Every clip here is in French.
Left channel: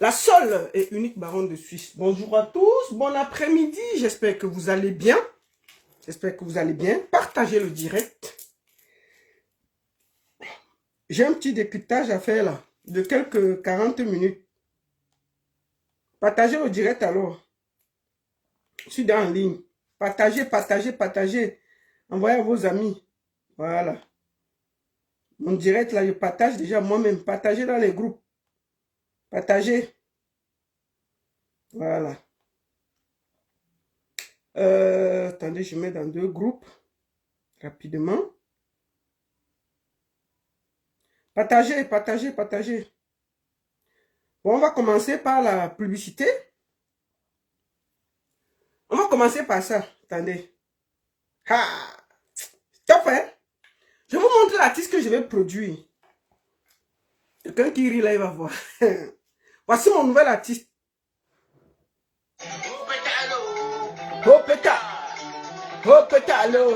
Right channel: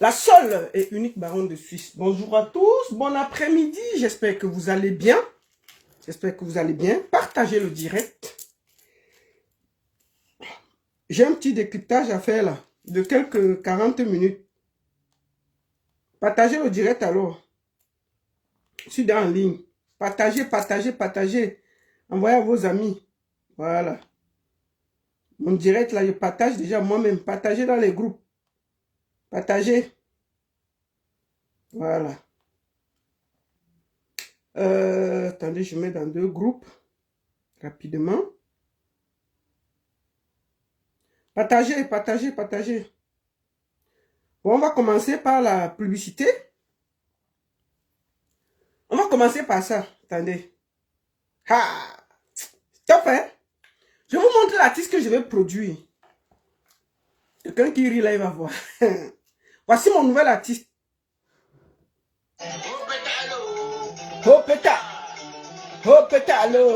La seule et unique baronne de Suisse. Bonjour à tous, bon après-midi. J'espère que vous allez bien. J'espère que vous allez bien. Partagez le direct. J'ai un petit décryptage à faire là, de quelques 40 minutes. Partagez le direct alors. Je suis en ligne. Partagez, partagez, partagez. Envoyez à vos amis. Voilà. Mon direct là, je partage déjà moi-même. Partagez dans les groupes. Partagez. Voilà. Attendez, je mets dans 2 groupes. Rapidement. Partagez, partagez, partagez. Bon, on va commencer par la publicité. On va commencer par ça. Attendez. Ah! Top, hein? Je vous montre l'artiste que je vais produire. Quelqu'un qui rit là, il va voir. Voici mon nouvel artiste. Oh péta! Oh péta, allo!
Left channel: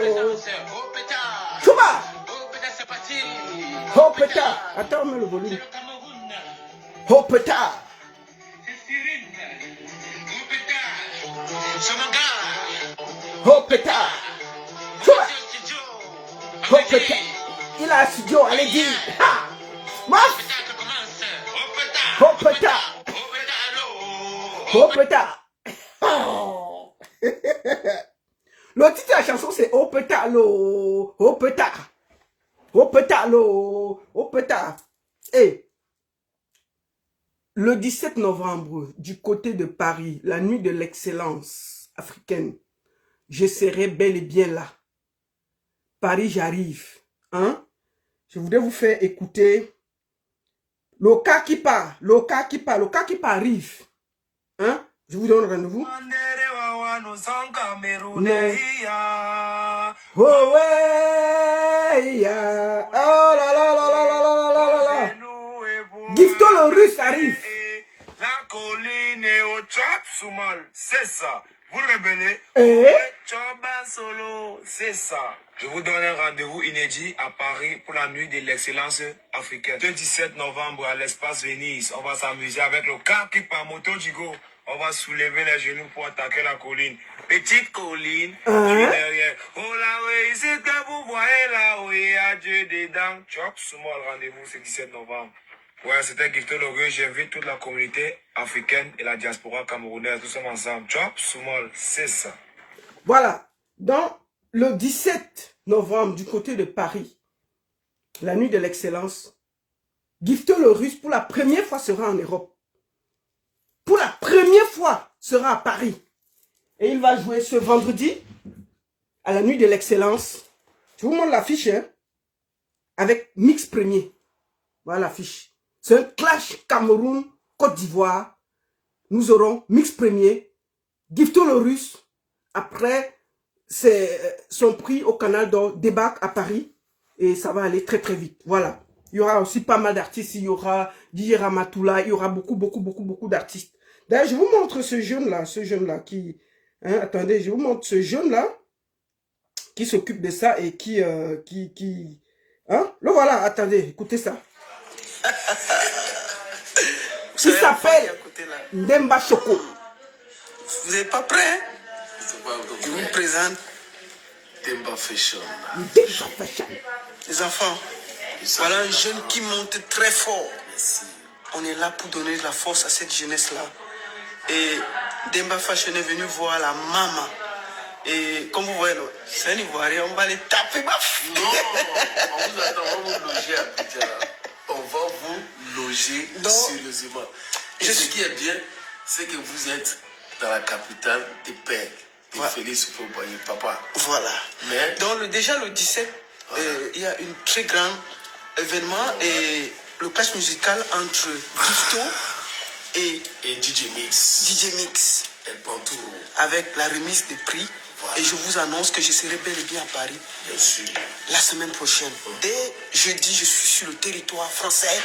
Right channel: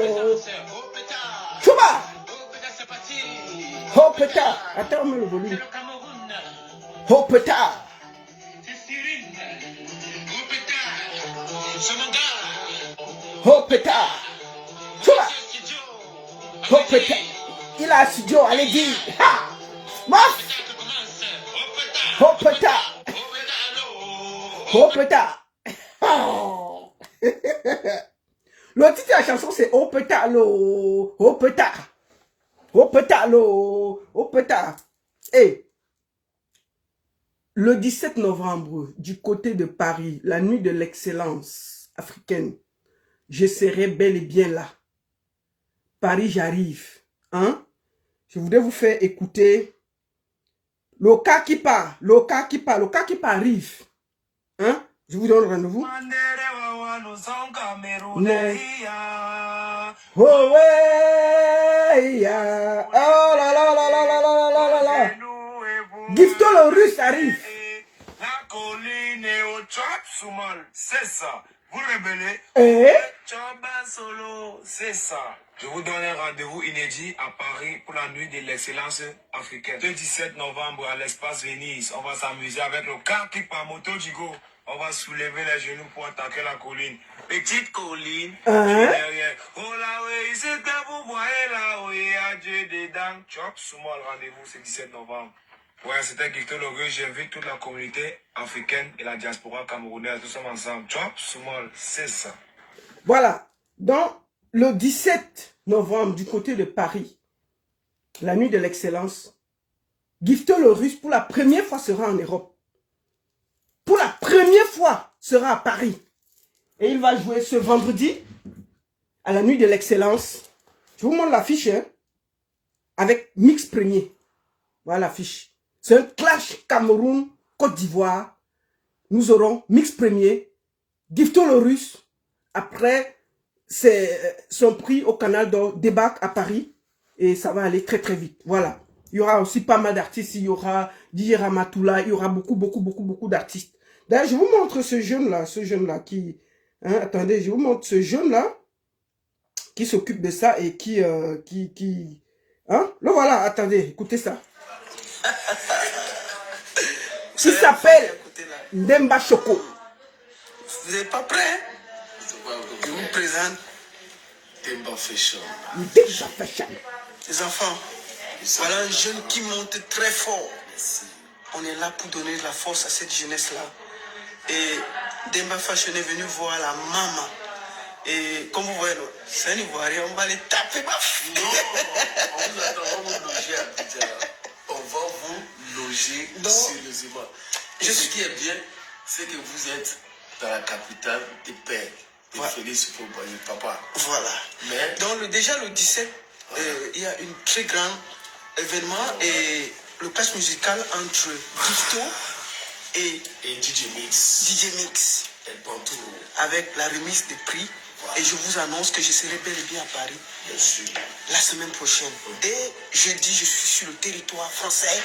Chouba! Oh péta! Attends, on met le volume. Oh péta! Oh péta! Chouba! Oh péta! Il a un studio, allez dire! Ha! Maf! Oh péta! Oh péta! Oh. Le titre de la chanson c'est Oh péta l'eau, oh péta, oh péta l'eau, oh péta. Et le 17 novembre, du côté de Paris, la nuit de l'excellence africaine, je serai bel et bien là. Paris, j'arrive. Hein? Je voudrais vous faire écouter le cas qui part, le cas qui part, le cas qui part arrive. Hein? Je vous donne rendez-vous. Oh ouais, yeah. Oh là là là là là là là là là. Gifto le russe arrive. La colline est au Chop Soumal, c'est ça. Vous rebellez. Choba Solo, c'est ça. Je vous donne un rendez-vous inédit à Paris pour la nuit de l'excellence africaine. Le 17 novembre à l'espace Venise, on va s'amuser avec le car qui par moto Jigo. On va soulever les genoux pour attaquer la colline. Petite colline. Derrière. Oh là oui, c'est que vous voyez là où il y a Dieu dedans. Chop Soumal, rendez-vous c'est 17 novembre. Ouais, c'était Gifto Loré. J'invite toute la communauté africaine et la diaspora camerounaise. Nous sommes ensemble. Chop Soumal, c'est ça. Voilà. Donc, le 17 novembre, du côté de Paris, la nuit de l'excellence, Gifto le russe, pour la première fois, sera en Europe. Pour la première fois, sera à Paris. Et il va jouer ce vendredi, à la nuit de l'excellence. Je vous montre l'affiche, hein, avec Mix Premier. Voilà l'affiche. C'est un clash Cameroun-Côte d'Ivoire. Nous aurons Mix Premier, Gifto le russe. Après, c'est son prix au Canal d'Or débarque à Paris. Et ça va aller très très vite. Voilà. Il y aura aussi pas mal d'artistes. Il y aura DJ Ramatoula. Il y aura beaucoup d'artistes. D'ailleurs, je vous montre ce jeune-là qui... Hein, attendez, je vous montre ce jeune-là qui s'occupe de ça et qui... hein? Le voilà, attendez, écoutez ça. Il s'appelle Ndemba Choco. Vous n'êtes pas prêts? Je vous présente Demba Fashion. Demba Fashion. Les enfants, voilà un jeune qui monte très fort. On est là pour donner de la force à cette jeunesse-là. Et Demba Fashion est venu voir la maman. Et comme vous voyez, c'est un Ivoirien, on va les taper. Baf. Non, on vous attend, on va vous loger à Abidjan. On va vous loger sérieusement. Et ce qui est bien, c'est que vous êtes dans la capitale des pères. Félix Fauboyer, papa. Voilà. Mais, donc déjà le 17, voilà. Il y a une très grande événement et le clash musical entre Gifto et DJ Mix. DJ Mix. Et Bantou. Avec la remise des prix. Voilà. Et je vous annonce que je serai bel et bien à Paris. Bien sûr. La semaine prochaine. Dès jeudi, je suis sur le territoire français.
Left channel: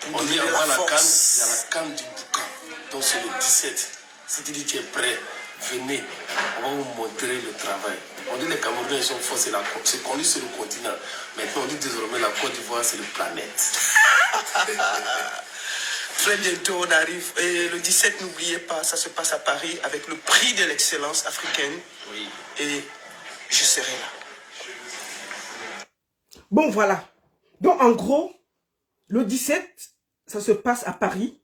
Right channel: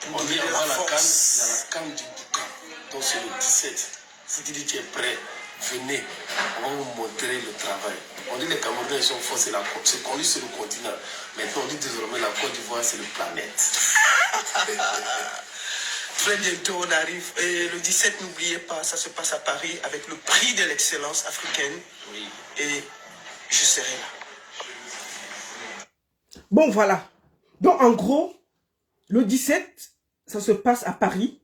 Pour donner la force. Il y a la canne du boucan. Donc c'est le 17. Si tu dis que tu es prêt, venez, on va vous montrer le travail. On dit les Camerounais ils sont forts, c'est qu'on dit sur le continent. Maintenant on dit désormais la Côte d'Ivoire c'est le planète. Très bientôt on arrive. Et le 17, n'oubliez pas, ça se passe à Paris avec le prix de l'excellence africaine. Oui. Et je serai là. Bon, voilà. Donc, en gros, le 17, ça se passe à Paris.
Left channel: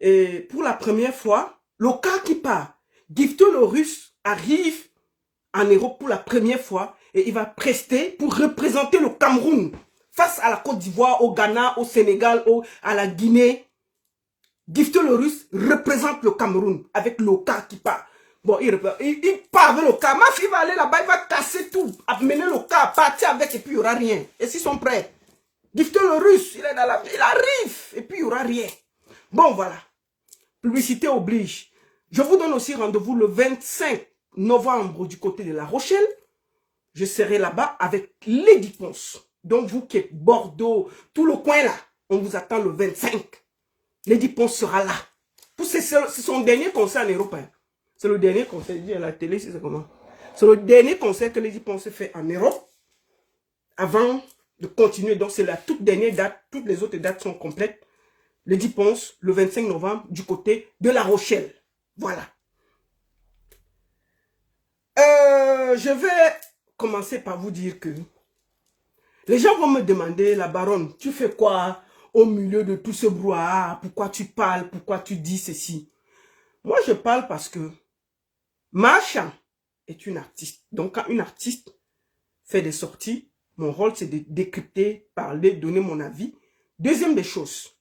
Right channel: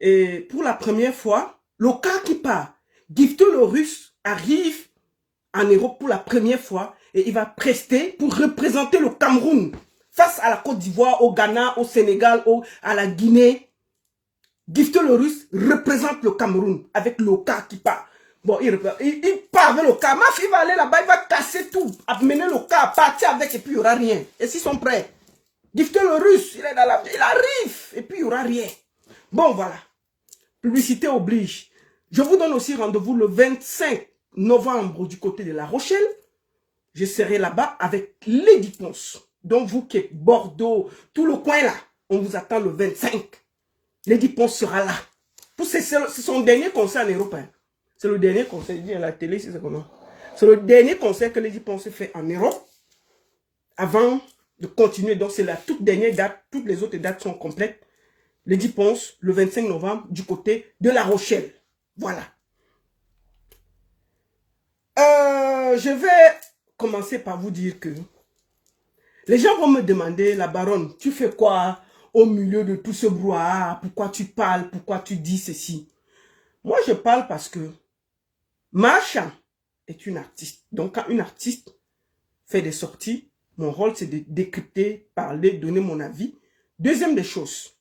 Et pour la première fois, le cas qui part, Gifto le Russe arrive en Europe pour la première fois et il va prester pour représenter le Cameroun face à la Côte d'Ivoire, au Ghana, au Sénégal, à la Guinée. Gifto le Russe représente le Cameroun avec le cas qui part. Bon, il part avec le cas. Ma fille va aller là-bas, il va casser tout, amener le cas, partir avec et puis il n'y aura rien. Et s'ils sont prêts, Gifto le Russe, il arrive et puis il n'y aura rien. Bon, voilà. Publicité oblige. Je vous donne aussi rendez-vous le 25 novembre du côté de La Rochelle. Je serai là-bas avec Lady Ponce. Donc, vous qui êtes Bordeaux, tout le coin là, on vous attend le 25. Lady Ponce sera là. C'est son dernier concert en Europe. Hein. C'est le dernier concert, il dit à la télé, c'est comment. C'est le dernier concert que Lady Ponce fait en Europe. Avant de continuer, donc c'est la toute dernière date. Toutes les autres dates sont complètes. Lady Ponce, le 25 novembre, du côté de La Rochelle. Voilà. Je vais commencer par vous dire que les gens vont me demander, la baronne, tu fais quoi au milieu de tout ce brouhaha? Pourquoi tu parles? Pourquoi tu dis ceci? Moi, je parle parce que Macha est une artiste. Donc, quand une artiste fait des sorties, mon rôle, c'est de décrypter, parler, donner mon avis. Deuxième des choses,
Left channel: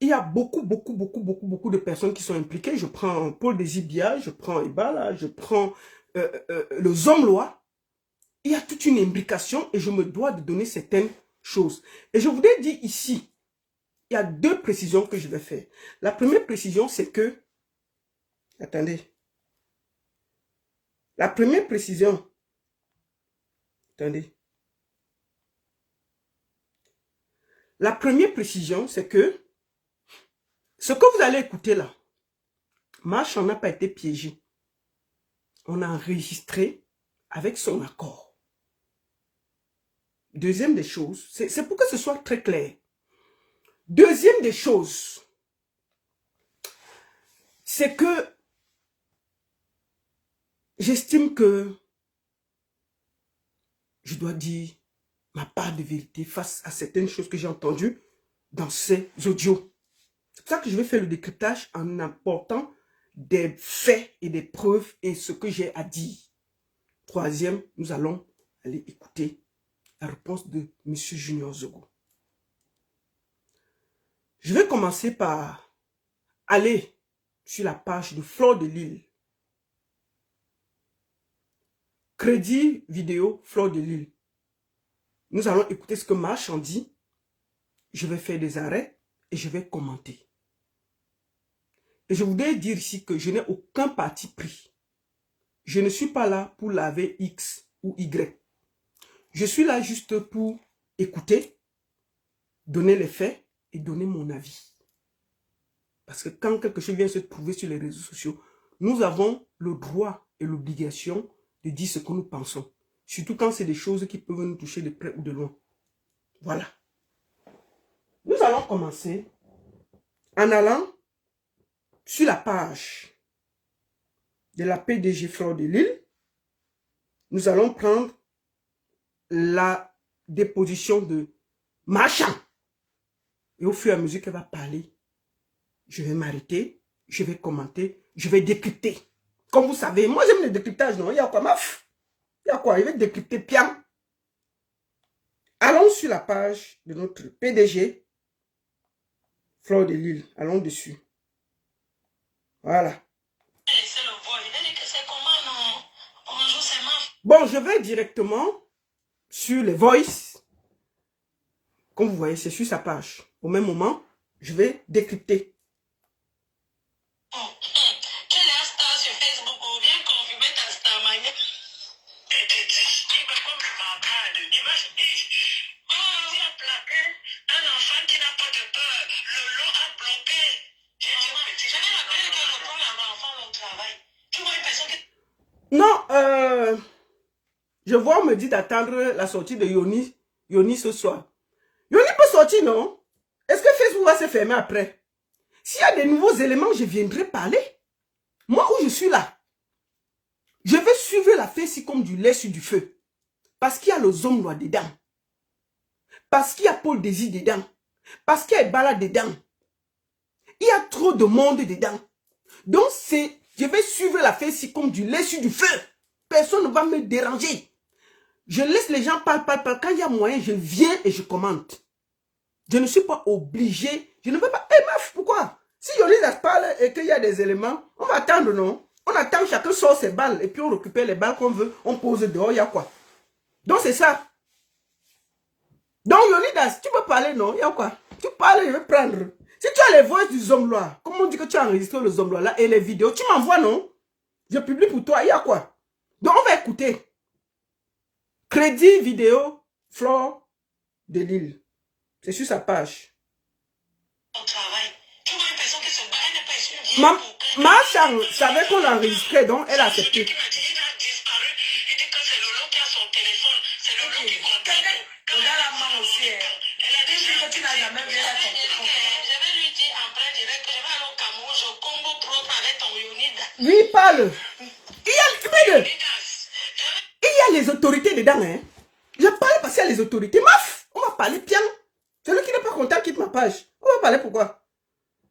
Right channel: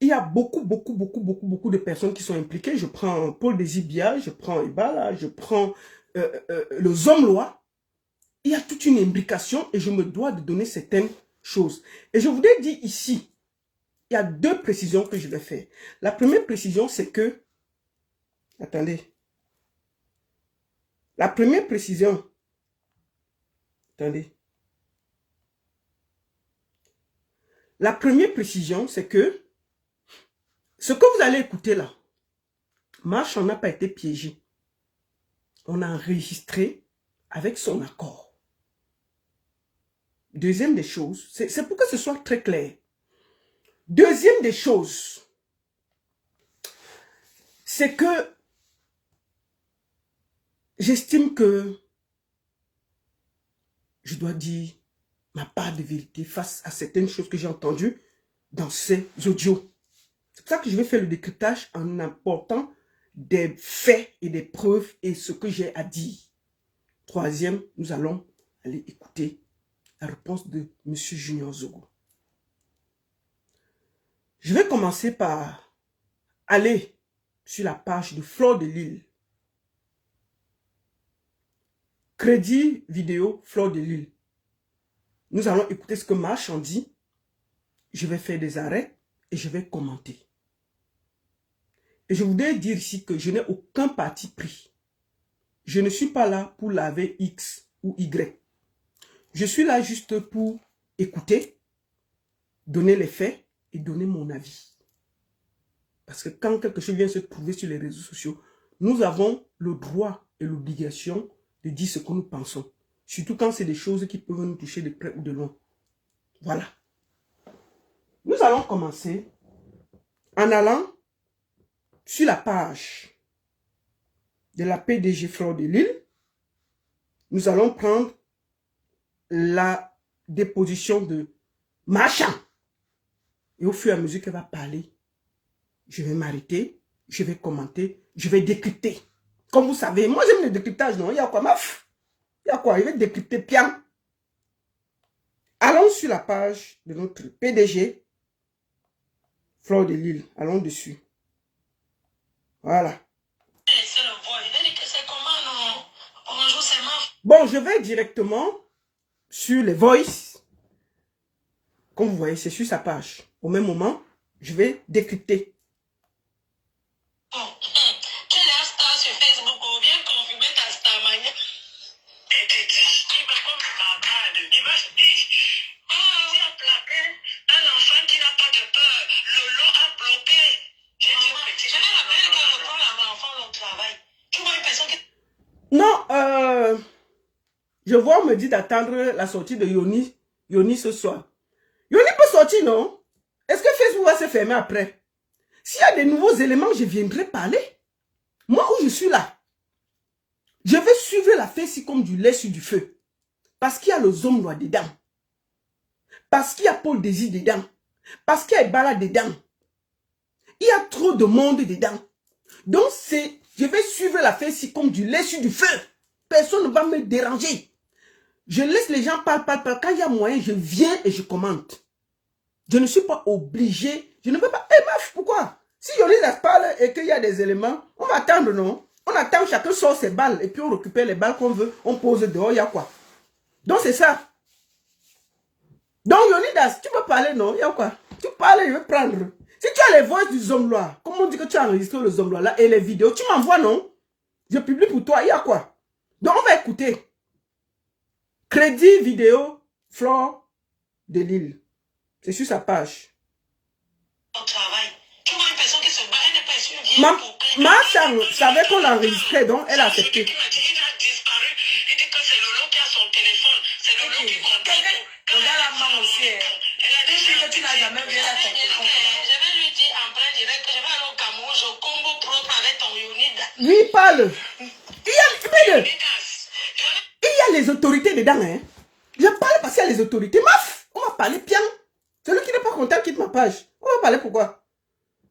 il y a beaucoup de personnes qui sont impliquées. Je prends Paul Désibia, je prends Ibala, je prends le Zomlois. Il y a toute une imbrication et je me dois de donner certaines choses. Et je voudrais dire ici, il y a deux précisions que je vais faire. La première précision, c'est que... Attendez. La première précision... Attendez. La première précision, c'est que ce que vous allez écouter là, Marche n'a pas été piégé. On a enregistré avec son accord. Deuxième des choses, c'est pour que ce soit très clair. Deuxième des choses, c'est que j'estime que je dois dire ma part de vérité face à certaines choses que j'ai entendues dans ces audios. C'est pour ça que je vais faire le décryptage en apportant des faits et des preuves et ce que j'ai à dire. Troisième, nous allons aller écouter la réponse de M. Junior Zogo. Je vais commencer par aller sur la page de Fleur de Lille. Crédit vidéo Fleur de Lille. Nous allons écouter ce que Marche en dit. Je vais faire des arrêts et je vais commenter. Et je voudrais dire ici que je n'ai aucun parti pris. Je ne suis pas là pour laver X ou Y. Je suis là juste pour écouter, donner les faits et donner mon avis. Parce que quand quelque chose vient se trouver sur les réseaux sociaux, nous avons le droit et l'obligation de dire ce que nous pensons. Surtout quand c'est des choses qui peuvent nous toucher de près ou de loin. Voilà. Nous allons commencer en allant sur la page de la PDG Fleur de Lille. Nous allons prendre la déposition de Macha. Et au fur et à mesure qu'elle va parler, je vais m'arrêter, je vais commenter, je vais décrypter. Comme vous savez, moi j'aime le décryptage, non? Il y a quoi, maf? Il y a quoi? Je vais décrypter bien. Allons sur la page de notre PDG, Fleur de Lille. Allons dessus. Voilà. Bon, je vais directement sur les voices. Comme vous voyez, c'est sur sa page. Au même moment, je vais décrypter. Je vois, on me dit d'attendre la sortie de Yoni ce soir. Yoni peut sortir, non? Est-ce que Facebook va se fermer après? S'il y a des nouveaux éléments, je viendrai parler. Moi, où je suis là, je vais suivre la fesse comme du lait sur du feu. Parce qu'il y a le Zomlois dedans. Parce qu'il y a Paul Désir dedans. Parce qu'il y a Ebala dedans. Il y a trop de monde dedans. Donc, je vais suivre la fesse comme du lait sur du feu. Personne ne va me déranger. Je laisse les gens parler. Quand il y a moyen, je viens et je commente. Je ne suis pas obligé. Je ne peux pas. Eh, meuf, pourquoi? Si Yolisa parle et qu'il y a des éléments, on va attendre, non? On attend, chacun sort ses balles et puis on récupère les balles qu'on veut. On pose dehors, il y a quoi? Donc, c'est ça. Donc, Yolidas, tu peux parler, non? Il y a quoi? Tu parles, je vais prendre. Si tu as les voix du Zomlois, comment on dit que tu as enregistré le Zomlois là et les vidéos, tu m'envoies, non? Je publie pour toi, il y a quoi? Donc, on va écouter. Crédit vidéo, Flore de Lille. C'est sur sa page. Ma chambre savait qu'on l'enregistrait, donc elle a accepté. Oui, parle. Il y a les autorités dedans, hein. Je parle parce qu'il y a les autorités. Maf, on va parler bien. Celui qui n'est pas content quitte ma page. On va parler pourquoi?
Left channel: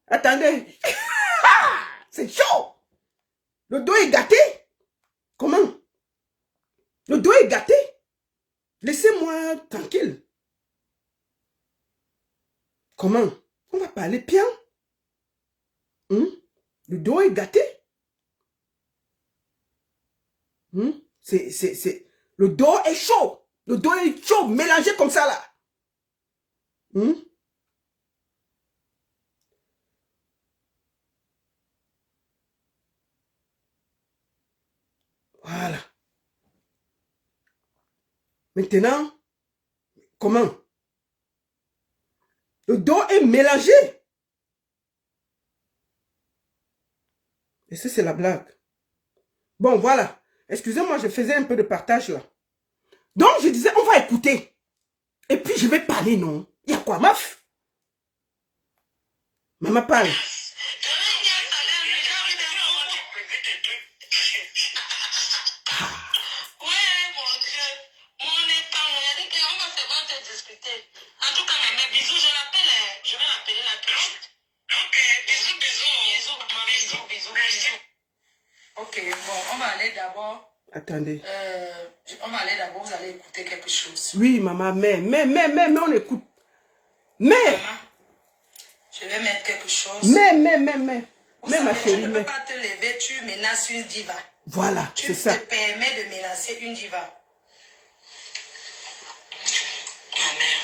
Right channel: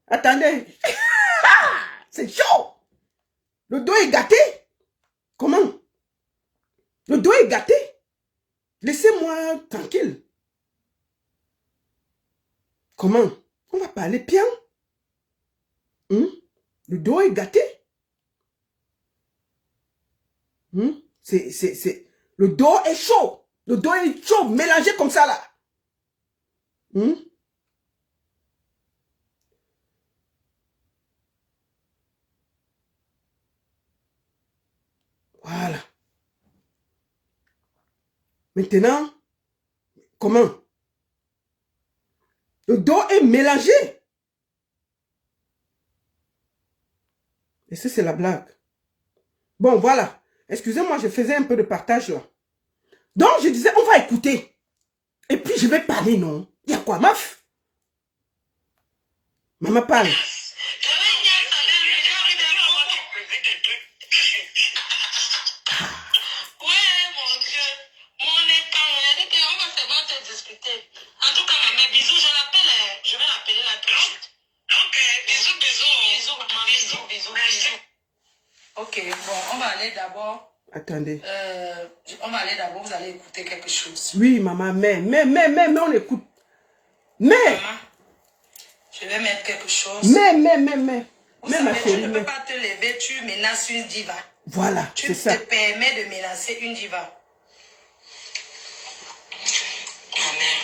Attendez. C'est chaud. Le dos est gâté. Comment? Le dos est gâté. Laissez-moi tranquille. Comment? On va parler bien. Le dos est gâté. Le dos est chaud. Le dos est chaud, mélangé comme ça là. Voilà. Maintenant, comment? Le dos est mélangé. Et ça, c'est la blague. Bon, voilà. Excusez-moi, je faisais un peu de partage là. Donc, je disais, on va écouter. Et puis, je vais parler, non? Il y a quoi, meuf? Maman parle. Ok, bon, on va aller d'abord. Attendez. On va aller d'abord, vous allez écouter quelque chose. Oui, maman, mais on écoute. Mais. Maman, je vais mettre quelque chose. Mais, ma chérie, tu ne peux pas te lever, tu menaces une diva. Voilà, c'est ça. Tu te permets de menacer une diva. Ma mère.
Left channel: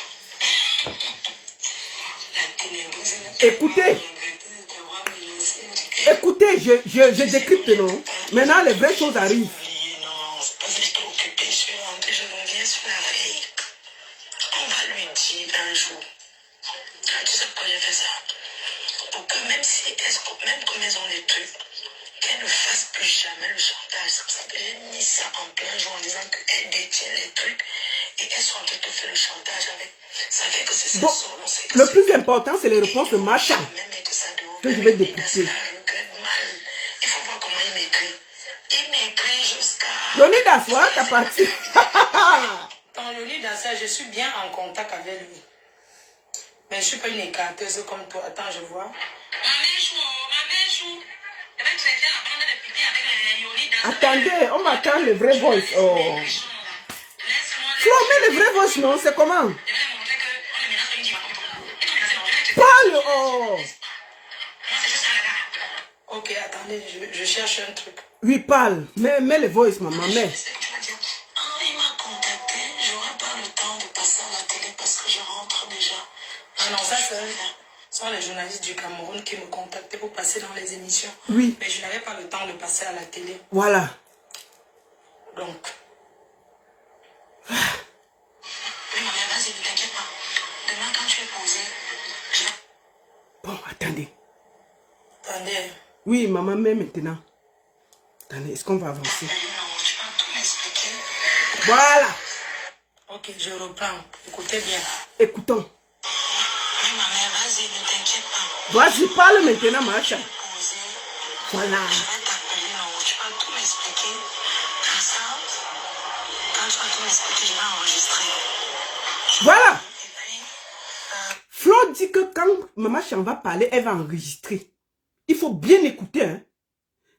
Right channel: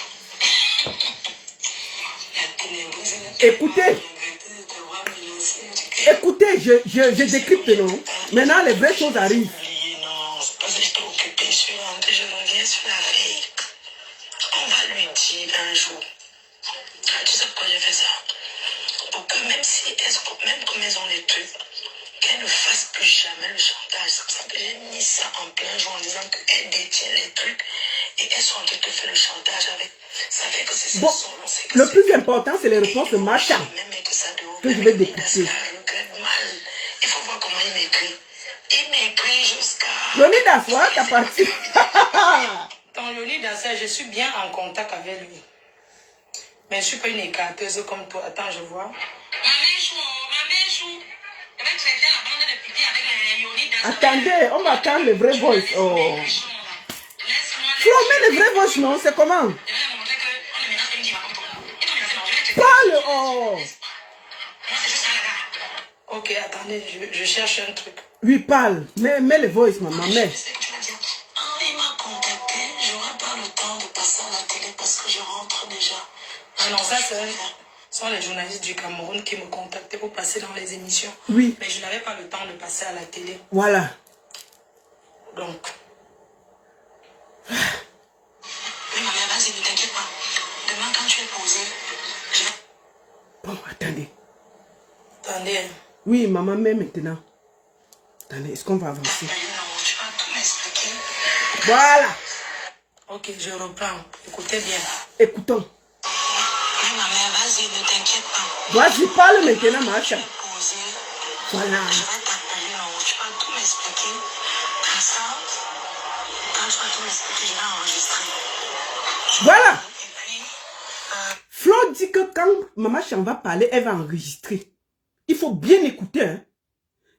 Écoutez. Écoutez, je décrypte, non? Maintenant, les vraies choses arrivent. Non, c'est parce que je t'ai occupé, je suis rentrée, je reviens sur la veille. On va lui dire un jour. Tu sais pourquoi j'ai fait ça? Pour que même comme elles ont les trucs, qu'elles ne fassent plus jamais le chantage. C'est pour ça que j'ai mis ça en plein jour en disant qu'elles détiennent les trucs et qu'elles sont en train de faire le chantage avec. Ça fait que c'est bon, le plus important, c'est les réponses de Macha que je vais décrypter. Il faut voir comment il m'écrit. Il m'écrit jusqu'à... Yolidas, voilà ta partie. Dans Yolidas, je suis bien en contact avec lui. Mais je ne suis pas une écarteuse comme toi. Attends, je vois. Attendez, on m'attend le vrai voice. Oh. Flo, mais le vrai voice, non? C'est comment? Parle, oh. Ok, attendez, je cherche un truc. Oui, parle. Mets le voice, maman, mets. Il m'a contacté, j'aurai pas le temps de passer à la télé parce que je rentre déjà. Ah non, ça c'est... Ce sont les journalistes du Cameroun qui me contactaient pour passer dans les émissions. Oui. Mais je n'avais pas le temps de passer à la télé. Voilà. Donc. Oui, maman, vas-y, ne t'inquiète pas. Demain, quand tu es posé, je... Bon, attendez. Attendez. Oui, maman, mets maintenant. Attendez, est-ce qu'on va avancer? Non, tu vas tout m'expliquer. Voilà. Ok, je reprends. Écoutez bien. Écoutons. Oui, ma mère, vas-y, ne t'inquiète pas. Vas-y, parle maintenant, Macha. Voilà. Je vais t'appeler en haut. Tu vas tout m'expliquer. Comme ça, quand tu vas tout m'expliquer, je vais enregistrer. Voilà. Et puis, Flo dit que quand Maman Chan va parler, elle va enregistrer. Il faut bien écouter. Hein.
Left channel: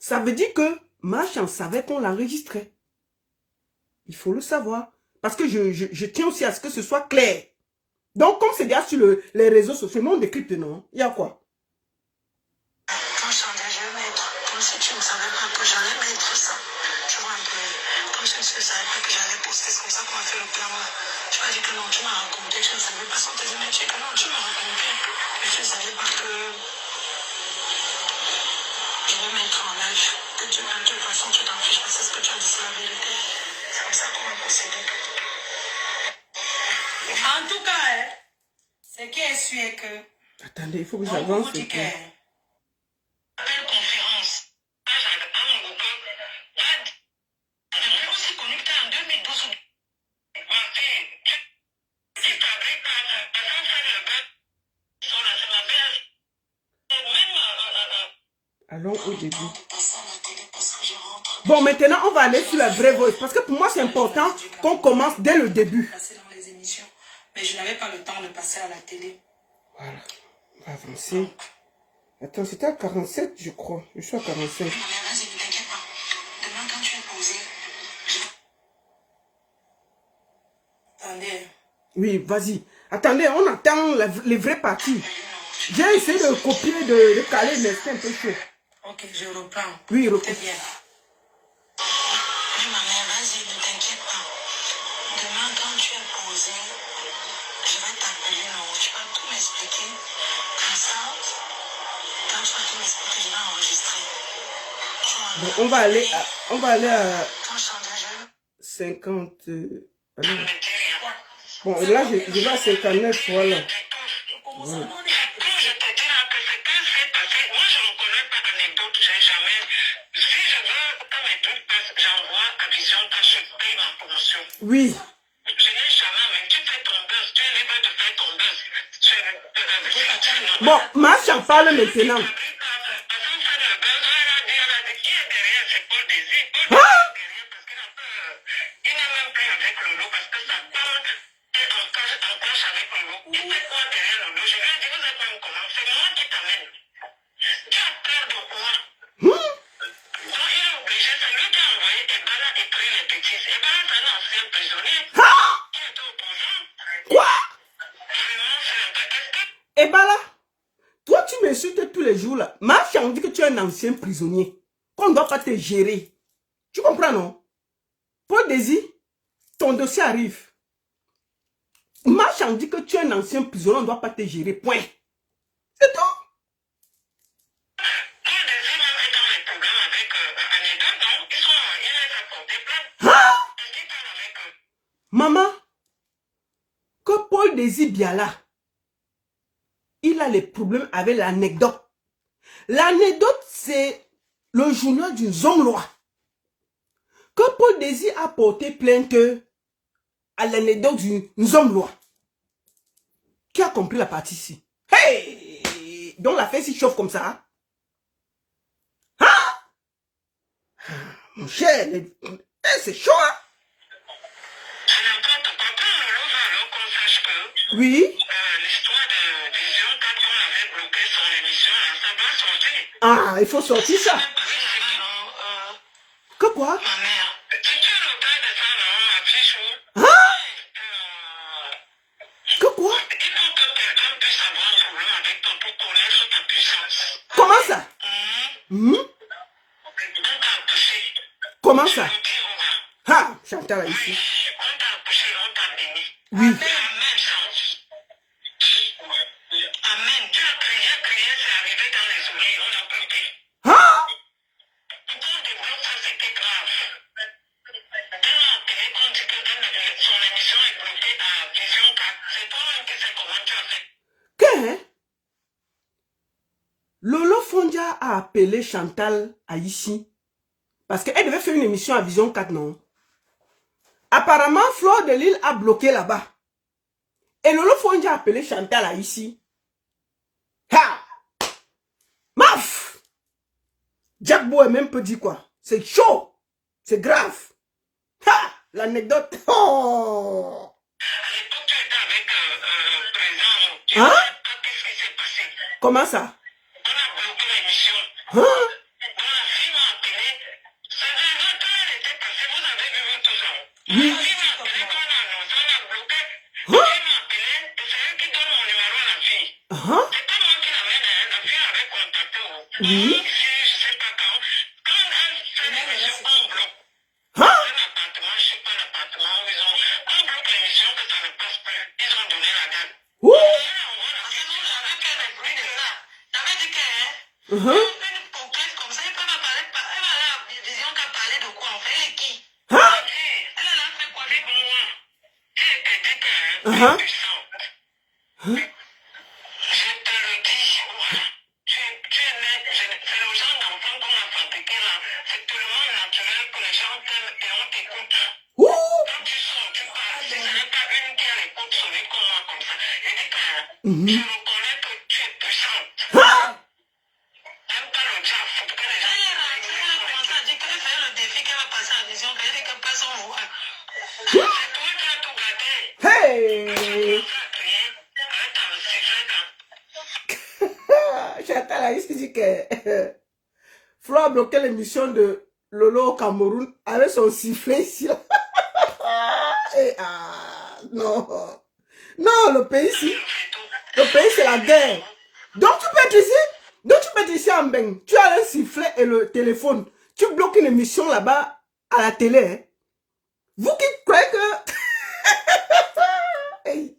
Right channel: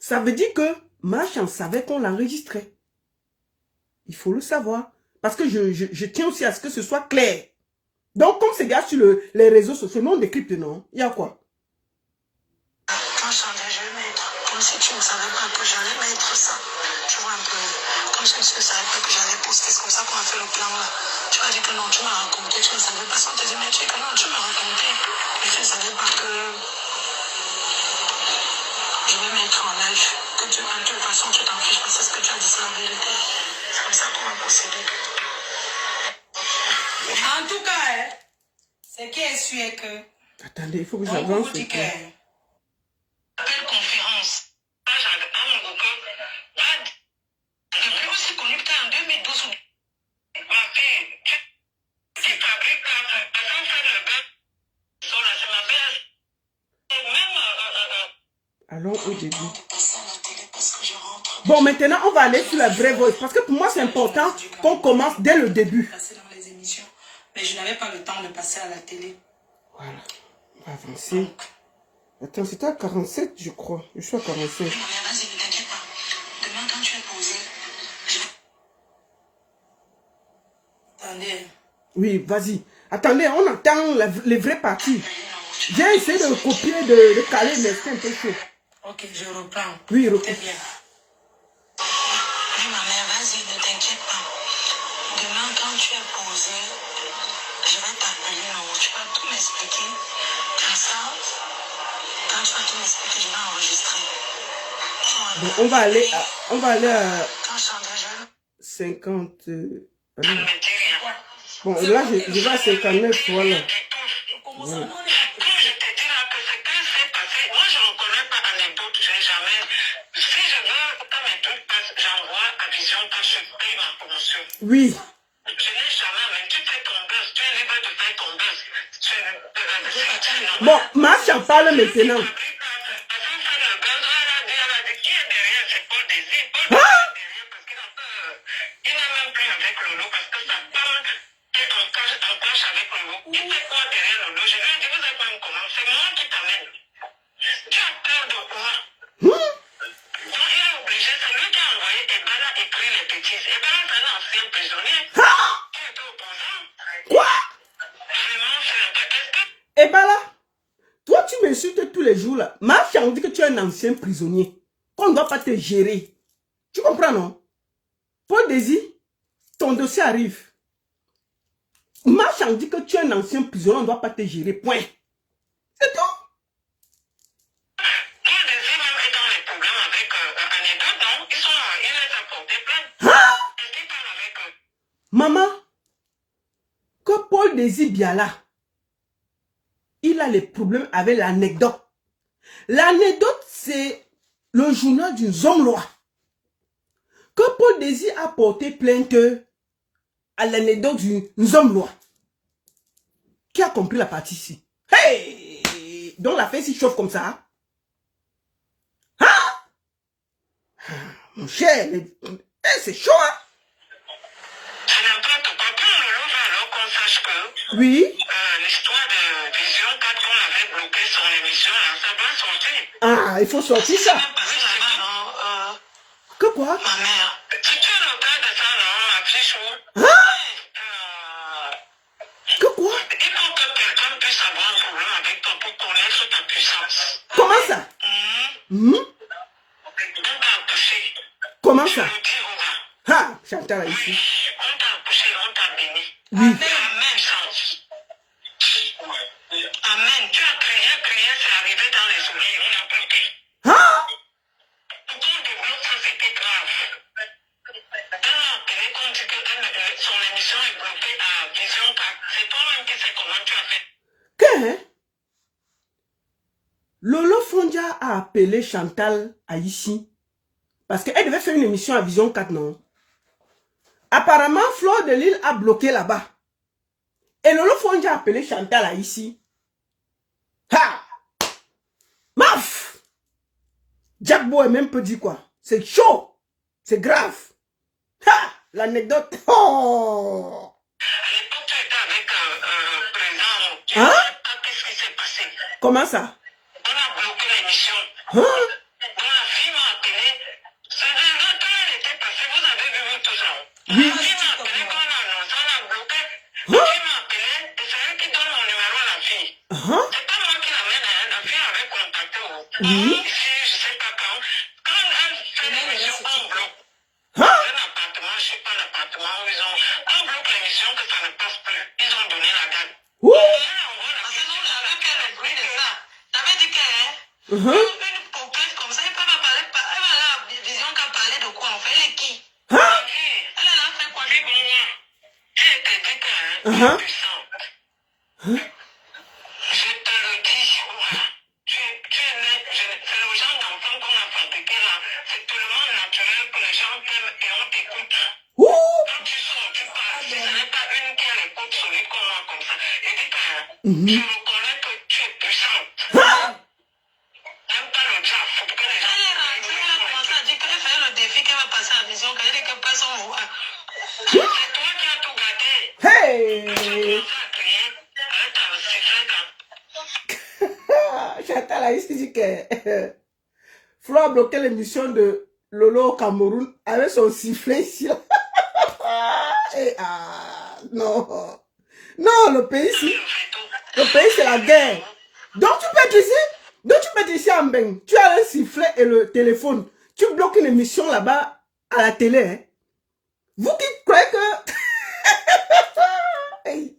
Ça veut dire que Maman Chan savait qu'on l'enregistrait. Il faut le savoir. Parce que je tiens aussi à ce que ce soit clair. Donc, comme c'est déjà sur les réseaux sociaux, mon décrypte, non? Il y a quoi? quand je vais mettre, comme si tu ne savais pas que j'allais mettre ça. Tu vois un peu. Comme si tu ne savais pas que j'allais poster. C'est comme ça qu'on a fait le plan là. Tu m'as dit que non, tu m'as raconté. Tu ne savais pas sans te dire, mais tu dis que non, tu m'as raconté. Mais tu ne savais pas que je vais mettre en live. Que tu vas de toute façon, tu t'en fiches parce que ce que tu as dit, c'est la vérité. C'est comme ça qu'on va procéder. En tout cas, hein, ce qui est sûr est que. Attendez, il faut que j'avance. Appel conférence. Depuis aussi connu que tu es en 2012. Allons au début. Bon, maintenant, on va aller sur la vraie voix. Parce que pour moi, c'est important qu'on commence dès le début. Mais je n'avais pas le temps de passer à la télé. Voilà. On va avancer. Attends, c'était à 47, je crois. Je suis à 45. Vas-y, ne t'inquiète pas. Demain, quand tu es posé, Attendez. Oui, vas-y. Attendez, on attend les vraies parties. J'ai essayé de copier, de caler, mais c'est un peu chaud. Ok, je reprends. Oui, Très reprends. bien. Oui, ma mère, vas-y, ne t'inquiète pas. Demain, quand tu es posé, je vais t'appeler en haut. Tu vas tout m'expliquer. Comme ça, quand tu vas tout m'expliquer, je vais enregistrer. Bon, on va aller à Quand je chanterai, je 50. Allez. vais te dire. Bon, là, je vais à 59, voilà. Comment ça, non, on est pas quand je te dis là que ce qui s'est passé, moi je ne connais pas d'anecdote, j'ai jamais. Si je veux que mes trucs passent, j'envoie à Vision quand je paye ma promotion. Oui. Je n'ai jamais, mais tu fais ton buzz, tu es libre de faire ton buzz. Bon, Macha en parle maintenant. Quoi? Et bah là, toi tu m'insultes tous les jours là. Macha on dit que tu es un ancien prisonnier. Qu'on ne doit pas te gérer. Tu comprends non? Paul Désir, ton dossier arrive. Macha on dit que tu es un ancien prisonnier, on ne doit pas te gérer. Point. C'est tout. Maman, que Paul Désir Biala, il a les problèmes avec l'anecdote. L'anecdote, c'est le journal d'une homme-loi. Que Paul Désir a porté plainte à l'anecdote d'une homme-loi. Qui a compris la partie ici? Hey! Donc la fête s'y chauffe comme ça. Hein? Mon cher, c'est chaud, hein? Oui. L'histoire de Vision 4 ans avait bloqué son émission, ça doit sortir. Ah, il faut sortir ça. Que quoi? Ma mère, si tu es le cas de ça, non, ma fille chou. Hein? Que quoi? Il faut que quelqu'un puisse avoir un problème avec toi pour connaître ta puissance. Comment ça? On t'a accouché. Comment ça? Je vous dis, on va. Ah, Chantal ici. On t'a accouché, on t'a béni. Oui. Amen, ça. Amen. Tu as crié, c'est arrivé dans les oreilles, on a bloqué. Hein? Pourquoi on débloque ça, c'était grave. Elle m'a appelé quand dit que son émission est bloquée à Vision 4. C'est toi-même qui sais comment tu as fait. Que? Lolo Fondia a appelé Chantal Aïchi parce qu'elle devait faire une émission à Vision 4, non? Apparemment, Fleur de Lille a bloqué là-bas. Et Lolo Fonji a appelé Chantal là, ici. Ha! Maf! Jack Bo est même peu dit quoi. C'est chaud. C'est grave. Ha! L'anecdote. Oh! Hein? Qu'est-ce qui s'est passé? Comment ça? On a bloqué l'émission. Hein? La fille m'a appelé. C'est vrai, quand elle était passée, vous avez vu tout ça. Oui. La fille m'a appelé, quand on a annoncé, on a bloqué. Hein? La fille m'a appelé, et c'est elle qui donne mon numéro à la fille. Hein? C'est pas moi qui l'amène, hein. La fille avait contacté. Oui. Ici, je sais pas quand. Quand elle fait l'émission, on bloque. Hein? Un appartement, je sais pas l'appartement où ils ont. On bloque l'émission que ça ne passe plus. Ils ont donné la date. Ouh! J'avais fait le bruit de ça. J'avais dit que, Uh-huh. une coquette comme ça, elle peut pas parler. Elle a la vision qu'à parler de quoi, en fait, elle est qui? Hein? Elle a lancé quoi? Dis bon, moi. Elle te dit que, Uh-huh. tu sens. Hein? Je te le dis, voilà. Tu es net. C'est le genre d'enfant qu'on a fabriqué là. C'est tellement naturel que les gens t'aiment et on t'écoute. Ouh! Quand tu sors, tu parles. Si ce n'est pas une qui a l'écoute solide comme moi, comme ça. Et dis que, je reconnais que tu es puissante. Hein? J'aime pas le diable, faut que les gens... Elle a commencé à dire qu'elle fait le défi qu'elle va passer à la vision, qu'elle dit que personne ne voit. C'est toi qui as tout gâté. Hey! Tu as commencé à crier, avec ta sifflet. Chantal a dit que Flo a bloqué l'émission de Lolo au Cameroun avec son sifflet ici. Et non. Non, le pays ici. Le pays c'est la guerre. Donc tu peux être ici. Donc tu peux être ici en bain. Tu as un sifflet et le téléphone. Tu bloques une émission là-bas à la télé. Hein. Vous qui croyez que... Hey.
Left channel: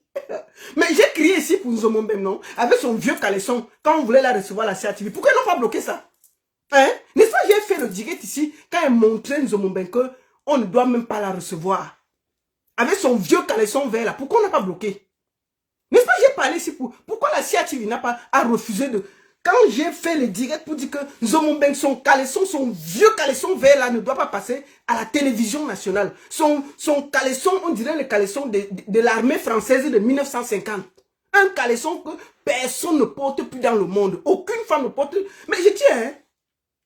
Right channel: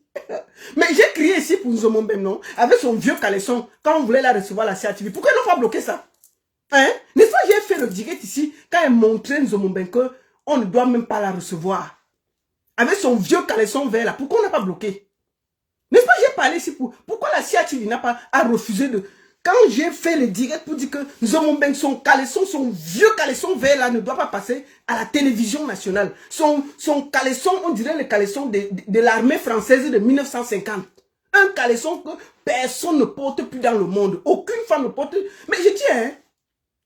Mais j'ai crié ici pour Nzomombem, non? Avec son vieux caleçon, quand on voulait la recevoir à la CATV. Pourquoi ils n'ont pas bloqué ça? Hein? N'est-ce pas, j'ai fait le direct ici, quand elle montrait Nzomombem qu'on ne doit même pas la recevoir. Avec son vieux caleçon vert là, pourquoi on n'a pas bloqué? N'est-ce pas, j'ai parlé ici pour... Pourquoi la CATV n'a pas refusé de... Quand j'ai fait le direct pour dire que Nzomombem, son caleçon, son vieux caleçon vert là, ne doit pas passer à la télévision nationale. Son caleçon, on dirait le caleçon de l'armée française de 1950. Un caleçon que personne ne porte plus dans le monde. Aucune femme ne porte... Mais je dis, hein,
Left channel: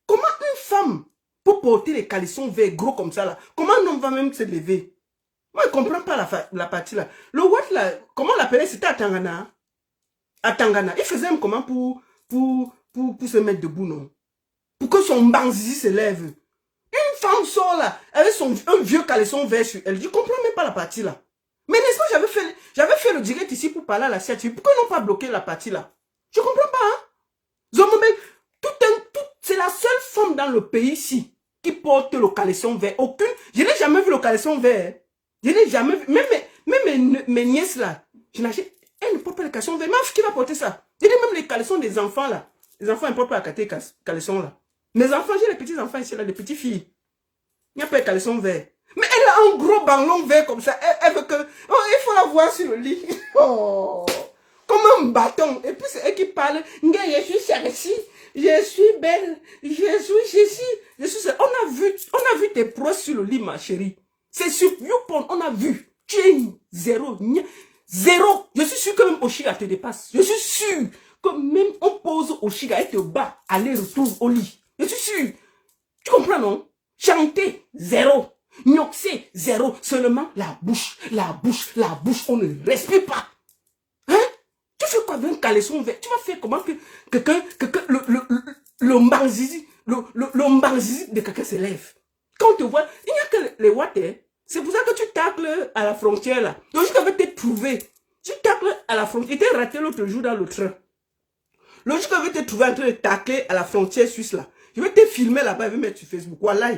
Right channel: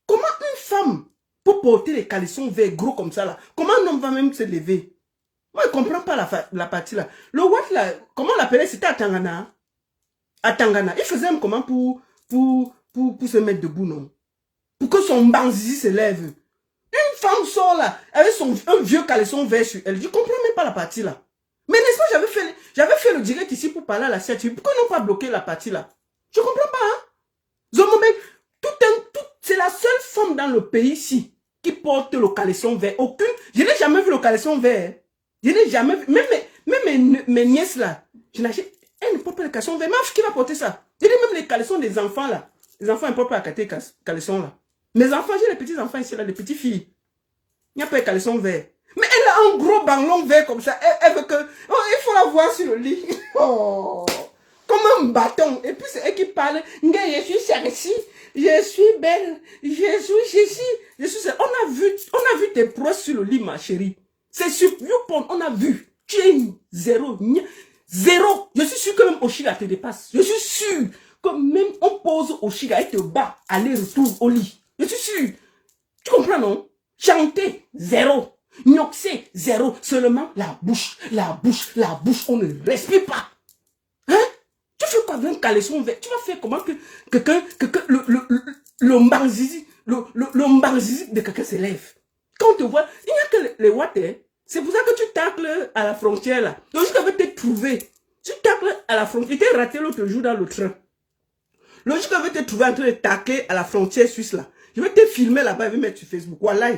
comment une femme peut porter les caleçons verts gros comme ça là? Comment un homme va même se lever? Moi, je ne comprends pas la partie là. Le Watt là, comment on l'appelait? C'était à Tangana. À Tangana. Il faisait un comment pour se mettre debout, non? Pour que son banzizi se lève. Une femme sort là, avec un vieux caleçon vert sur elle. Je ne comprends même pas la partie là. Mais n'est-ce pas, j'avais fait le direct ici pour parler à la CATV. Pourquoi ils n'ont pas bloqué la partie là? Je ne comprends pas, hein? Zomobé, c'est la seule femme dans le pays ici qui porte le caleçon vert. Aucune, je n'ai jamais vu le caleçon vert. Je n'ai jamais vu, même mes nièces là, elles ne portent pas le caleçon vert. Mais qui va porter ça? Je dis même les caleçons des enfants là. Les enfants ne portent pas les caleçons là. Mes enfants, j'ai les petits enfants ici là, les petites filles. Il n'y a pas de caleçon vert. Mais elle a un gros banlon vert comme ça. Elle veut que... Oh, il faut la voir sur le lit. Oh, comme un bâton. Et puis c'est elle qui parle. Je suis sexy. Je suis belle. Je suis... On a vu tes pros sur le lit, ma chérie. C'est sur YouPorn, on a vu. Tu es zéro. Zéro. Je suis sûr que même Oshiga te dépasse. Je suis sûr que même on pose Oshiga et te bat. Aller-retour au lit. Je suis sûr. Tu comprends, non? Chanter, zéro. Nyoxer, zéro. Seulement la bouche, on ne respire pas. Hein? Tu fais quoi avec un caleçon vert? Tu vas faire comment que le mbarzizi de quelqu'un se lève? Quand on te voit, il n'y a que les water. C'est pour ça que tu tacles à la frontière là. Donc je vais te trouver. Tu tacles à la frontière. Il t'est raté l'autre jour dans le train. Lorsque je vais te trouver en train de tacler à la frontière suisse là. Je vais te filmer là-bas, je vais mettre sur Facebook. Voilà.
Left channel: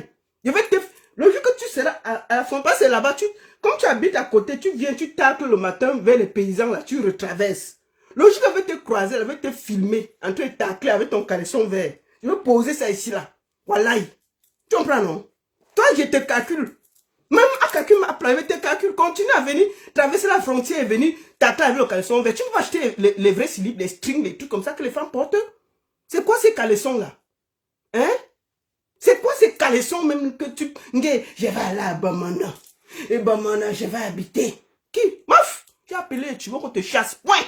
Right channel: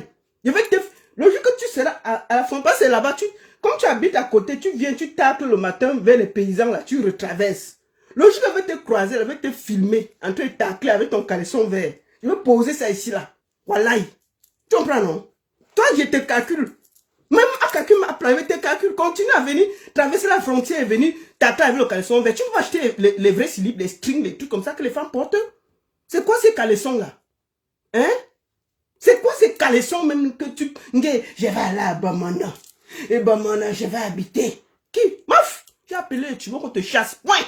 Le jour que tu seras à la frontière, c'est là-bas. Comme tu habites à côté, tu viens, tu tacles le matin vers les paysans là, tu retraverses. Le jour que je vais te croiser, je vais te filmer en train de tacler avec ton caleçon vert. Je vais poser ça ici là. Voilà. Tu comprends, non? Toi, je te calcule. Même à quelqu'un m'a appelé, tes calculs. Continue à venir traverser la frontière et venir tacler avec le caleçon vert. Tu vas acheter les vrais slips, les strings, les trucs comme ça que les femmes portent. C'est quoi ces caleçons là? Hein? C'est quoi ces caleçons même que tu... Je vais aller à Bamana. Et ben, maintenant, je vais habiter. Qui? Maf! Tu as appelé, tu veux qu'on te chasse. Point!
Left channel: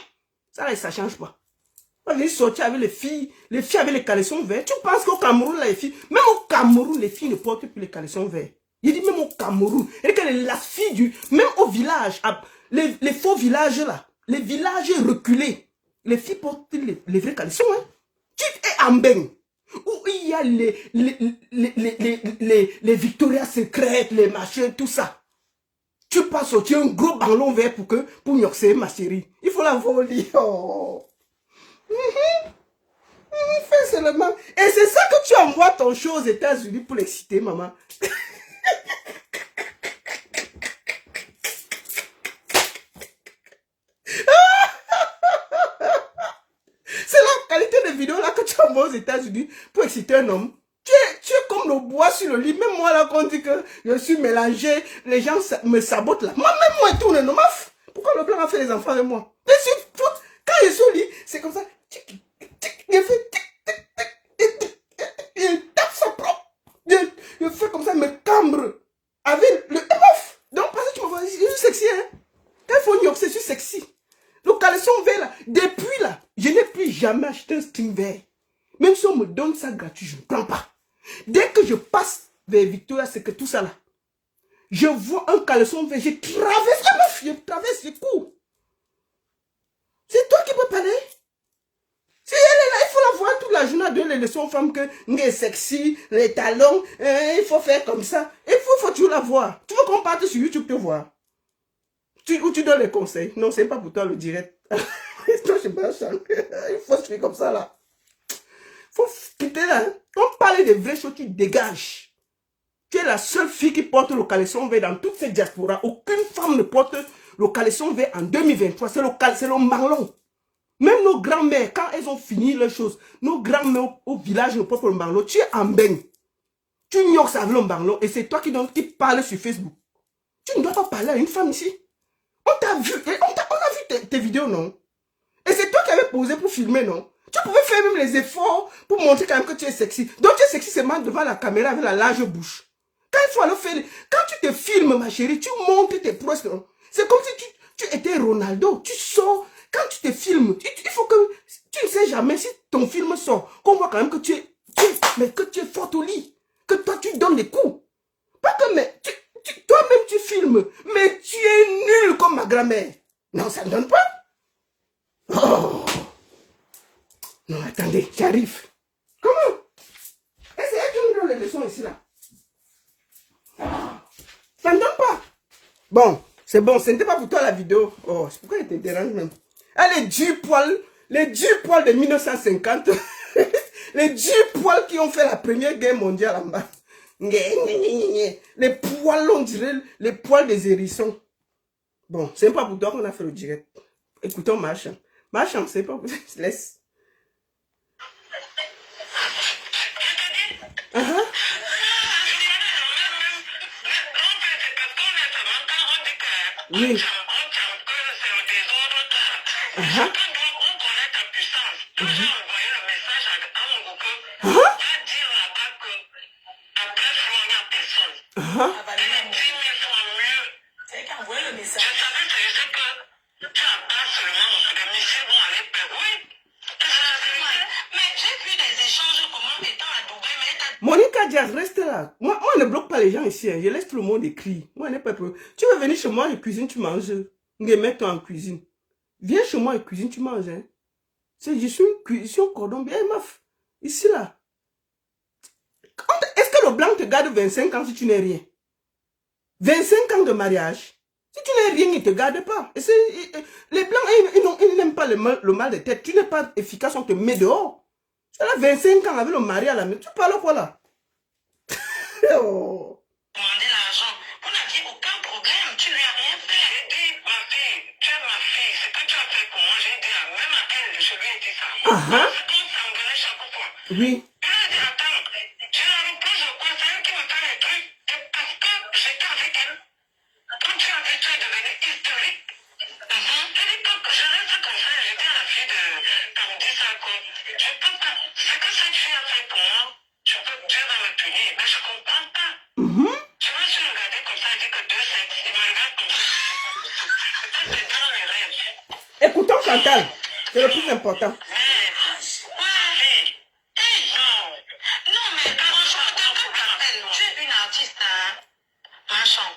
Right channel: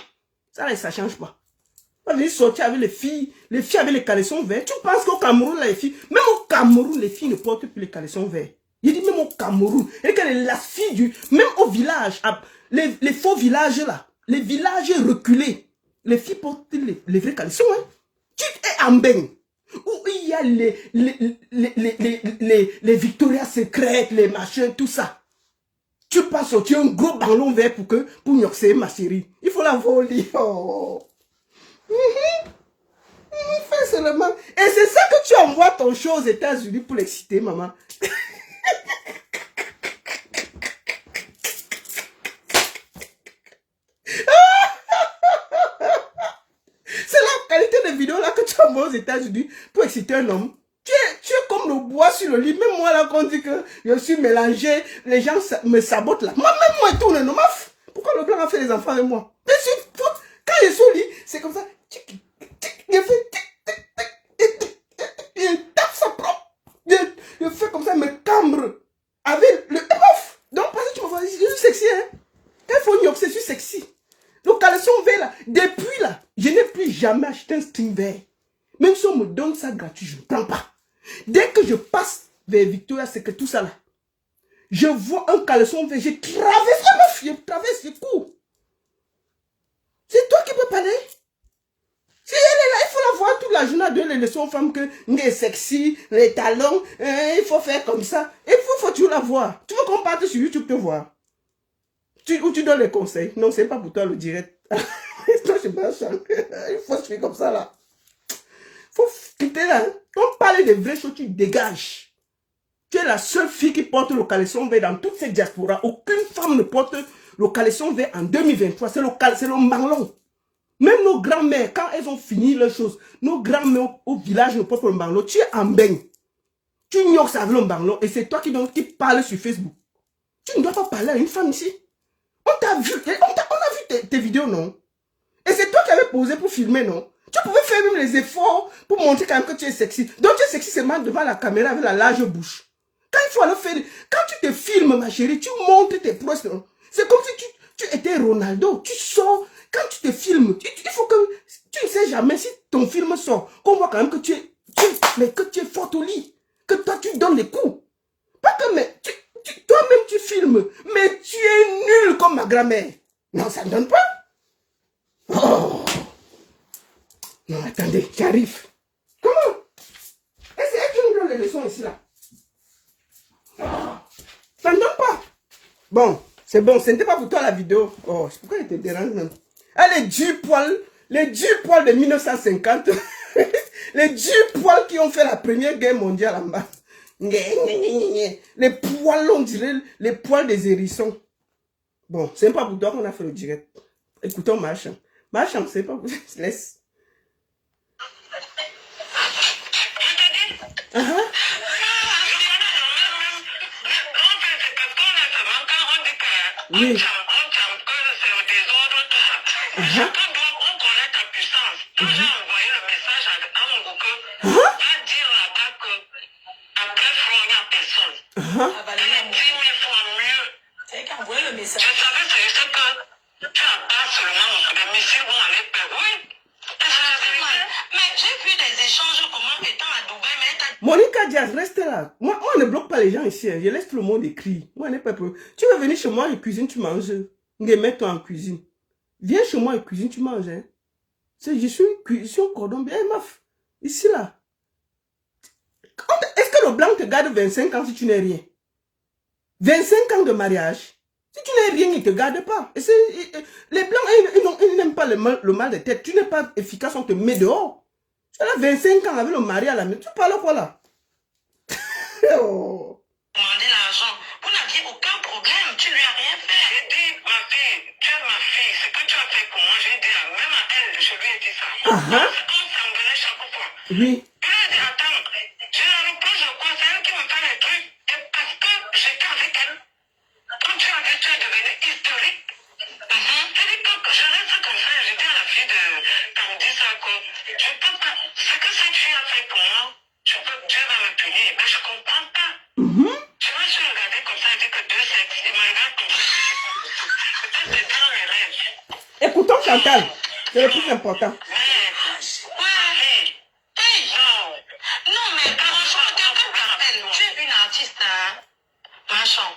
Ça, là, ça change pas. On va sortir avec les filles avec les caleçons verts. Tu penses qu'au Cameroun, là, les filles, même au Cameroun, les filles ne portent plus les caleçons verts. Il dit même au Cameroun. Et que la fille même au village, les faux villages là, les villages reculés, les filles portent les vrais caleçons, hein. Tu es en bain. Où il y a les Victoria's Secret, les machins, tout ça. Tu passes sortir un gros ballon vert pour nyoxer, ma chérie. Il faut la voler. Oh. Fais seulement. Et c'est ça que tu envoies ton show aux États-Unis pour l'exciter, maman. C'est la qualité de vidéo là que tu envoies aux États-Unis pour exciter un homme. Tu es comme le bois sur le lit. Même moi là, quand on dit que je suis mélangé, les gens me sabotent là. Même moi, il tourne, non, pourquoi le blanc a fait les enfants avec moi? Quand je suis au lit, c'est comme ça. Il tape sa propre. Il fait comme ça, il me cambre. Avec le. Donc, parce que tu me vois, je suis sexy, hein. Quand il faut dire que je suis sexy. Le caleçon vert là, depuis là, je n'ai plus jamais acheté un string vert. Même si on me donne ça gratuit, je ne prends pas. Dès que je passe vers Victoria, c'est que tout ça là, je vois un caleçon vert, je traverse, je cours. C'est toi qui peux parler. Si elle est là, il faut la voir toute la journée, donner les leçons aux femmes que est sexy, les talons, il faut faire comme ça. Il faut toujours la voir. Tu veux qu'on parte sur YouTube te voir? Ou tu donnes les conseils? Non, c'est pas pour toi le direct. Toi, je pas il faut suivre comme ça là. Faut quitter là. Hein. On parle de vraies choses, tu dégages. Tu es la seule fille qui porte le caleçon vert dans toute cette diaspora. Aucune femme ne porte le caleçon vert en 2023. C'est le marlon. Même nos grands-mères, quand elles ont fini leurs choses, nos grands-mères au village ne portent pas le marlon. Tu es en bain. Tu ignores ça avec le marlon et c'est toi qui parles sur Facebook. Tu ne dois pas parler à une femme ici. On t'a vu, on a vu tes vidéos, non? Et c'est toi qui avais posé pour filmer, non? Tu pouvais faire même les efforts pour montrer quand même que tu es sexy. Donc tu es sexy seulement devant la caméra avec la large bouche. Quand il faut aller faire, quand tu te filmes, ma chérie, tu montres tes proches. C'est comme si tu étais Ronaldo. Tu sors, quand tu te filmes, il faut que, tu ne sais jamais si ton film sort, qu'on voit quand même que tu es forte au lit. Que toi tu donnes des coups. Pas que, mais, toi-même tu filmes, mais tu es nul comme ma grand-mère. Non, ça ne donne pas. Oh. Non, attendez, j'arrive. Comment? Et c'est elle qui nous donne les leçons ici, là. Ça ne donne pas. Bon, c'est bon, ce n'était pas pour toi la vidéo. Oh, pourquoi elle te dérange même? Ah, les 10 poils de 1950. Les 10 poils qui ont fait la première guerre mondiale en bas. Les poils, on dirait les poils des hérissons. Bon, c'est pas pour toi qu'on a fait le direct. Écoutons Marchand. Marchand, c'est pas pour toi. Laisse. Oui. Monica Diaz, reste là. Moi, on ne bloque pas les gens ici. Hein. Je laisse tout le monde écrire. Moi, je n'ai pas peur. Tu veux venir chez moi et cuisine, tu manges. Mets-toi en cuisine. Viens chez moi et cuisine, tu manges. Hein. Je suis un cordon bien, meuf. Ici, là. Est-ce que le blanc te garde 25 ans si tu n'es rien? 25 ans de mariage. Si tu n'es rien, il ne te garde pas. Et les blancs, ils n'aiment pas le mal de tête. Tu n'es pas efficace, on te met dehors. Tu as 25 ans avec le mari à la main. Tu parles quoi là? Oh. Demander l'argent. On n'a dit aucun problème. Tu lui as rien fait. J'ai dit, ma fille, tu es ma fille. Ce que tu as fait pour moi, j'ai dit, même à elle, je lui ai dit ça. On s'engueulait chaque fois. Oui. Je lui ai dit, attends, je la reproche de quoi? C'est elle qui me fait les trucs. Et parce que j'étais avec elle. Quand tu as dit, tu es devenu historique. J'ai dit, je reste comme ça. J'ai dit à la fille quand me dit ça, quoi. Je peux pas. Ce que cette fille a fait pour moi, Dieu va me punir. Mais je comprends pas. Je me suis regardée comme ça, j'ai dit que Dieu sait. Écoutons Chantal. C'est le plus important. Non, mais franchement, tu es une artiste, hein, machin.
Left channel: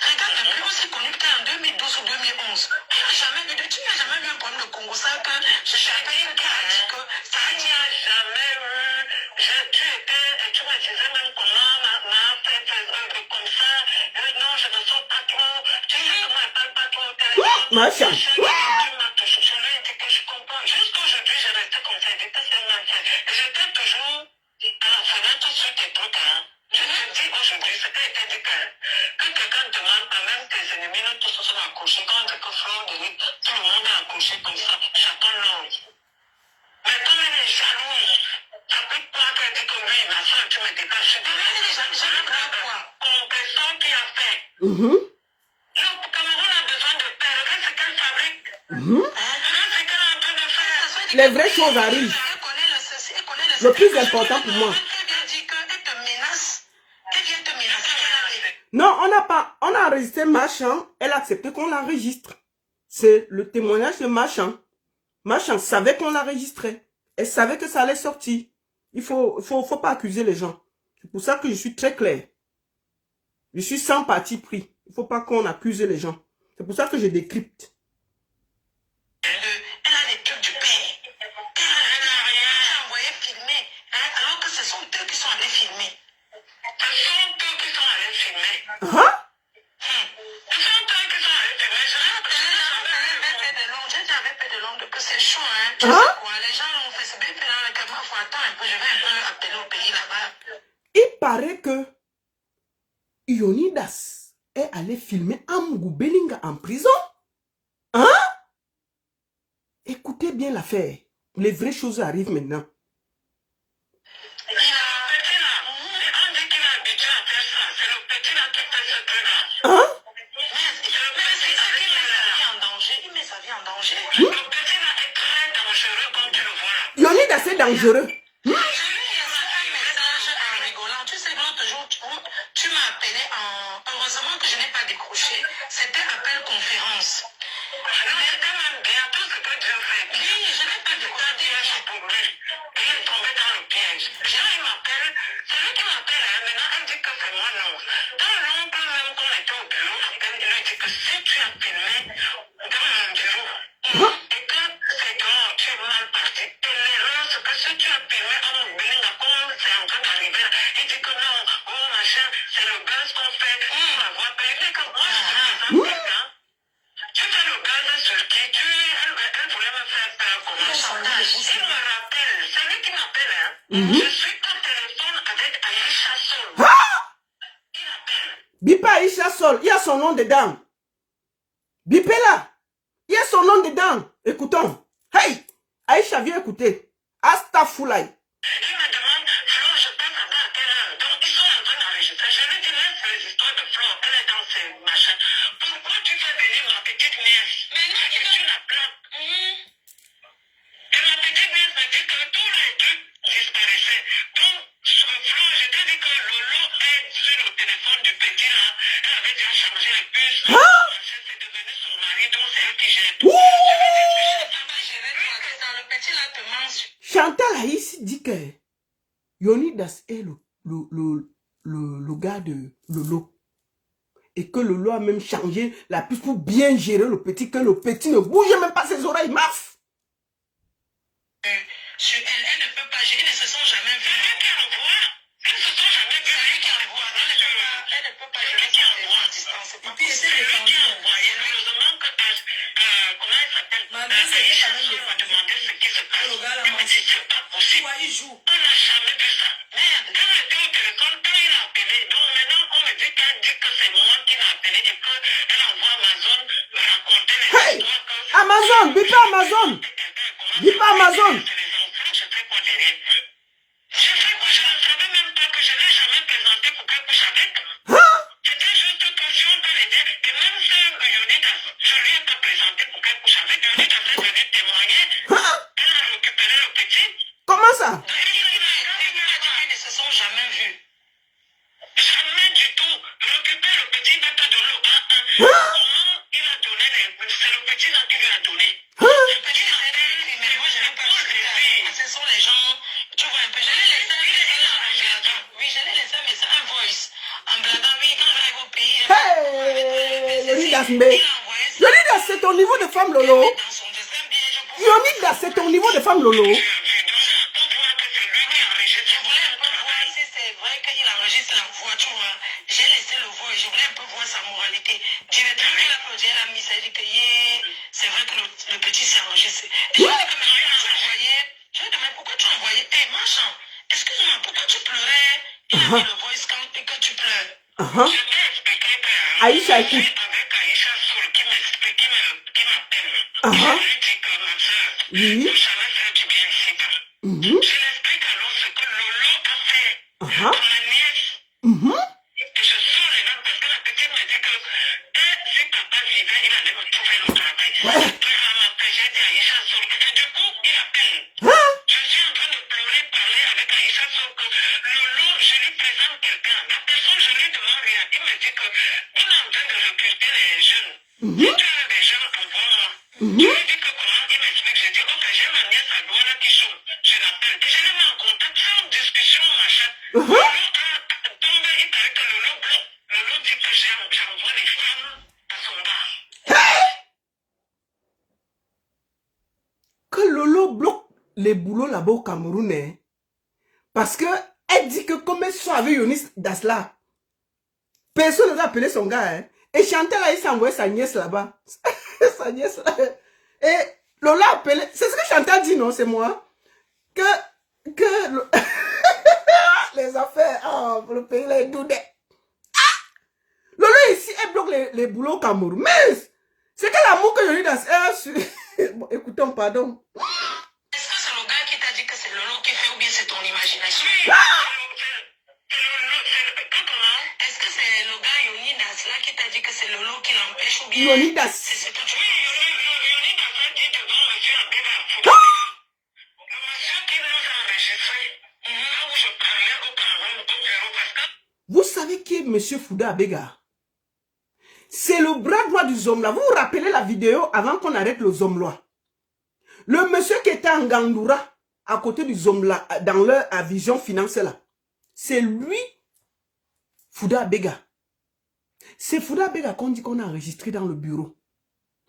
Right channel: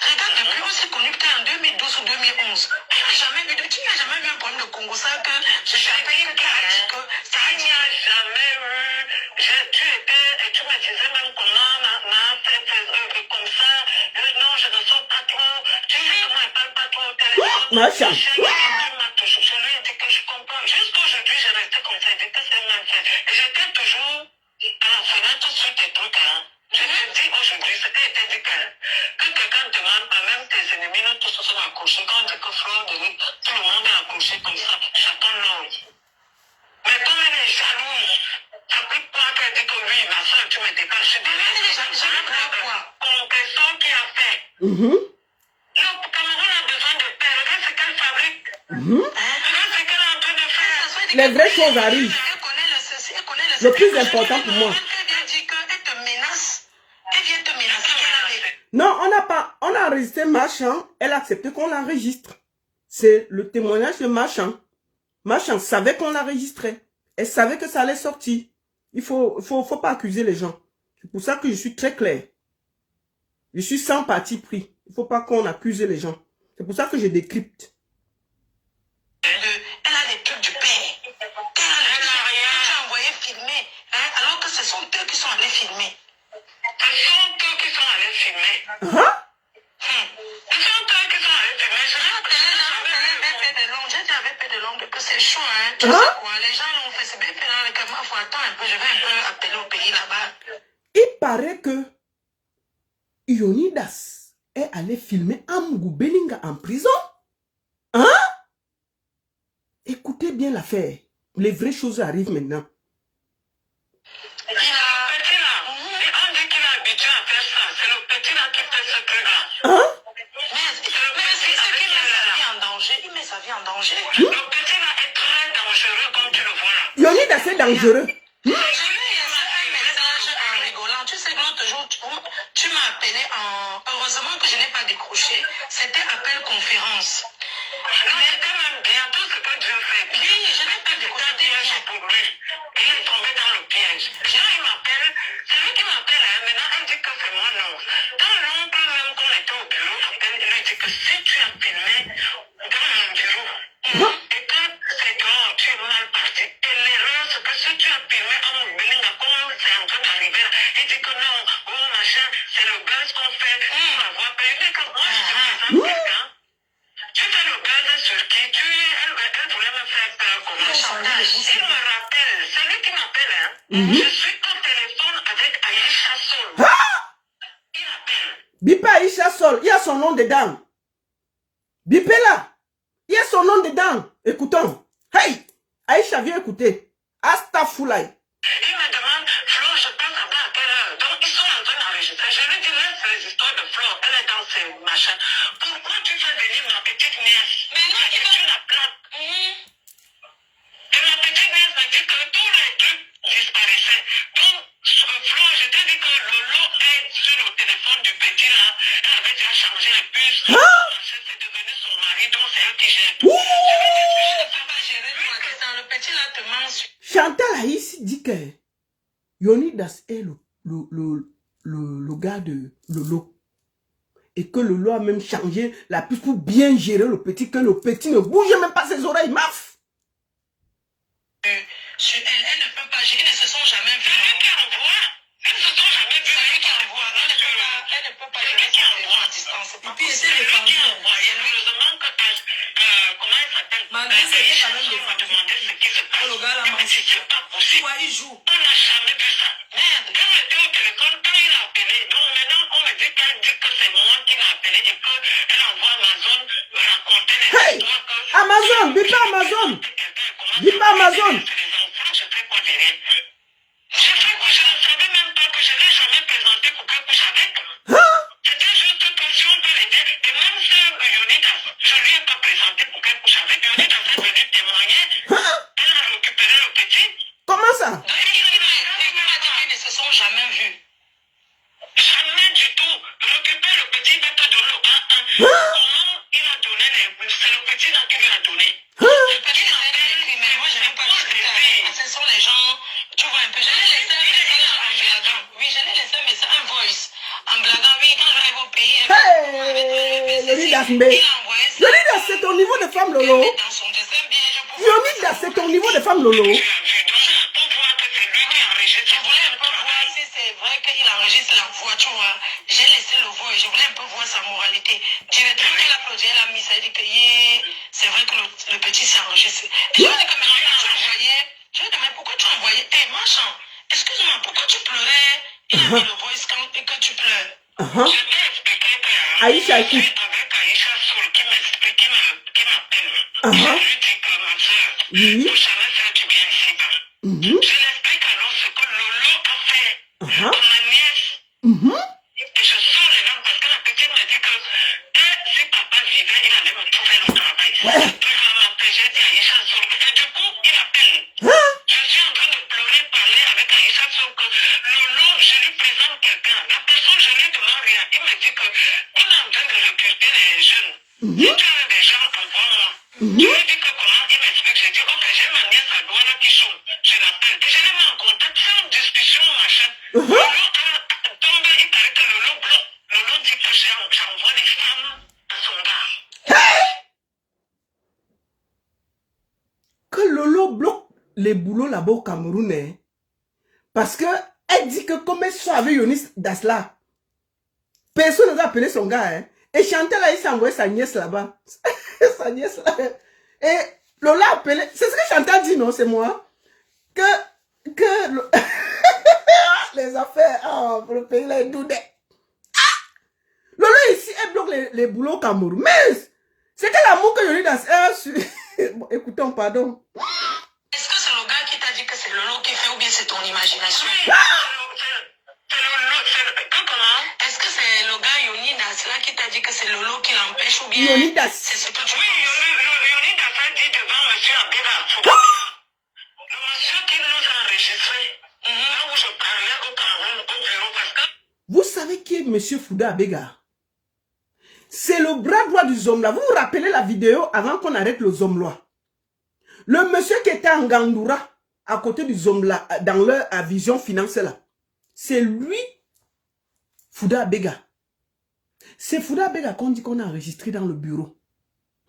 Regarde, depuis on s'est connu peut-être en 2012 ou 2011. Tu n'as jamais vu un problème de Congo, ça que je savais que tu as dit que ça n'y a jamais eu. Tu me disais même comment on a fait tes œuvres comme ça. Non, je ne sors pas trop. Tu sais comment elle parle pas trop au téléphone. Machin. Tu m'as toujours dit que je comprends. Jusqu'aujourd'hui, je restais comme ça. Je dis que c'est un enfant. Et j'étais toujours à la fenêtre sur tes trucs, hein. Je te dis aujourd'hui, ce qui a été dit que quelqu'un te demande, quand même tes ennemis, nous tous sont accouchés. Quand on dit que Fleur de Lys, tout le monde est accouché comme ça, chacun l'autre. Mais comme elle est jalouse, ça peut pas qu'elle dit que oui, ma soeur, tu me dépasses. Je dis quoi? Compression qui a fait. Le Cameroun a besoin de terre. Regarde ce qu'elle fabrique. Regarde ce qu'elle est en train de faire. Les vraies choses arrivent. Le plus important pour moi. Non, on a enregistré Machin. Elle a accepté qu'on l'enregistre. C'est le témoignage de Machin. Machin savait qu'on l'enregistrait. Elle savait que ça allait sortir. Il faut pas accuser les gens. C'est pour ça que je suis très clair. Je suis sans parti pris. Il faut pas qu'on accuse les gens. C'est pour ça que je décrypte. Elle a les trucs du père. Elle n'a rien. Tu as envoyé filmer. Hein, alors que ce sont eux qui sont allés filmer. Ce sont eux qui sont allés filmer. Hein? Ce sont eux qui sont allés filmer. Je t'avais fait de l'ongle que c'est chaud. Hein. Tu sais quoi? Les gens l'ont fait. C'est bien fait là. Que moi, faut attendre un peu. Je vais un peu appeler au pays là-bas. Il paraît que Ionidas est allé filmer Amugou Belinga en prison. Hein? Écoutez bien l'affaire. Les vraies choses arrivent maintenant. Il a le petit là. On dit qu'il a habitué à faire ça. C'est le petit là qui fait ce truc-là. Hein? Mais c'est le petit avec il met sa vie en danger. Il met sa vie en danger. Le petit là est très dangereux comme tu le vois. Ionidas est dangereux. J'ai eu un message en rigolant. Tu sais que l'autre jour, tu m'as appelé en... Heureusement que je n'ai pas décroché. C'était appel conférence. Mais quand même bien, tout ce que Dieu fait. Oui, je n'ai pas décroché. Bien pour lui. Et il est tombé dans le piège. Là, il m'appelle. C'est lui qui m'appelle. Hein. Maintenant, elle dit que c'est moi, non. Dans longtemps, même quand on était au bureau, elle lui dit que si tu as filmé dans mon bureau, et que c'est toi, tu es mal parti, et l'erreur, c'est que si tu as filmé en Belinga, comme c'est en train d'arriver, il dit que non, oh machin, c'est le buzz qu'on fait, on la voit pas. Il dit que moi, je suis quelqu'un. Tu fais le buzz sur qui? Elle voulait me faire peur comme un chantage. Il me rappelle, c'est lui qui m'appelle, hein. Je suis au téléphone avec Aïcha Sol. Il appelle. Bipa Aïcha Sol, il y a son nom dedans. Bipé là, il y a son nom dedans. Écoutons. Hey, Aïcha, viens écouter. Astafoulaï. Il me demande, Flo, je pense à quelle heure. Donc, ils sont en train d'enregistrer. Je lui dis, laisse les histoires de Flo, elle est dans ses machins. Pourquoi tu fais venir ma petite nièce? Maintenant, il tu la plaque. Et ma petite nièce m'a dit que tous les trucs disparaissaient. Donc, sur Flo, je te dis que Lolo est sur le téléphone du petit là. Elle avait déjà changé la puce. C'est devenu son mari, donc c'est elle qui gère tout. Je lui dis, je ne peux pas gérer tout à distance. Le petit là te mange. Chantal Aïssi dit que Ionidas est le gars de Lolo. Et que Lolo a même changé la puce pour bien gérer le petit, que le petit ne bouge même pas ses oreilles, maf. Sur elle ne peut pas gérer, elles ne se sont jamais vues. C'est lui qui envoie. Elles ne se sont jamais vues. C'est lui qui envoie. Elle ne peut pas gérer son téléphone à distance. C'est pas possible. C'est lui qui envoie. Et heureusement que comment elle s'appelle? Aïcha m'a demandé ce qui se passe. Elle m'a dit, c'est pas possible. Il joue. On n'a jamais vu ça. Merde. Quand elle était au téléphone, quand il a appelé, donc maintenant on me dit qu'elle dit que c'est moi qui l'ai appelé et qu'elle envoie Amazon raconter les Hey, histoires que... Amazon, Bipa Amazon. Bipa Amazon. Je fais quoi derrière? Je ne savais même pas que je ne l'ai jamais présenté pour qu'elle couche avec. C'était juste que si on peut le dire, et même si Ionidas, je ne lui ai pas présenté pour qu'elle couche avec. Ionidas est venu témoigner. Elle a récupéré le petit. Comment ça? Ils ne se sont jamais vus. Jamais du tout. Récupère le petit bébé de l'eau. Comment il a donné les... C'est le petit là qui lui a donné. Leonidas, mais Leonidas, c'est ton niveau de femme Lolo. Leonidas, c'est ton niveau de femme Lolo. J'ai laissé le voix et je voulais un peu voir sa moralité. Directement, elle a applaudi, elle a mis ça, elle dit que c'est vrai que le petit s'est enregistré. Je lui ai dit mais pourquoi tu as envoyé tes machins? Excuse-moi, pourquoi tu pleurais? Il a mis le voice count et que tu pleures. Je t'ai expliqué que Aïcha, écoute. avec Aïcha Soul qui m'explique, qui m'appelle. Uh-huh. Je lui dis que ma soeur, Oui. je savais que tu viens ici. Je lui explique alors ce que Lolo a fait pour ma nièce. Et je sors les gens parce que la petite me dit que si papa vivait, il allait me trouver le travail. Ouais. Puis j'ai dit à Aïcha Soul. Et du coup, il appelle. Je suis en train de pleurer, parler avec Aïcha Soul que Lolo, je lui présente quelqu'un. La personne, je lui demande rien. Il me dit que il est en train de recruter les jeunes. Si tu as des gens, envoie-moi. Je lui dis que comment, il m'explique. Je dis, ok, j'ai ma nièce à Douala qui chante. Je l'appelle. Puis je le mets en contact, sans discussion, machin. Lolo a tombé, il paraît que Lolo bloque. Lolo dit que j'envoie les femmes à son gars. Que Lolo bloque les boulots là-bas au Cameroun, hein, parce que elle dit que comme elle soit avec Yonis Dasla, personne ne va appeler son gars, hein. Et Chantal là, il s'est envoyé sa nièce là-bas. Sa nièce là. Et Lola a appelé, c'est ce que Chantal dit, non, c'est moi, que les affaires, le pays là est doudé. Lola ici, elle bloque les boulots au Cameroun. Mais c'est quel amour que Yonis Dasla. Bon, écoutons, pardon. Est-ce que c'est le gars qui t'a dit que c'est Lolo qui fait ou bien c'est ton imagination? Est-ce que c'est le gars Yonidas là qui t'a dit que c'est Lolo qui l'empêche ou bien Yonidas. c'est ce que tu penses? Yonidas a dit devant monsieur Abdel. Le monsieur qui nous a enregistré, là où je parlais au Cameroun, au bureau, parce que... Vous savez qui est monsieur Fouda Abega? C'est le bras droit du Zomla. Vous vous rappelez la vidéo avant qu'on arrête le Zomla? Le monsieur qui était en Gandoura, à côté du Zomla, dans leur vision finance là. C'est lui, Fouda Abega. C'est Fouda Abega qu'on dit qu'on a enregistré dans le bureau.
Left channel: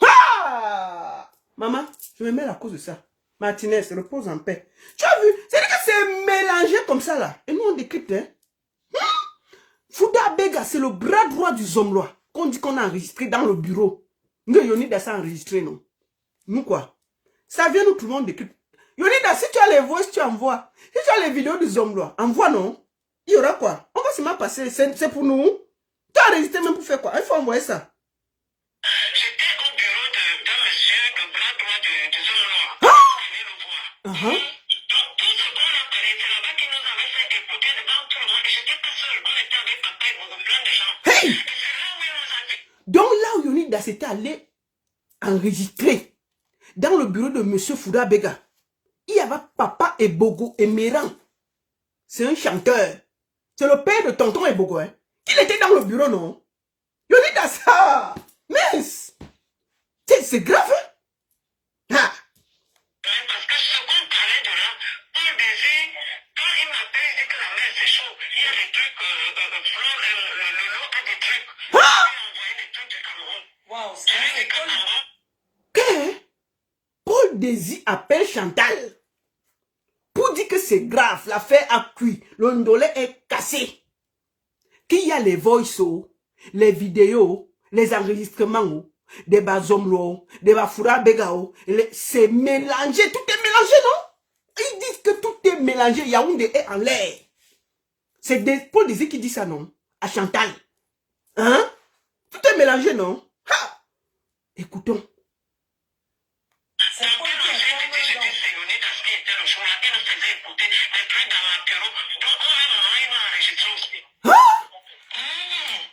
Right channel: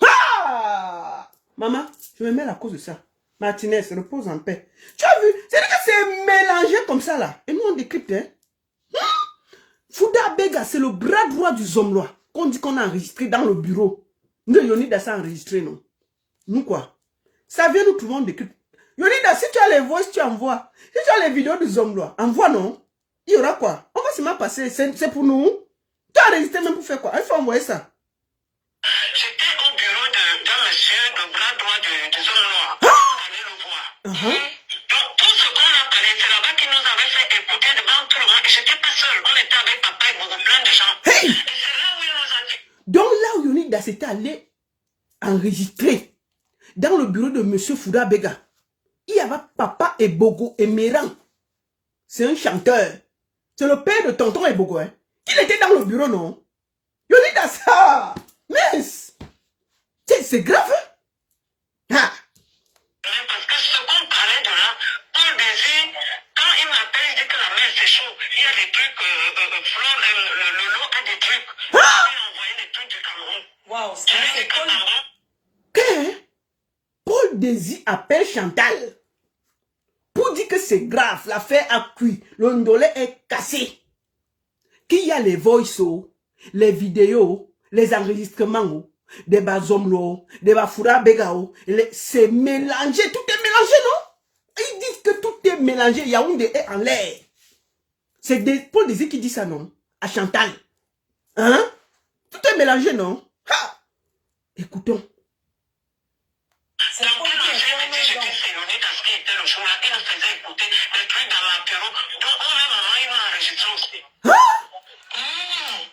Ah! Maman, je me mets à cause de ça. Martinez, repose en paix. Tu as vu? C'est-à-dire que c'est mélangé comme ça là. Et nous on décrypte, hein? Fouda Abega, c'est le bras droit du Zomlois. Qu'on dit qu'on a enregistré dans le bureau. Nous, Yonidas a enregistré, non? Nous, quoi? Ça vient, nous, tout le monde décrypte. Yonidas, si tu as les voix, tu envoies. Si tu as les vidéos du Zomlois, envoie, non? Il y aura quoi? On va seulement passer. C'est pour nous. Tu as enregistré même pour faire quoi? Il faut envoyer ça. J'étais au bureau d'un monsieur, le bras droit du Zomlois. On allait le voir. Donc, tout ce qu'on a parlé, c'est là-bas qui nous avait fait écouter devant tout le monde. Et j'étais pas seul. On était avec papa et beaucoup plein de gens. Hey! Et c'est là où il nous a dit. Donc là où Yonidas était allé enregistrer dans le bureau de monsieur Fouda Abega, il y avait papa Ebogo et Méran. C'est un chanteur. C'est le père de tonton Ebogo, hein. Il était dans le bureau, non? Yonidas, ah! Mais c'est grave, hein? Ah! Parce que ce qu'on parlait de là, Paul Désir, quand il m'appelle, il dit que la mer c'est chaud. Il y a des trucs, Lolo a des trucs. Il a envoyé des trucs du Cameroun. Waouh, c'est Paul. Que Paul Désir appelle Chantal pour dire que c'est grave, l'affaire a cuit, le ndolé est cassé. Qu'il y a les voices, les vidéos, les enregistrements, des bazomlo, des bafoura begao, c'est mélangé, tout est mélangé, non? Ils disent que tout est mélangé, Yaoundé est en l'air. C'est Paul Désir qui dit ça, non? À Chantal. Hein? Tout est mélangé, non? Ha! Écoutons. C'est Paul qui a dit que c'est Yonidas qui était le jour-là, il nous faisait écouter les trucs dans l'apéro. Donc, on a un moment, il nous a enregistré aussi.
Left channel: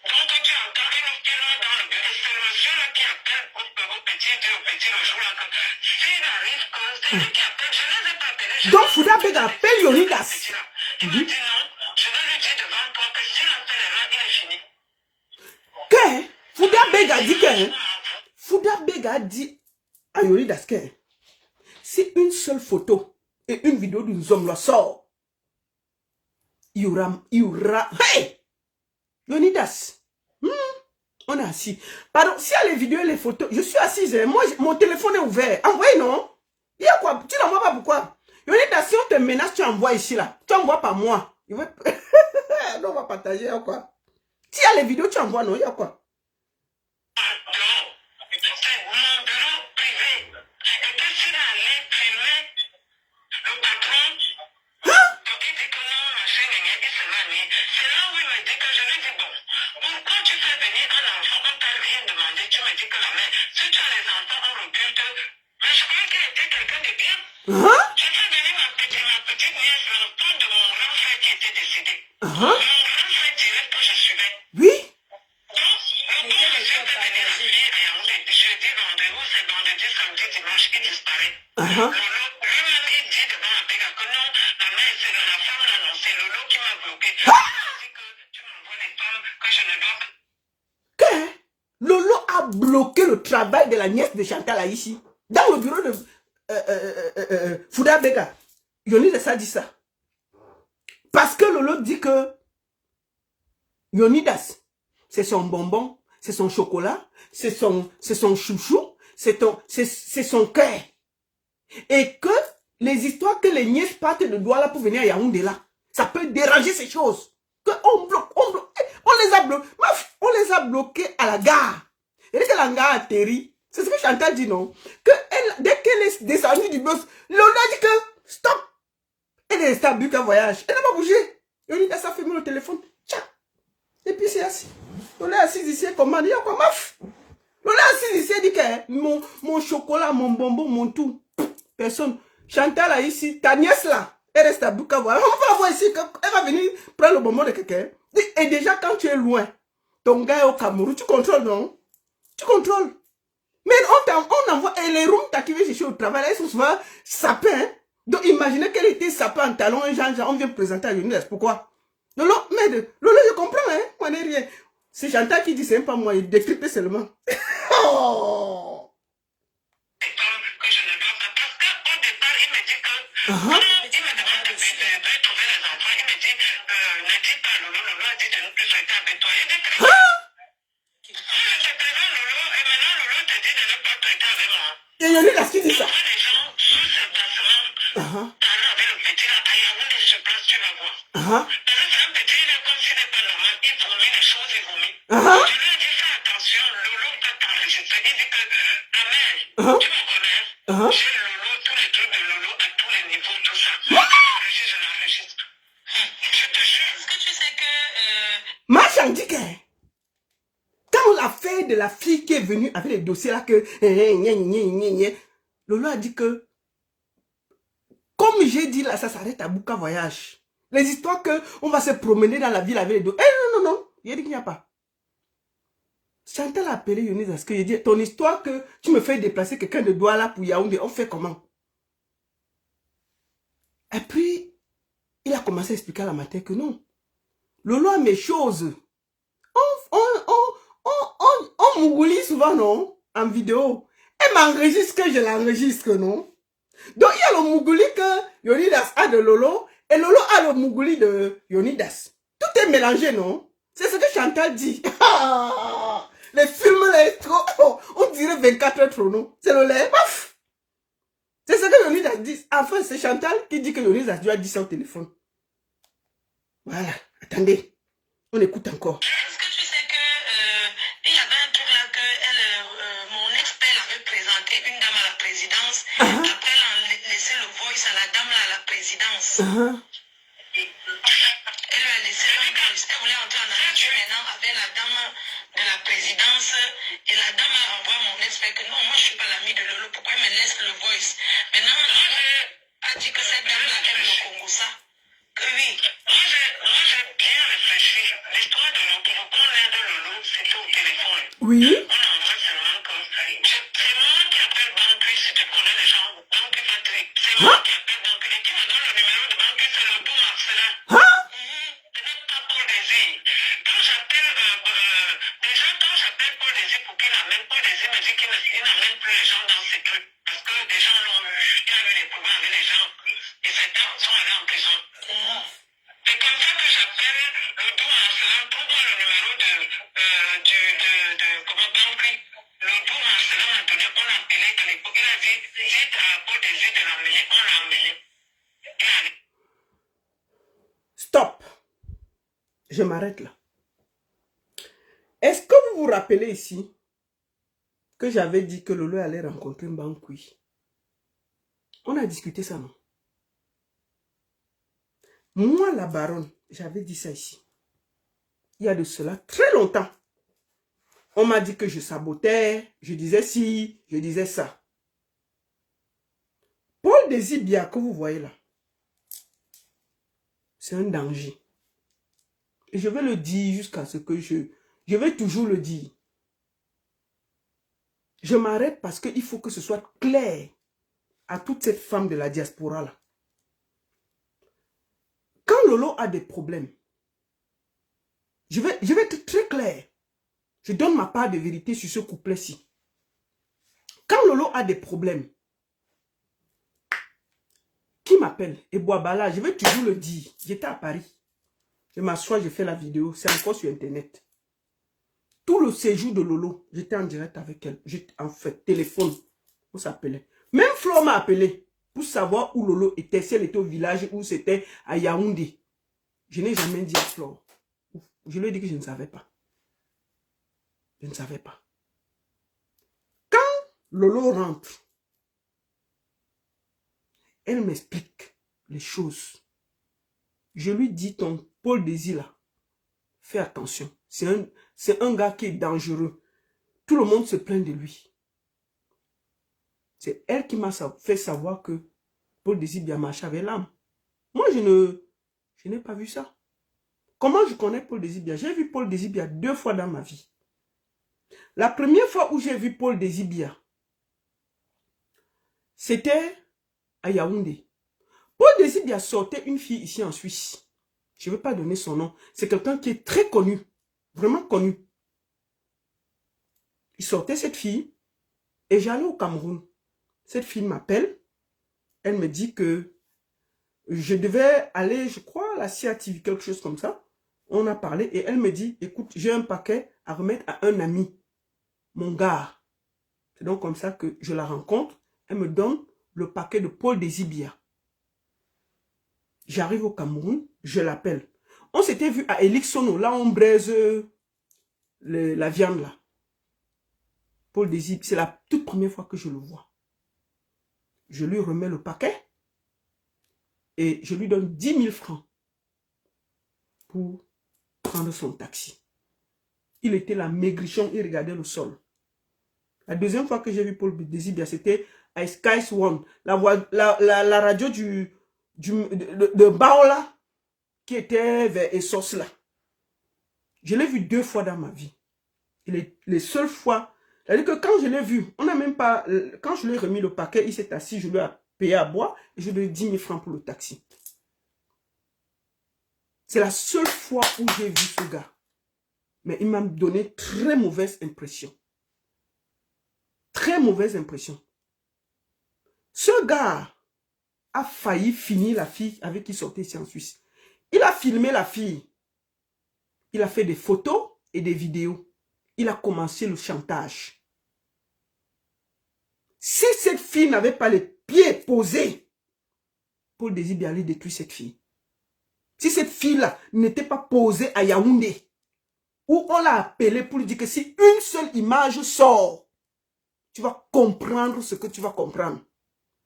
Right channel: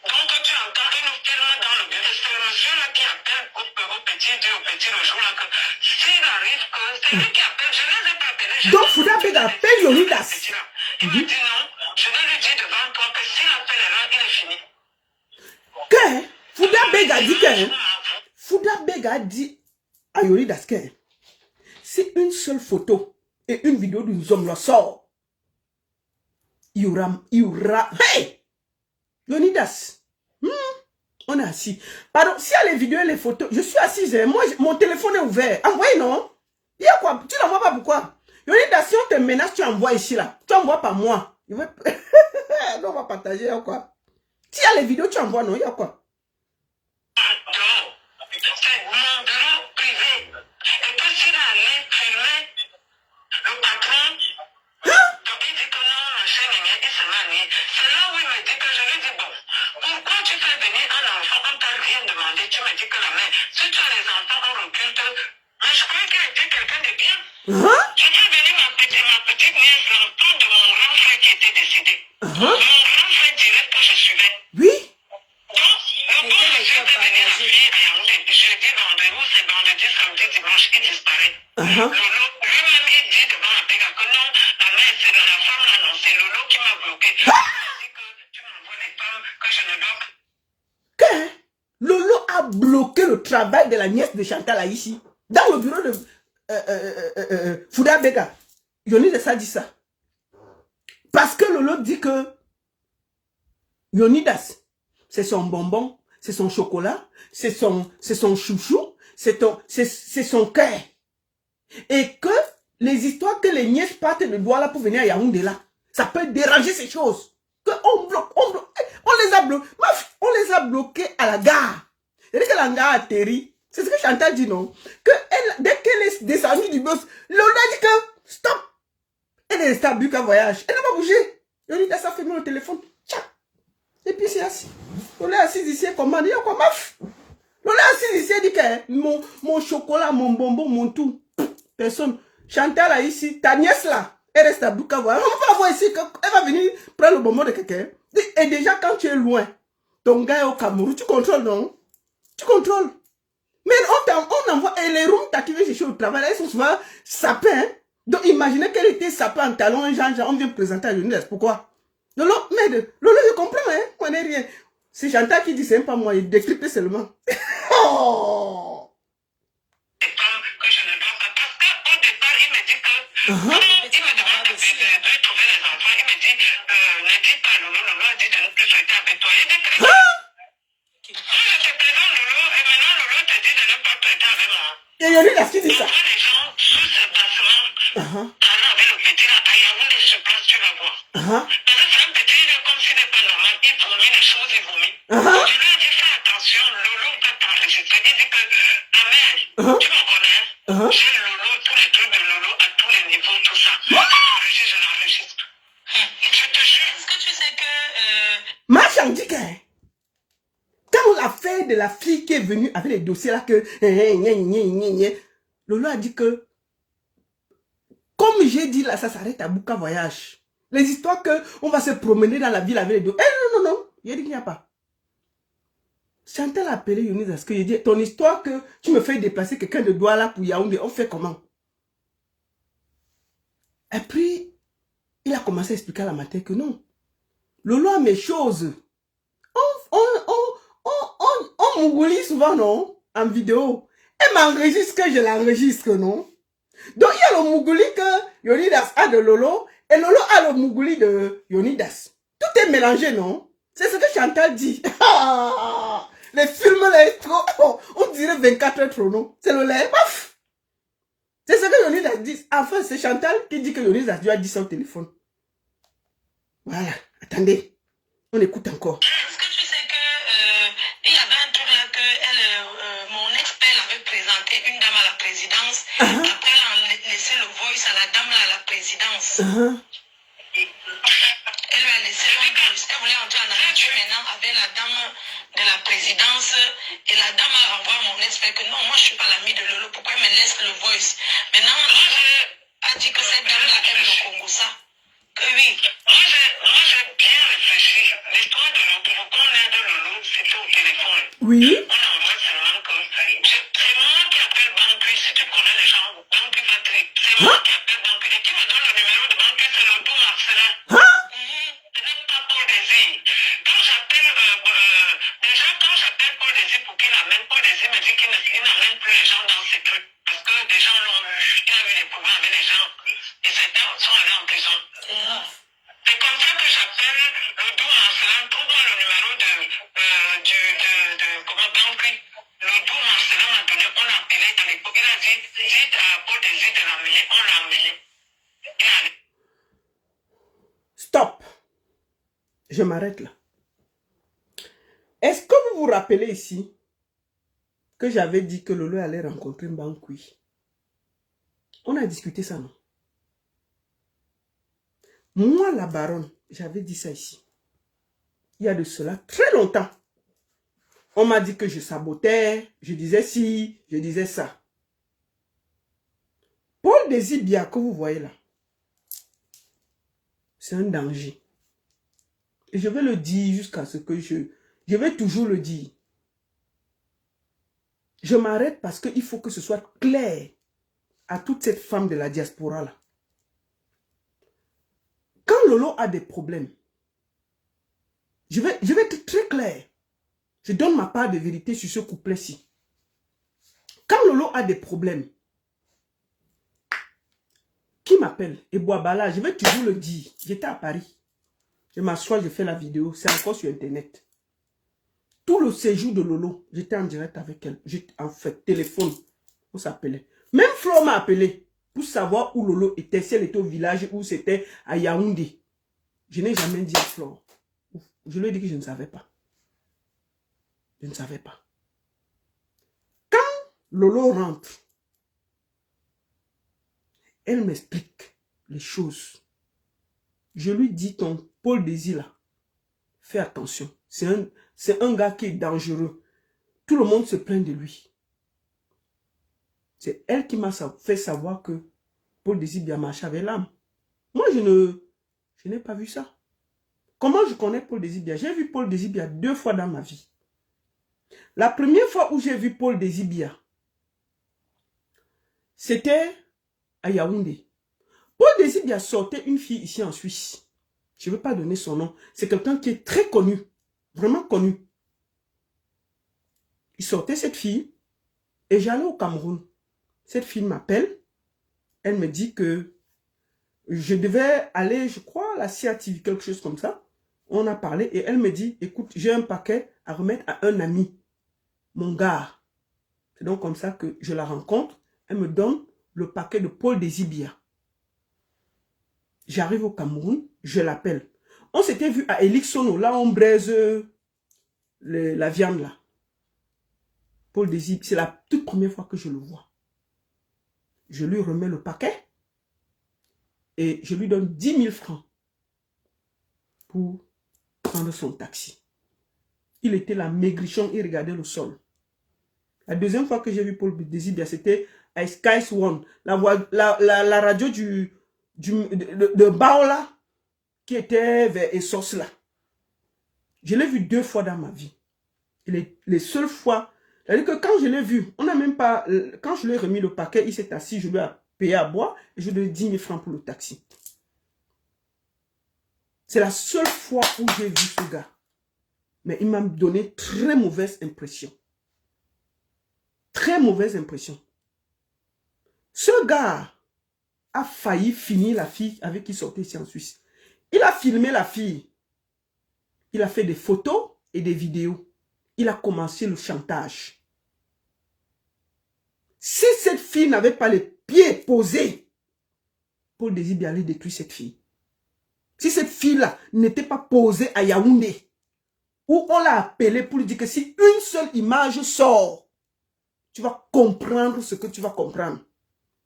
Donc, tu entends, il nous filme dans le bureau. C'est le monsieur-là qui appelle au petit, dit au petit le jour-là que s'il arrive que c'est lui qui appelle, je ne les ai pas appelés. Donc, Fouda Abega appelle Yonidas. Il me dit non, je vais lui dire devant toi que s'il appelle là, il est fini. Que Fouda Abega dit que Fouda Abega dit à Yonidas que si une seule photo et une vidéo d'une homme la sort, il y aura, hey! Yonidas, On est assis. Pardon, s'il y a les vidéos et les photos, je suis assise. Moi, mon téléphone est ouvert. Envoyez, non? Il y a quoi? Tu n'envoies pas pourquoi? Yonida, si on te menace, tu envoies ici, là. Tu envoies pas moi. Non, on va partager, il y a quoi? S'il y a les vidéos, tu envoies, non? Il y a quoi? Hein? Je suis venue ma petite nièce, l'enfant de mon grand frère qui était décédé. Mon grand frère dirait que je suivais. Oui. Donc, le bon monsieur était venu la fille à Yaoundé. Jeudi, vendredi, c'est vendredi, samedi, dimanche, il disparaît. Lolo, lui-même, il dit devant la PEGA que non, la mère, c'est la femme, là, non, c'est Lolo qui m'a bloqué. Il dit que tu m'envoies des femmes que je ne dois pas. Que Lolo a bloqué le travail de la nièce de Chantal Aïchi dans le bureau de Fouda Bega. Yonidas a dit ça. Parce que Lolo dit que Yonidas, c'est son bonbon, c'est son chocolat, c'est son chouchou, c'est son cœur. Et que les histoires que les nièces partent de Douala pour venir à Yaoundé là, ça peut déranger ces choses. Que on les a bloqués à la gare. Et que la gare atterrit. C'est ce que Chantal dit, non? Que dès qu'elle est descendue du bus, Lola dit que stop. Elle est restée à Buka Voyage. Elle n'a pas bougé. Yonida s'est fermé le téléphone. Tchac. Et puis c'est assis. Lola est assise ici, comment dire quoi, maf. Lola est assise ici, elle dit que mon chocolat, mon bonbon, mon tout. Personne. Chantal là ici, ta nièce là, elle reste à Buka Voyage. On va voir ici, elle va venir prendre le bonbon de quelqu'un. Et déjà quand tu es loin, ton gars est au Cameroun, tu contrôles, non? Tu contrôles. Mais on envoie, et les rooms qui viennent chercher au travail, elles sont souvent sapées. Hein? Donc imaginez qu'elle était sapée en talon, on vient présenter à Yonidas. Pourquoi? Lolo, mais Lolo, je comprends, hein? On n'est rien. C'est Chantal qui dit, c'est pas moi, il décrypte seulement. Oh! Que je ne dois pas, parce qu'au départ, il me dit que, il me demande de trouver les enfants, il me dit, ne dis pas Lolo, Lolo a dit de ne plus souhaiter avec toi. Il dit que, si je te présente Lolo, et maintenant Lolo te dit de ne pas traiter avec moi. Et Yonidas qui dit ça? Les gens, sous ce placement, parler avec le petit là, à Yaoundé, je pense, tu vas voir. Parce que c'est un petit, il est comme s'il n'est pas normal, il vomit les choses, il vomit. Je lui ai dit, fais attention, Lolo va t'enregistrer. Il dit que, ta mère, tu me connais, j'ai Lolo, tous les trucs de Lolo à tous les niveaux, tout ça. Tu m'enregistres, je l'enregistre. Je te jure. Est-ce que tu sais que... Marchand dit que quand on a fait de la fille qui est venue avec les dossiers là que Lolo a dit que comme j'ai dit là, ça s'arrête à Buka Voyage. Les histoires que on va se promener dans la ville avec les dossiers. Non. Il a dit qu'il n'y a pas. Chantal a appelé Yonidas parce que il dit ton histoire que tu me fais déplacer quelqu'un de Douala pour Yaoundé, on fait comment? Et puis il a commencé à expliquer à la matin que non. Lolo a mes choses. On m'oublie souvent, non? En vidéo. Elle m'enregistre que je l'enregistre, non? Donc, il y a le Mougouli que Yonidas a de Lolo et Lolo a le Mougouli de Yonidas. Tout est mélangé, non? C'est ce que Chantal dit. Les films, là, trop, on dirait 24 heures chrono. C'est le lait. C'est ce que Yonidas dit. Enfin, c'est Chantal qui dit que Yonidas lui a dit ça au téléphone. Voilà. Attendez. On écoute encore. Est-ce que tu sais que il y avait un truc là que mon ex-père avait présenté une dame à la présidence. Après, elle a laissé le voice à la dame à la présidence. Elle lui a laissé un voice. Elle voulait entrer en aventure maintenant avec la dame de la présidence. Et la dame a envoyé mon ex-père que non, moi je suis pas l'ami de Lolo. Pourquoi elle me laisse le voice? Maintenant, elle a dit que cette dame-là aime le Congo ça. Que oui. Moi j'ai bien réfléchi. L'histoire de Lolo, pourquoi on est de Lolo, c'était au téléphone. Oui. On envoie seulement que c'est moi qui appelle Banque, si tu connais les gens, Banque Patrick. C'est moi qui appelle Banque. Et qui me donne le numéro de Banque, c'est le bon Marcelin. Ce n'est pas Paul Désir. Quand j'appelle, déjà quand j'appelle Paul Désir pour qu'il amène, Paul Désir me dit qu'il n'amène plus les gens dans ses trucs. Parce que des gens l'ont eu, il a eu des problèmes avec les gens. Et certains sont allés en prison. C'est comme ça que j'appelle le doux Marcelin, trouve-moi le numéro de vite pour des yeux de l'amener, on l'a amené. Stop. Je m'arrête là. Est-ce que vous vous rappelez ici que j'avais dit que Lolo allait rencontrer Mbankui? On a discuté ça, non? Moi, la baronne, j'avais dit ça ici. Il y a de cela très longtemps. On m'a dit que je sabotais, je disais ci, je disais ça. Paul Désibia que vous voyez là, c'est un danger. Et je vais le dire jusqu'à ce que je vais toujours le dire. Je m'arrête parce qu'il faut que ce soit clair à toute cette femme de la diaspora là. Quand Lolo a des problèmes, je vais être très clair. Je donne ma part de vérité sur ce couplet-ci. Quand Lolo a des problèmes, qui m'appelle? Et Boabala, je vais toujours le dire. J'étais à Paris. Je m'assois, je fais la vidéo. C'est encore sur Internet. Tout le séjour de Lolo, j'étais en direct avec elle. J'étais en fait, téléphone. On s'appelait. Même Flo m'a appelé pour savoir où Lolo était. Si elle était au village ou c'était à Yaoundé. Je n'ai jamais dit à Flo. Je lui ai dit que je ne savais pas. Je ne savais pas. Quand Lolo rentre, elle m'explique les choses. Je lui dis, ton Paul Désir là, fais attention. C'est un gars qui est dangereux. Tout le monde se plaint de lui. C'est elle qui m'a fait savoir que Paul Désir bien marché avec l'âme. Moi, je n'ai pas vu ça. Comment je connais Paul Désir bien? J'ai vu Paul Désir bien 2 fois dans ma vie. La première fois où j'ai vu Paul Désir bien, c'était à Yaoundé. Paul Désir bien sortait une fille ici en Suisse. Je ne veux pas donner son nom. C'est quelqu'un qui est très connu. Vraiment connu. Il sortait cette fille et j'allais au Cameroun. Cette fille m'appelle. Elle me dit que je devais aller, je crois, à la CATV, quelque chose comme ça. On a parlé et elle me dit, écoute, j'ai un paquet à remettre à un ami, mon gars. C'est donc comme ça que je la rencontre. Elle me donne le paquet de Paul Désibia. J'arrive au Cameroun, je l'appelle. On s'était vu à Elixono, là on braise la viande là. Paul Désibia, c'est la toute première fois que je le vois. Je lui remets le paquet et je lui donne 10 000 francs pour prendre son taxi. Il était là, maigrichon, il regardait le sol. La deuxième fois que j'ai vu Paul Désibia, c'était à Sky One, la radio de Baola, qui était vers Essos là. Je l'ai vu 2 fois dans ma vie. Et les seules fois, c'est-à-dire que quand je l'ai vu, on n'a même pas, quand je lui ai remis le paquet, il s'est assis, je lui ai payé à boire, et je lui ai 10 000 francs pour le taxi. C'est la seule fois où j'ai vu ce gars. Mais il m'a donné très mauvaise impression. Très mauvaise impression. Ce gars a failli finir la fille avec qui il sortait ici en Suisse. Il a filmé la fille. Il a fait des photos et des vidéos. Il a commencé le chantage. Si cette fille n'avait pas les pieds posés, Paul Désibia allait détruire cette fille. Si cette fille-là n'était pas posée à Yaoundé, où on l'a appelé pour lui dire que si une seule image sort, tu vas comprendre ce que tu vas comprendre.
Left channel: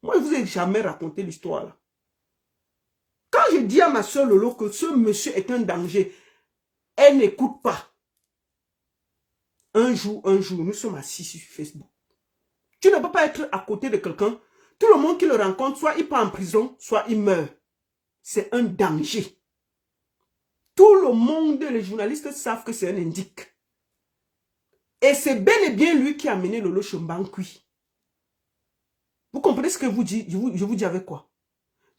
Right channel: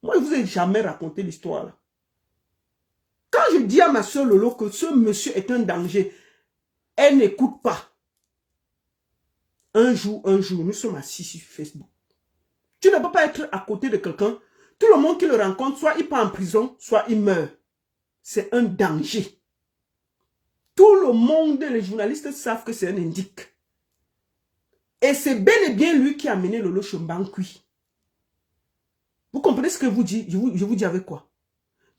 Moi, je ne vous ai jamais raconté l'histoire là. Quand je dis à ma soeur Lolo que ce monsieur est un danger, elle n'écoute pas. Un jour, nous sommes assis sur Facebook. Tu ne peux pas être à côté de quelqu'un. Tout le monde qui le rencontre, soit il part en prison, soit il meurt. C'est un danger. Tout le monde, les journalistes savent que c'est un indique. Et c'est bel et bien lui qui a mené Lolo Mbankui. Vous comprenez ce que je vous dis? Je vous dis avec quoi?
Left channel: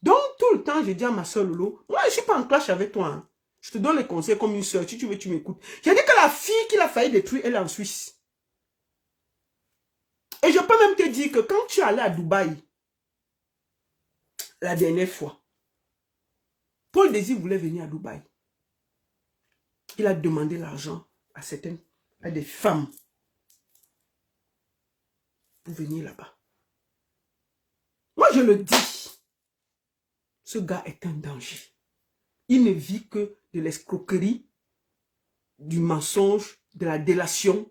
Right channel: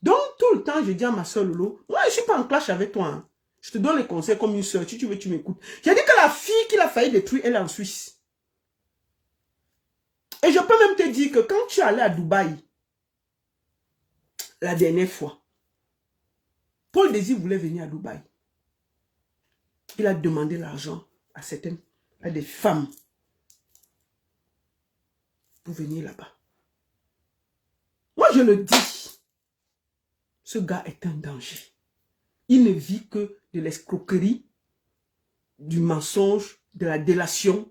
Donc, tout le temps, je dis à ma soeur Lolo, moi, je ne suis pas en clash avec toi. Hein. Je te donne les conseils comme une soeur. Si tu veux, tu m'écoutes. J'ai dit que la fille qu'il a failli détruire, elle est en Suisse. Et je peux même te dire que quand tu es allé à Dubaï, la dernière fois, Paul Désir voulait venir à Dubaï. Il a demandé l'argent à des femmes pour venir là-bas. je le dis, ce gars est un danger. Il ne vit que de l'escroquerie, du mensonge, de la délation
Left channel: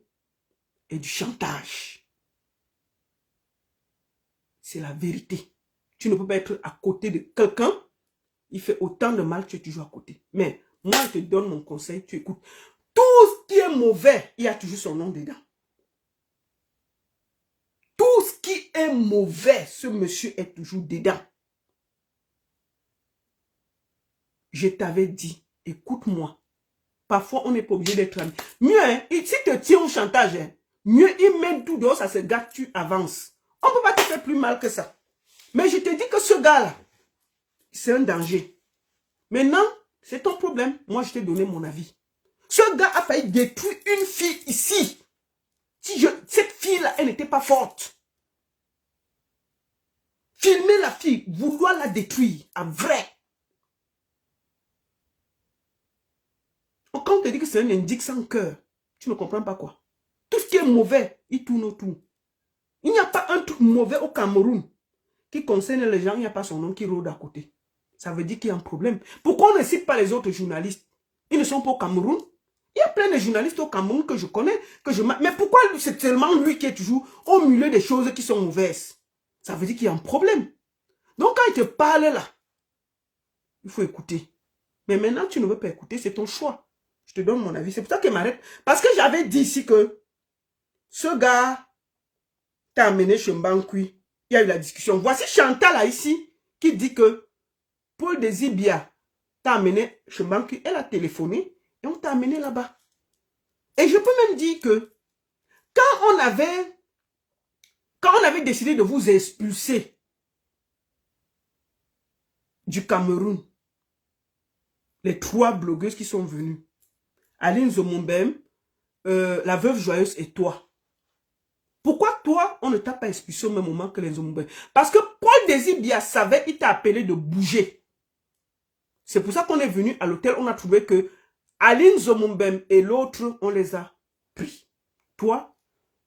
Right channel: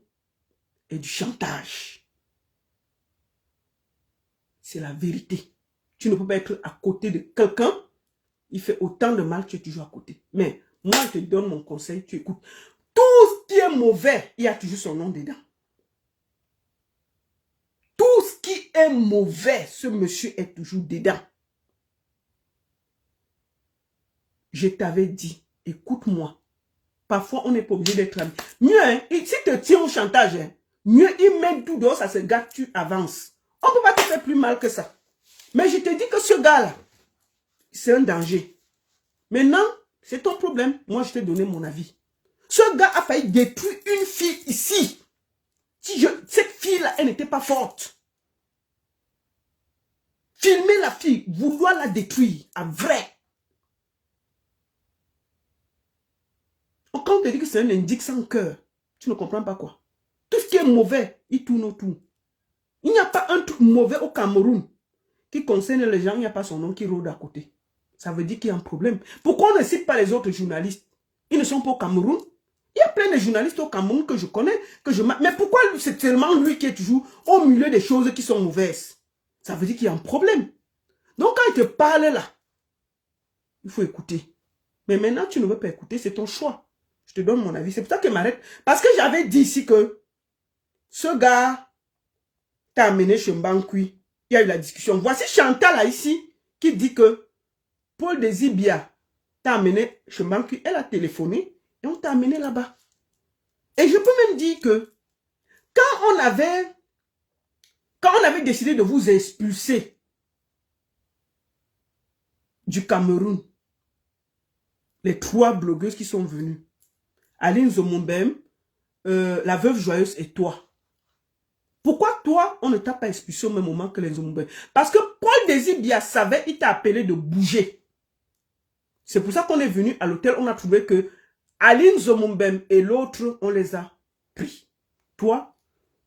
et du chantage. C'est la vérité. Tu ne peux pas être à côté de quelqu'un, il fait autant de mal que tu es toujours à côté. Mais moi, je te donne mon conseil, tu écoutes. Tout ce qui est mauvais, il y a toujours son nom dedans. Tout ce qui est mauvais, ce monsieur est toujours dedans. Je t'avais dit, écoute-moi. Parfois, on n'est pas obligé d'être ami. Mieux, hein, si te tient au chantage, hein, mieux, il met tout dehors, ça se gâte, tu avances. On ne peut pas te faire plus mal que ça. Mais je te dis que ce gars-là, c'est un danger. Maintenant, c'est ton problème. Moi, je t'ai donné mon avis. Ce gars a failli détruire une fille ici. Cette fille-là, elle n'était pas forte. Filmer la fille, vouloir la détruire, à vrai. Quand on te dit que c'est un indique sans cœur, tu ne comprends pas quoi. Tout ce qui est mauvais, il tourne autour. Il n'y a pas un truc mauvais au Cameroun qui concerne les gens, il n'y a pas son nom qui rôde à côté. Ça veut dire qu'il y a un problème. Pourquoi on ne cite pas les autres journalistes? Ils ne sont pas au Cameroun. Il y a plein de journalistes au Cameroun que je connais, mais pourquoi c'est seulement lui qui est toujours au milieu des choses qui sont mauvaises? Ça veut dire qu'il y a un problème. Donc quand il te parle là, il faut écouter. Mais maintenant, tu ne veux pas écouter, c'est ton choix. Je te donne mon avis. C'est pour ça qu'il m'arrête. Parce que j'avais dit ici que ce gars t'a amené chez Mbankui. Il y a eu la discussion. Voici Chantal là ici qui dit que Paul Désibia t'a amené chez Mbankui. Elle a téléphoné et on t'a amené là-bas. Et je peux même dire que quand on avait décidé de vous expulser du Cameroun, les 3 blogueuses qui sont venues, Aline Zomombem, la veuve joyeuse et toi. Pourquoi toi, on ne t'a pas expulsé au même moment que les Zomombem? Parce que Paul Désibia savait, il t'a appelé de bouger. C'est pour ça qu'on est venu à l'hôtel, on a trouvé que Aline Zomombem et l'autre, on les a pris. Toi,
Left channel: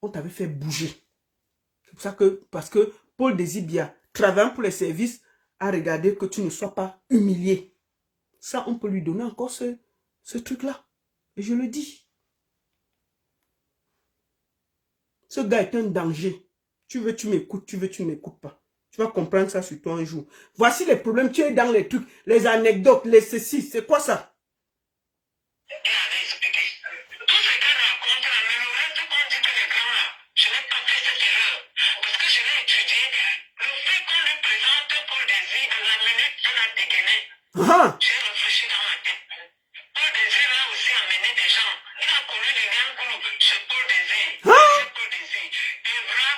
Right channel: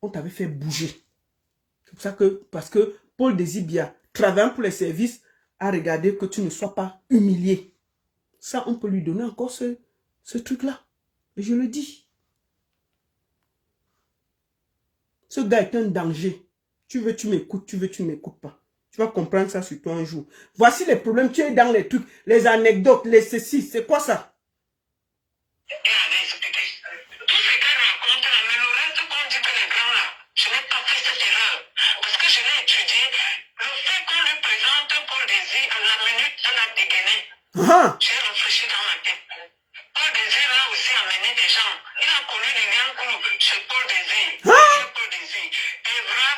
on t'avait fait bouger. C'est pour ça que, parce que Paul Désibia, travaillant pour les services, a regardé que tu ne sois pas humilié. Ça, on peut lui donner encore ce truc-là. Et je le dis. Ce gars est un danger. Tu veux, tu m'écoutes. Tu veux, tu ne m'écoutes pas. Tu vas comprendre ça sur toi un jour. Voici les problèmes. Tu es dans les trucs, les anecdotes, les ceci. C'est quoi ça? Ah. J'ai réfléchi dans ma tête. Paul Désir a aussi amené des gens. Il a connu des grands coups chez Paul Désir. Paul Désir. Evra,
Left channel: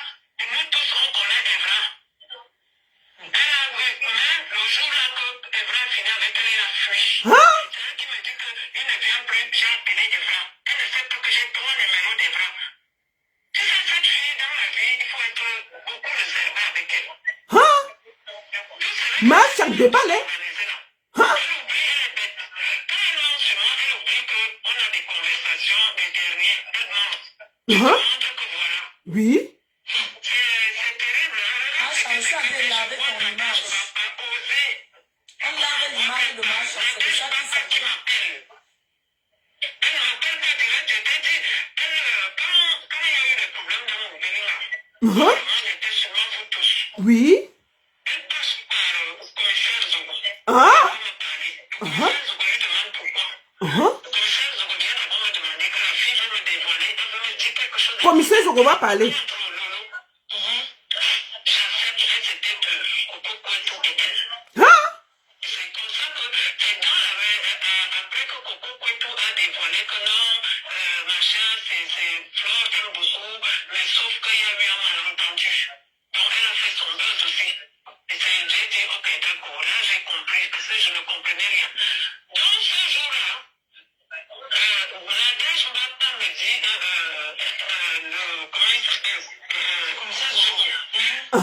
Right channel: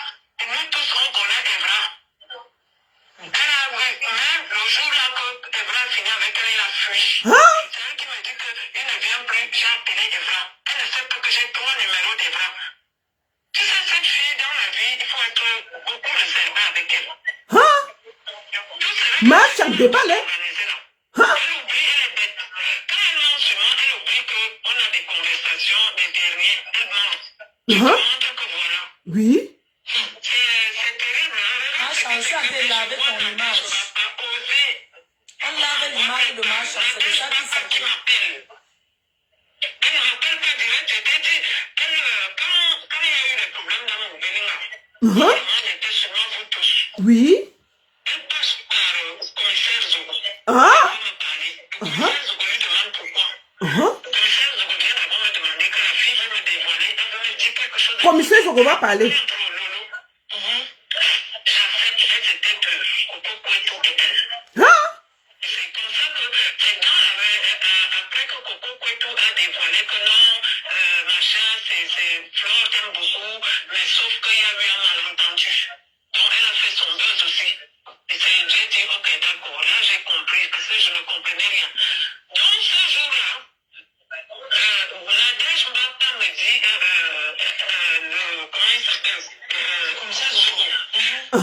nous tous on connaît Evra. Même le jour là que Evra finit avec elle, il a fui. C'est elle qui me dit qu'il ne vient plus. J'ai appelé Evra. Elle ne sait plus que j'ai 3 numéros d'Evra. Tu sais, cette fille dans la vie, il faut être beaucoup réservé avec elle. Marche en débat, hein? Elle oublie, elle est bête. Quand elle ment sur moi, elle oublie qu'on a des conversations des derniers. Elle ment. Je te montre que voilà. Oui. C'est terrible. Hein? Ça fait laver ton image. On lave l'image de ma chance. C'est ça qui s'appelle. Qui m'appelle. Elle ne m'appelle pas direct. Je t'ai dit, quand il y a eu le problème dans mon Bélinga, on était sûrement vous tous. Oui. Elle passe par le commissaire Zogo. Ah. Le commissaire Zogo lui demande pourquoi. Le commissaire Zogo vient d'abord me demander que la fille veut me dévoiler. Elle veut me dire quelque chose. Commissaire Zogo va parler. J'accepte, elle c'était de Coco Kouetou et elle. C'est comme ça que c'est après que Coco Kouetou a dévoilé que non, machin, c'est Flore t'aime beaucoup, mais sauf qu'il y a eu un malentendu. Donc elle a fait son buzz aussi. Et j'ai dit, ok, d'accord, là j'ai compris, parce que je ne comprenais rien. Donc ce jour-là, Nadège Mbata me dit, comment il s'appelle, commissaire Zogo, il a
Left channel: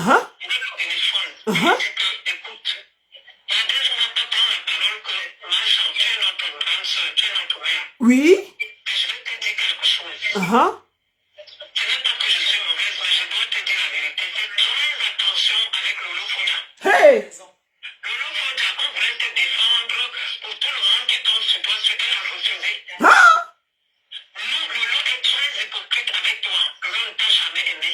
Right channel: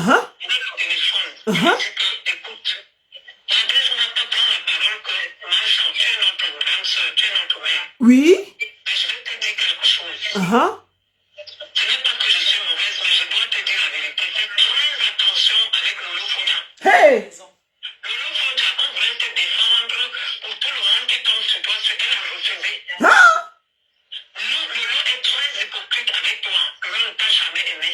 le téléphone, il dit que, écoute, Nadège Mbata prend la parole que, Marchand, tu es notre grande soeur, tu es notre mère. Oui. Mais je vais te dire quelque chose. Ce n'est pas que je suis mauvaise, mais je dois te dire la vérité. Fais très attention conversation avec Lolo Foda. Hey! Lolo Foda, on voulait te défendre pour tout le monde qui tombe sur toi, ce qu'elle a refusé. Hein? Non, Lolo est très hypocrite avec toi. Lolo ne t'a jamais aimé.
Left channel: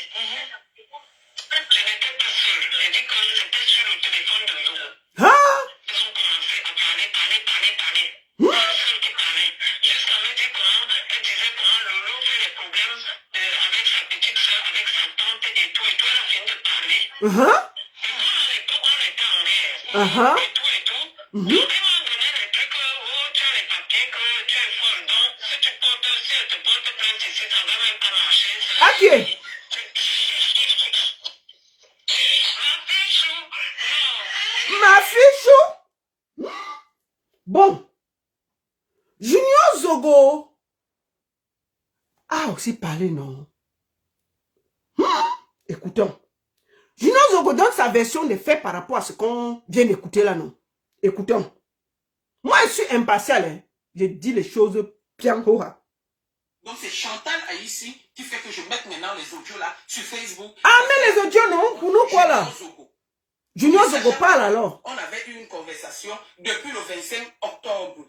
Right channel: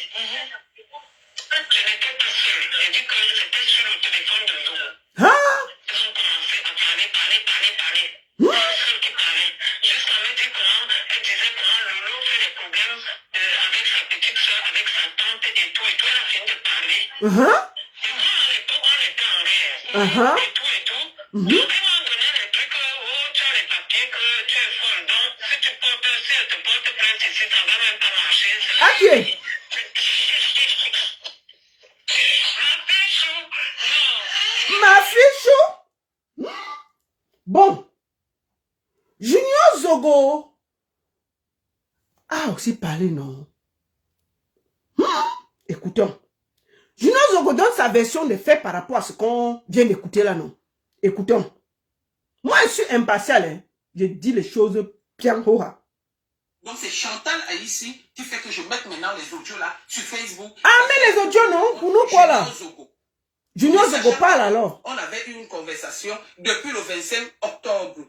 Je n'étais pas seule. J'ai dit que c'était sur le téléphone de Zogo. Hein? Ils ont commencé à parler. C'est elle qui parlait. Jusqu'à me dire comment, elle disait comment Lolo fait des problèmes avec sa petite soeur, avec sa tante et tout. Elle a fini de parler. Et moi, à l'époque, on était en guerre. Et tout. Donc, ils m'ont donné les trucs, oh, tu as les papiers, que tu es folle. Donc, si elle te porte plainte ici, ça va même pas marcher. Ok. Ma fichou. Bon. Junior Zogo a aussi parlé, non? Écoutons. Junior Zogo donne sa version des faits par rapport à ce qu'on vient d'écouter là, non? Écoutons. Moi, je suis impartial, hein. Je dis les choses bien haut. Donc c'est Chantal Aïssi qui fait que je mette maintenant les audios là sur Facebook. Ah, mais les audios, non? Pour nous, quoi là? Junior Zogo parle alors. On avait eu une conversation depuis le 25 octobre.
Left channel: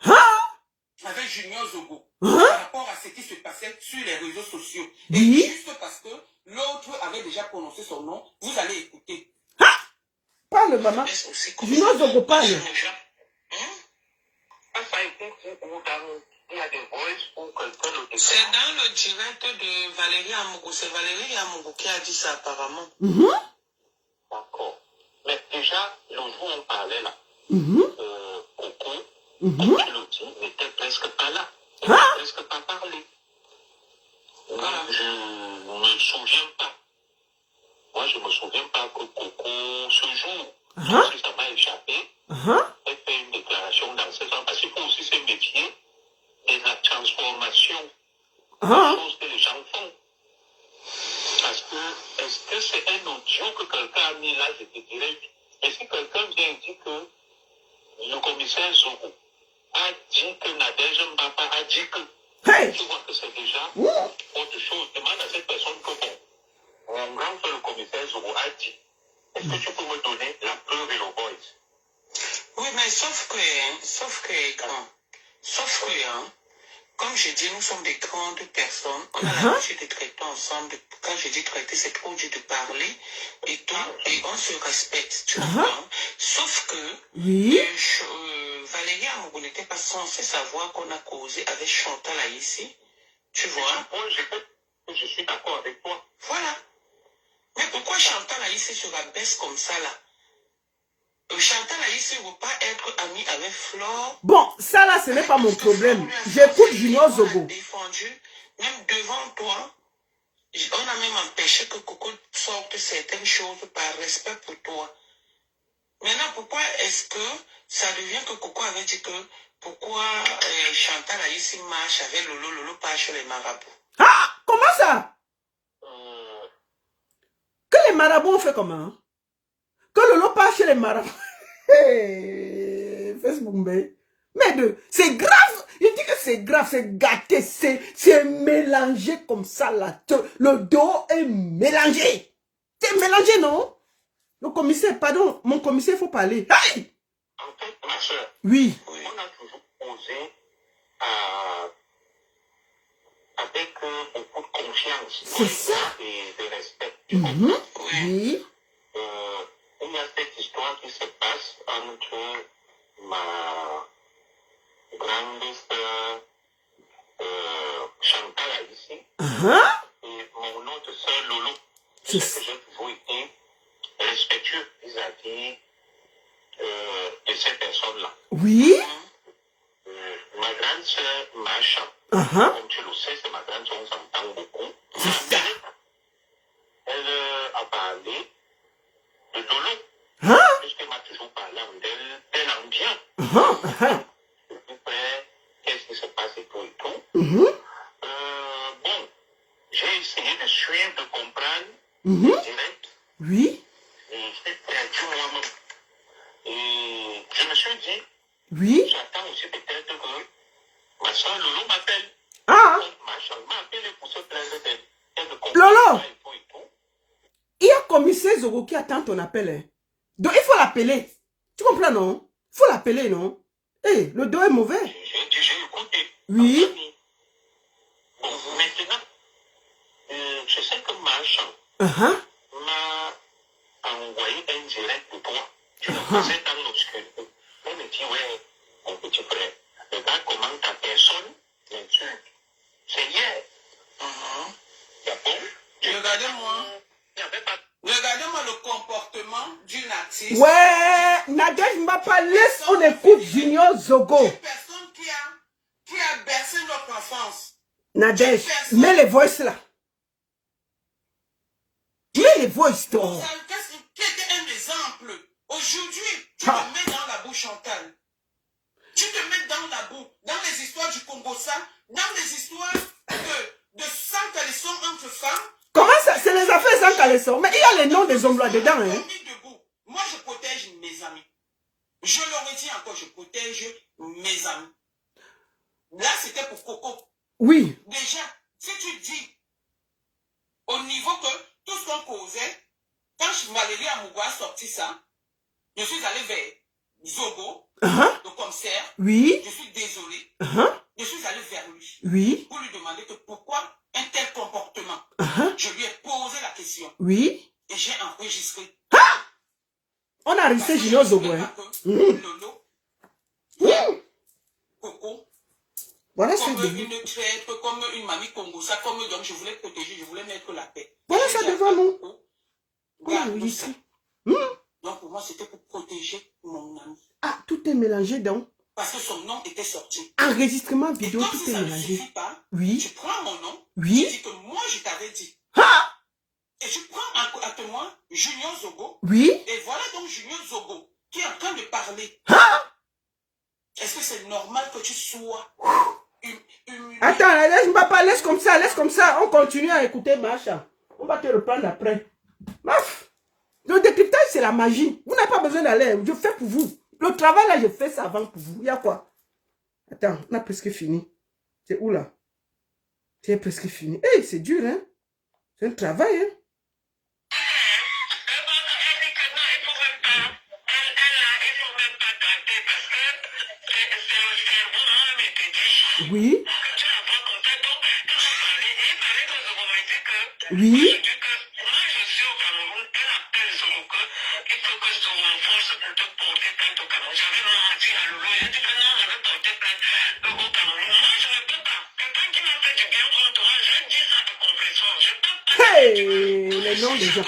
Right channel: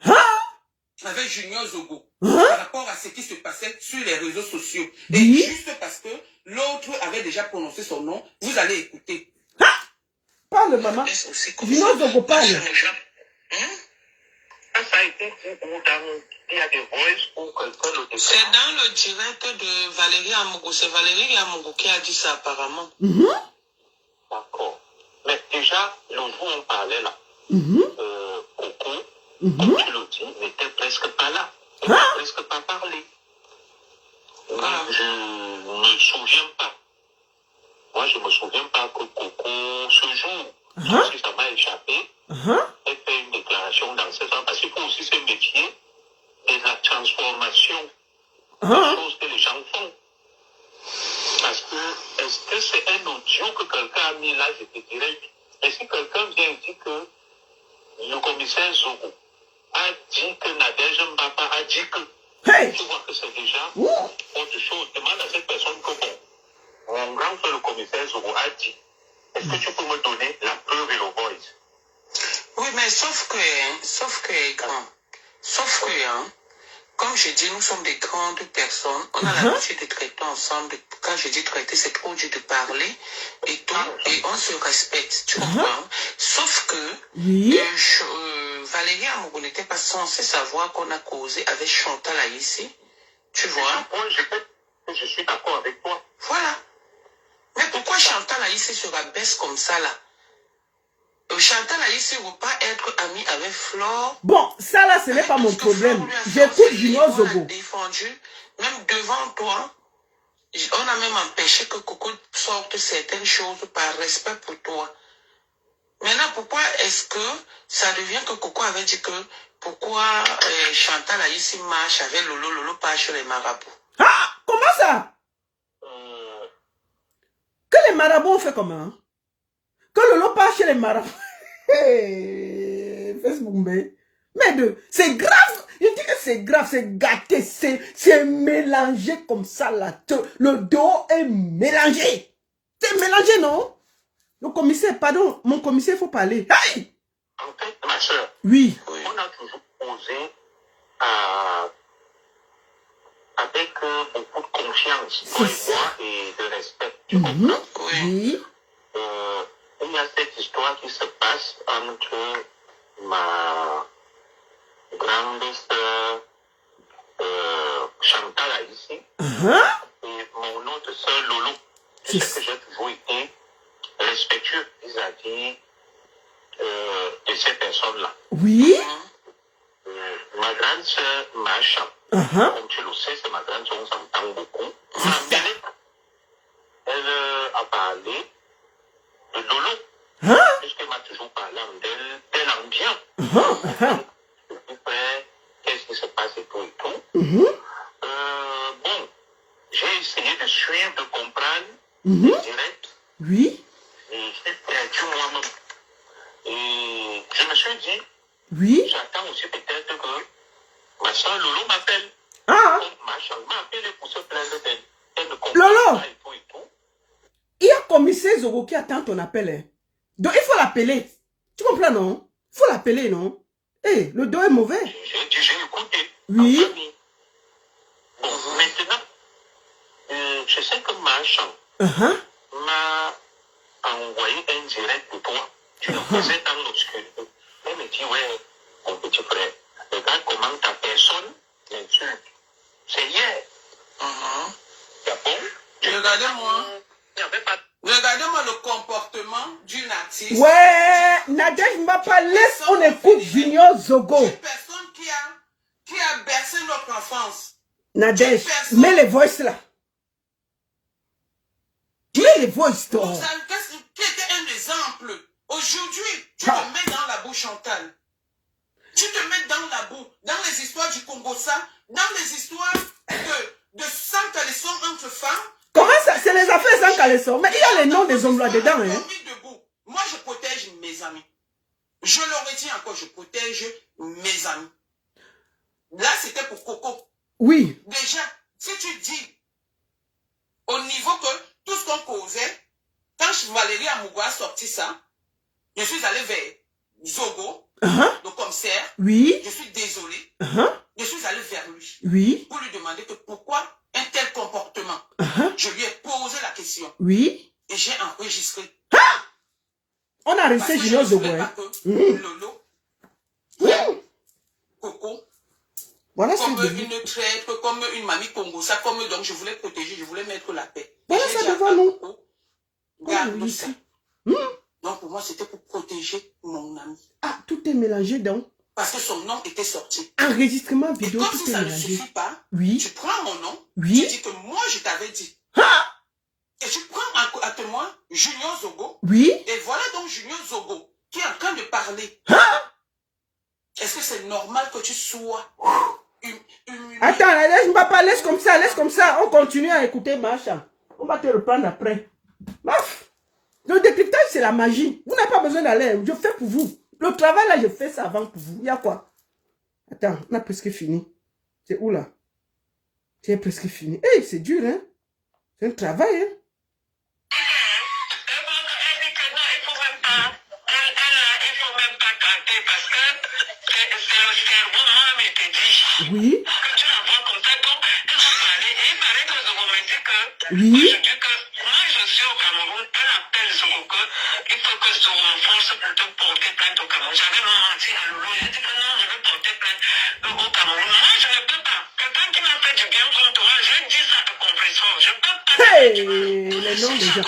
Avec Junior Zogo. Par rapport à ce qui se passait sur les réseaux sociaux. Et juste parce que l'autre avait déjà prononcé son nom, vous allez écouter. Parle, maman. Junior Zogo parle. Ça a été dit il y a des voices ou quelqu'un le déclare. C'est dans le direct de Valérie Amougou. C'est Valérie Amougou qui a dit ça apparemment. D'accord. Mais déjà, le jour où on parlait là, Coco, comme tu le dis, n'était presque pas là. Elle n'a presque pas parlé. Moi, je ne me souviens pas. Moi, je ne me souviens pas que Coco, ce jour, parce que ça m'a échappé, elle fait une déclaration dans ce sens, parce que aussi c'est métier de la transformation des choses que les gens font. Parce que, est-ce que c'est un audio que quelqu'un a mis là, je te dirais, est-ce que quelqu'un vient dire que le commissaire Zogo a dit que Nadège Mbapa a dit que, tu vois que c'est déjà autre chose. Demande à cette personne que mon grand frère, le commissaire Zogo, a dit. Est-ce que tu peux me donner la preuve et le voice? Oui, mais sauf que, comme je dis, nous sommes des grandes personnes. On a l'habitude de traiter ensemble. Quand je dis traiter, c'est trop dur de parler et tout. Et on se respecte, tu comprends? Sauf que Valérie Amougou n'était pas censée savoir qu'on a causé avec Chantal Aïssi. Tu vois? Je suis d'accord avec toi. Voilà. Mais pourquoi Chantal Aïssi se rabaisse comme ça là? Chantal Aïssi ne veut pas être amie avec Flore. Bon, ça là, ce n'est pas mon problème. J'écoute Junior Zogo. Même devant toi, on a même empêché que Coco sorte certaines choses par respect pour toi. Maintenant, pourquoi est-ce que ça devient que Coco avait dit que pourquoi Chantal Aïssi marche avec Lolo pas chez les marabouts? Ah, comment ça? Que les marabouts ont fait comment? Que Lolo part chez les marabouts. Facebook, mais c'est grave. Il dit que c'est grave, c'est gâté, c'est mélangé comme ça là. Le dos est mélangé. C'est mélangé, non? Le commissaire, pardon, mon commissaire, il faut parler. Hey! En fait, ma soeur, oui. On a toujours posé avec beaucoup de confiance et de respect. Tu comprends? Oui. Il y a cette histoire qui se passe entre ma grande sœur Chantal Aïssi et mon autre sœur Lolo. C'est ce que j'ai toujours été respectueux vis-à-vis de ces personnes-là. Oui. Ma grande sœur Macha, comme tu le sais, c'est ma grande sœur, on s'entend beaucoup. Elle a parlé de Lolo. Puisqu'elle m'a toujours parlé d'elle en bien. Qu'est-ce qui se passe et tout et tout. Bon, j'ai essayé de suivre, de comprendre direct. Oui. Et je suis perdu moi-même. Et je me suis dit, j'attends aussi peut-être que ma soeur Lolo m'appelle. Ma soeur m'a appelé pour se plaindre d'elle. Elle ne comprend pas et tout et tout. Il y a commissaire Zogo qui attend ton appel. Hein. Donc, il faut l'appeler. Tu comprends, non? Il faut l'appeler, non? Eh, le dos est mauvais. J'ai écouté. Oui. Bon, maintenant, je sais que Machan m'a envoyé un direct de toi. Tu le faisais dans l'obscur. Elle me dit, ouais, mon petit frère, regarde comment ta personne l'insulte. C'est hier. C'est bon? Regardez-moi. Regardez-moi le comportement d'une artiste. Ouais, Nadège Mbapa, laisse, on écoute Junior Zogo. Une personne qui a bercé notre enfance. Nadège, mets les voices là. Mets les voices, toi. Qui était un exemple. Aujourd'hui, tu te mets dans la boue, Chantal. Tu te mets dans la boue, dans les histoires du Congo, ça, dans les histoires de sang caleçon entre femmes. Comment ça? C'est les affaires sans caleçon. Mais il y a les noms des hommes là dedans. Hein? Moi, je protège mes amis. Je leur ai dit encore, je protège mes amis. Là, c'était pour Coco. Oui. Déjà, si tu dis, au niveau que tout ce qu'on causait, quand Valérie Amougou a sorti ça, je suis allé vers Zogo, le commissaire. Oui. Je suis désolé. Je suis allé vers lui. Oui. Pour lui demander que pourquoi un tel comportement. Je lui ai posé la question. Oui. Et j'ai enregistré. On a resté Junior Zogo. Lolo, Coco, voilà, comme une traître, comme une mamie Congo, ça, comme donc je voulais protéger, je voulais mettre la paix. Voilà ça devant nous. Regarde ça. Donc pour moi, c'était pour protéger mon ami. Ah, tout est mélangé donc. Parce que son nom était sorti. Enregistrement vidéo, comme tout si est ça ne mélangé. suffit pas, Oui. tu prends mon nom, Oui. tu dis que moi je t'avais dit. Et tu prends à témoin Junior Zogo. Oui. Et voilà donc Junior Zogo qui est en train de parler. Est-ce que c'est normal que tu sois Attends, laisse comme ça, laisse comme ça. On continue à écouter Macha. On va te reprendre après. Maf. Le décryptage, c'est la magie. Vous n'avez pas besoin d'aller. Je fais pour vous. Le travail, là, je fais ça avant pour vous. Il y a quoi? Attends, on a presque fini. C'est où, là? C'est presque fini. Hey, c'est dur, hein? C'est un travail, hein? Oui. Oui. Hey, les noms des gens.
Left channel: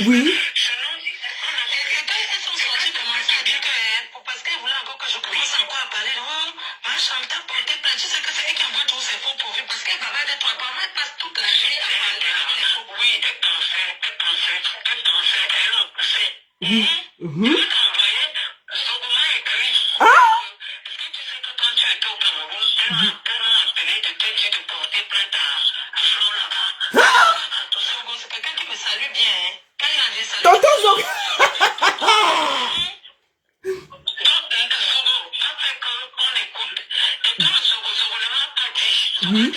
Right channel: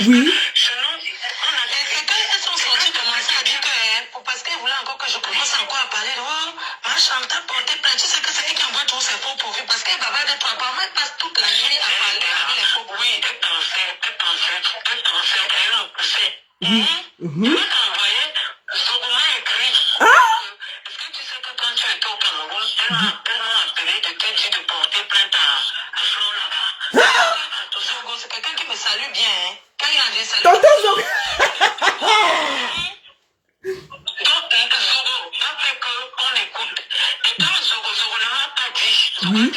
Oui. Parce qu'elle voulait encore que je commence encore à parler. Oh, ma Chantal porté plainte. Tu sais que c'est elle qui envoie tous ses faux profils. Parce qu'elle va avoir des trois parents. Elle passe toute la journée à parler avec les faux profils. Oui, elle pensait, elle en poussait. Elle t'a envoyé, Zogouma écrit. Est-ce que tu sais que quand tu étais au Cameroun, elle m'a appelé de te dire de porter plainte à Flo là-bas. Zogo, c'est quelqu'un qui me salue bien. Hein. Quand il a dit salut. Tonton Zogo. Oui.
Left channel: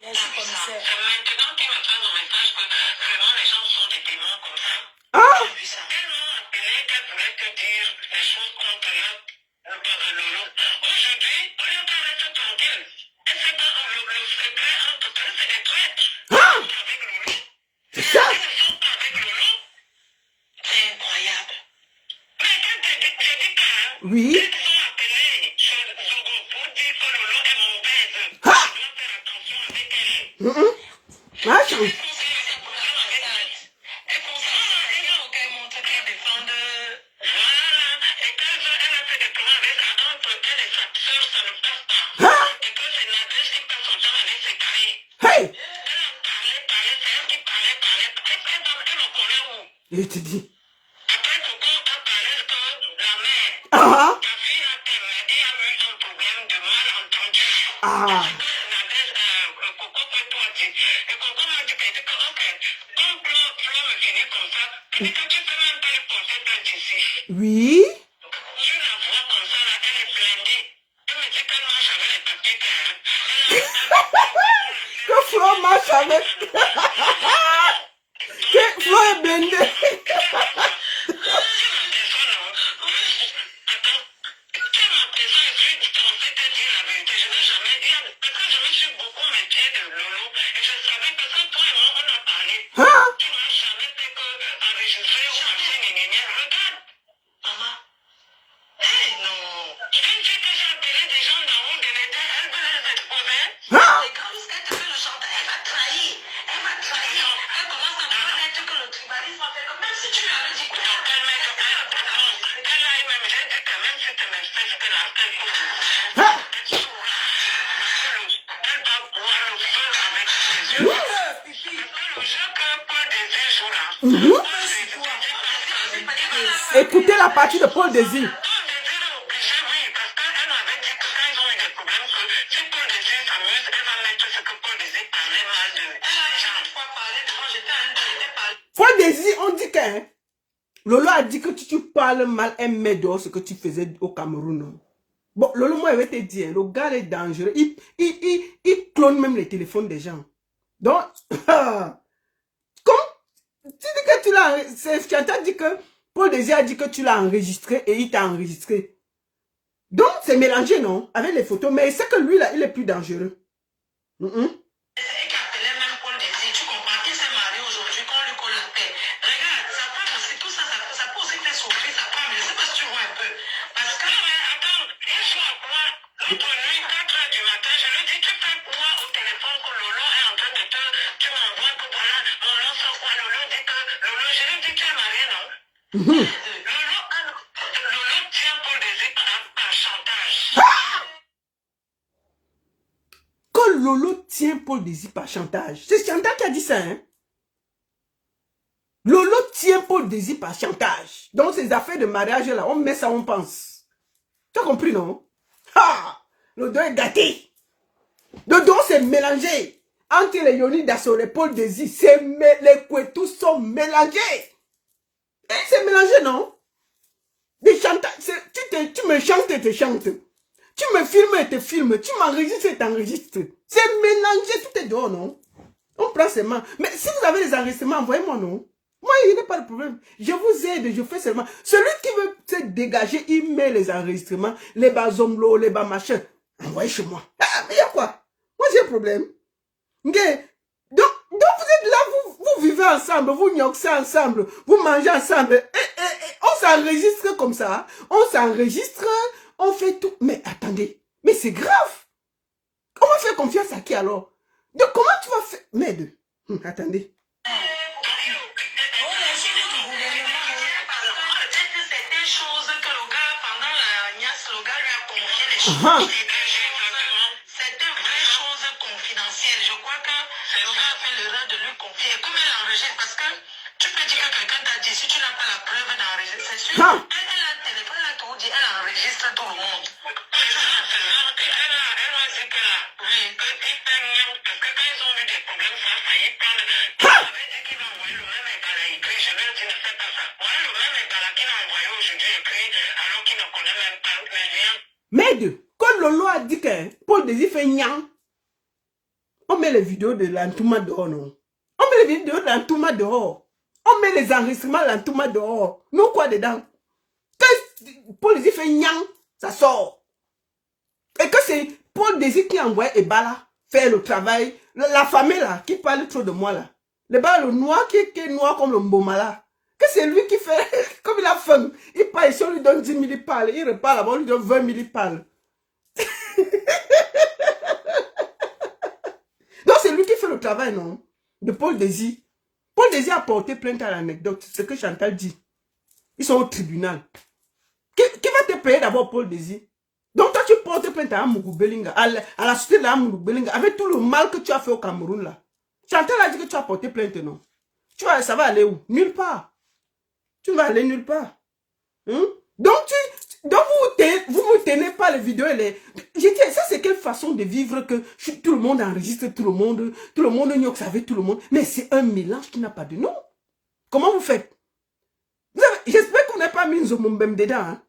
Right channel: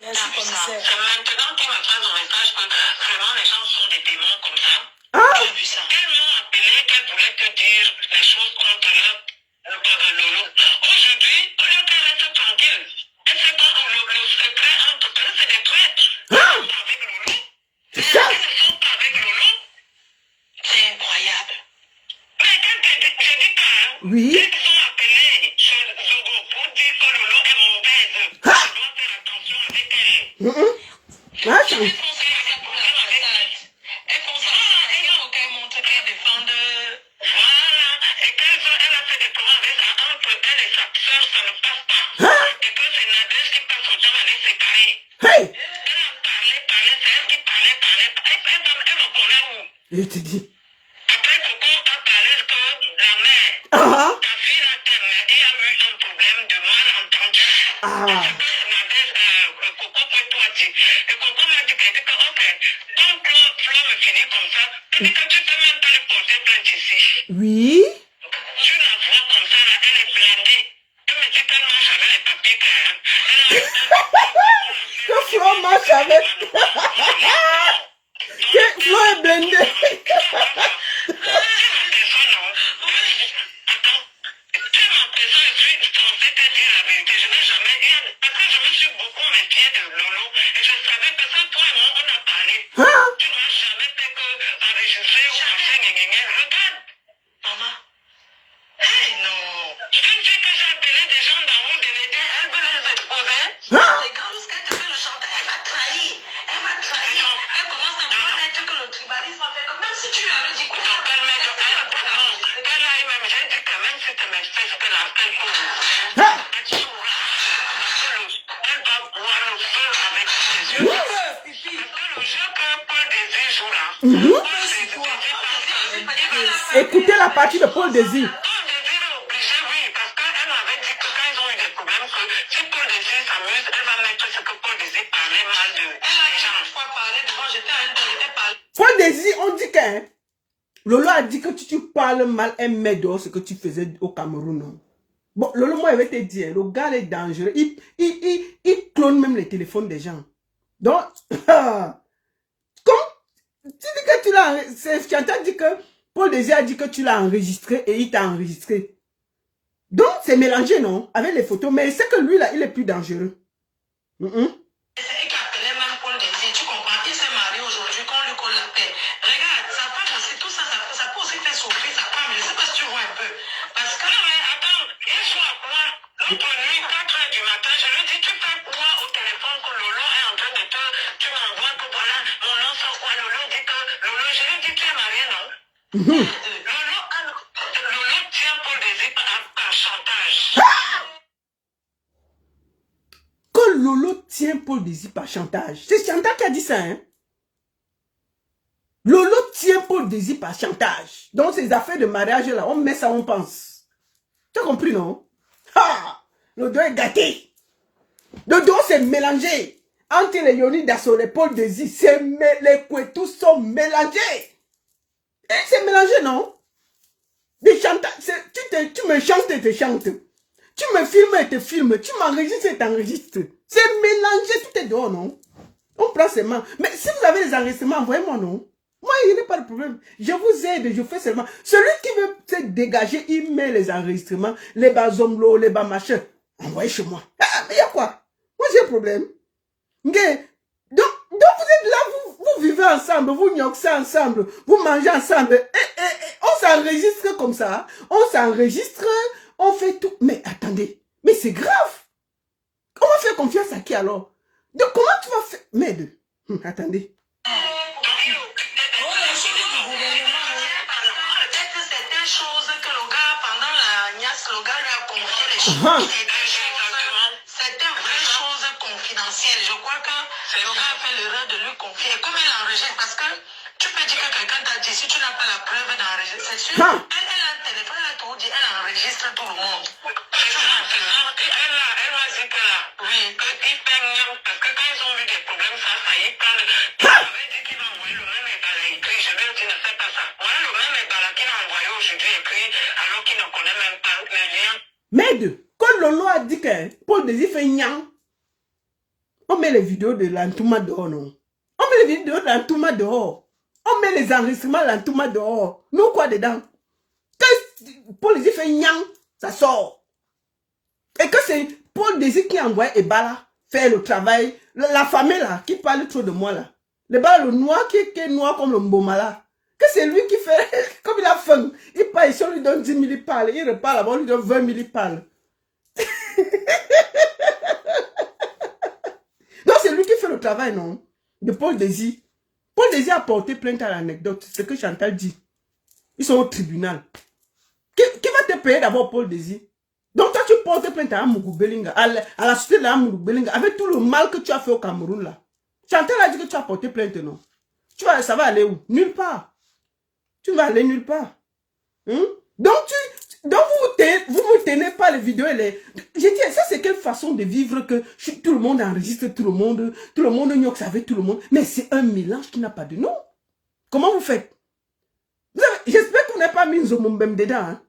Merci, commissaire. C'est maintenant qu'il me passe au message que vraiment les gens sont des témoins comme ça. Ah. J'ai vu ça. Elle m'a appelé qu'elle voulait te dire les choses contre Lolo. Aujourd'hui, au lieu qu'elle reste tranquille, elle sait pas le secret entre eux, c'est des traîtres. Avec Lolo. C'est ça. Ils ne sont pas avec Lolo. C'est incroyable. Mais quand j'ai dit quand, oui. ils ont appelé sur Zogo pour dire que Lolo est mauvaise. Tu dois faire attention avec elle. Macha. Elle faut qu'elle montre qu'elle défende. Voilà. Et qu'elle a fait des plans avec entre elle et sa soeur, ça ne passe pas. Et que c'est Nadège qui passe son temps à les séparer. Hey. Elle a parlé, c'est elle qui parlait. Elle me connaît où? Je te dis. Après, Coco a parlé que la mère, ta fille a terminé, il y a eu un problème de malentendu. Nadège Et Coco m'a dit que, ok, comme Flo me finit comme ça, tu dis que tu peux même pas lui porter plainte ici. Oui. Tu la vois comme ça, là, elle est blindée. Elle me dit qu'elle marche avec les papiers Que Flo marche avec. Que Flo est blindé. Hein? Tu n'as jamais fait que enregistrer ou marcher, regarde. Maman. Hey, non. Tu sais que j'ai appelé des gens d'en haut de l'État, elle veut les exposer. Hein? C'est quand elle fait le chanteur, elle m'a trahi. Elle m'a trahi. Elle commence à penser que le tribalisme a fait comme même si tu lui avais dit quoi. Elle a même, j'ai dit que même si tu m'expliques que la tête pour Hein? elle va boire le feu avec ses yeux. Le jeu que Paul Désir joue là. Écoutez la partie de Paul Désir. Paul Désir est obligé, oui, parce qu'elle m'avait dit que quand ils ont eu des problèmes, que si Paul Désir s'amuse, elle va mettre ce que Paul Désir parlait mal de gens. Une fois parlé devant, j'étais à un deux, j'étais parlé. Paul Désir, on dit que hein, Lolo a dit que tu parles mal, elle met dehors ce que tu faisais au Cameroun. Non? Bon, Lolo, moi, je vais te dire, le gars est dangereux. Il clone même les téléphones des gens. Donc, comme tu dis que tu l'as, Chantal dit que Paul Désir a dit que tu l'as enregistré et il t'a enregistré. Donc, c'est mélangé, non? Avec les photos, mais c'est que lui, là, il est plus dangereux. C'est elle qui appelait même Paul Désir, tu comprends? Il s'est marié aujourd'hui, qu'on lui colle la paix. Regarde, sa femme aussi, tout ça, ça peut aussi faire souffrir sa femme, je ne sais pas si tu vois un peu. Parce que, mais attends, il joue à quoi? L'autre nuit, 4h du matin, je lui dis, tu fais quoi au téléphone que Lolo est en train de te... Tu m'envoies que voilà, mon nom sort quoi? Lolo dit que... Lolo, je lui dis, tu es marié, non? Lolo tient Paul Désir par chantage. Que Lolo tient Paul Désir par chantage. C'est Chantal qui a dit ça, hein? Lolo tient Paul Désir par chantage. Donc, ces affaires de mariage, là, on met ça, on pense. Tu as compris, non? Ha! Le dos est gâté. Le dos, c'est mélangé. Entre les Yoni Dasso, les Paul Désir, les Kouetous sont mélangés. C'est mélangé, non? Des chantages, tu me chantes et te chantes. Tu me filmes et te filmes. Tu m'enregistres et t'enregistres. C'est mélangé, tout est dehors, non? On prend ses mains. Mais si vous avez des enregistrements, envoyez-moi, non? Moi, il n'y a pas de problème. Je vous aide, je fais seulement. Celui qui veut se dégager, il met les enregistrements, les bas zomlo, les bas machin. Envoyez chez moi. Ah, mais il y a quoi? Moi, j'ai un problème. Okay. Donc, vous êtes là, vous vivez ensemble, vous gnoxez ensemble, vous mangez ensemble. On s'enregistre comme ça. On s'enregistre, on fait tout. Mais attendez, mais c'est grave. On va faire confiance à qui alors? Donc, comment tu vas faire? Merde. Attendez. C'était vraies choses confidentielles. Je crois que le gars a fait l'erreur de lui confier. Comme elle enregistre, parce que tu peux dire que quelqu'un t'a dit, si tu n'as pas la preuve d'enregistrer, c'est sûr. Elle a un téléphone, elle a tout dit, elle enregistre tout le monde. Elle m'a dit que là, oui, qu'il fait mieux, parce que quand ils ont eu des problèmes, ça y parle. Il avait dit qu'il va envoyer le même égala écrit. Je lui ai dit, ne fais pas ça. Ouais, le même égala qu'il a envoyé aujourd'hui écrit, alors qu'il ne connaît même pas les liens. Merde, quand Lolo a dit que Paul Désir fait nyang, on met les vidéos de l'entouma dehors, non? On met les vidéos de l'entouma dehors. On met les enregistrements de l'entouma dehors. Nous, quoi dedans? Quand Paul Désir fait nyang, ça sort. Et que c'est Paul Désir qui envoie Ebala faire le travail. La famille là, qui parle trop de moi là. Le noir qui est noir comme le mboma là. Que c'est lui qui fait, comme il a faim. Il parle ici, on lui donne 10 000, il parle. Il repart là-bas, on lui donne 20 000, il parle. Non, c'est lui qui fait le travail, non? De Paul Désir. Paul Désir a porté plainte à l'anecdote. C'est ce que Chantal dit. Ils sont au tribunal. Qui va te payer d'abord, Paul Désir? Donc toi, tu portes plainte à Amougou Belinga, à la société de Amougou Belinga, avec tout le mal que tu as fait au Cameroun, là. Chantal a dit que tu as porté plainte, non? Ça va aller où? Nulle part. Tu vas aller nulle part. Donc Donc vous ne tenez pas les vidéos et les... Je dis, ça c'est quelle façon de vivre que tout le monde enregistre tout le monde gnoque avec tout le monde. Mais c'est un mélange qui n'a pas de nom. Comment vous faites? J'espère que vous n'avez pas mis Nzomombeng dedans. Hein?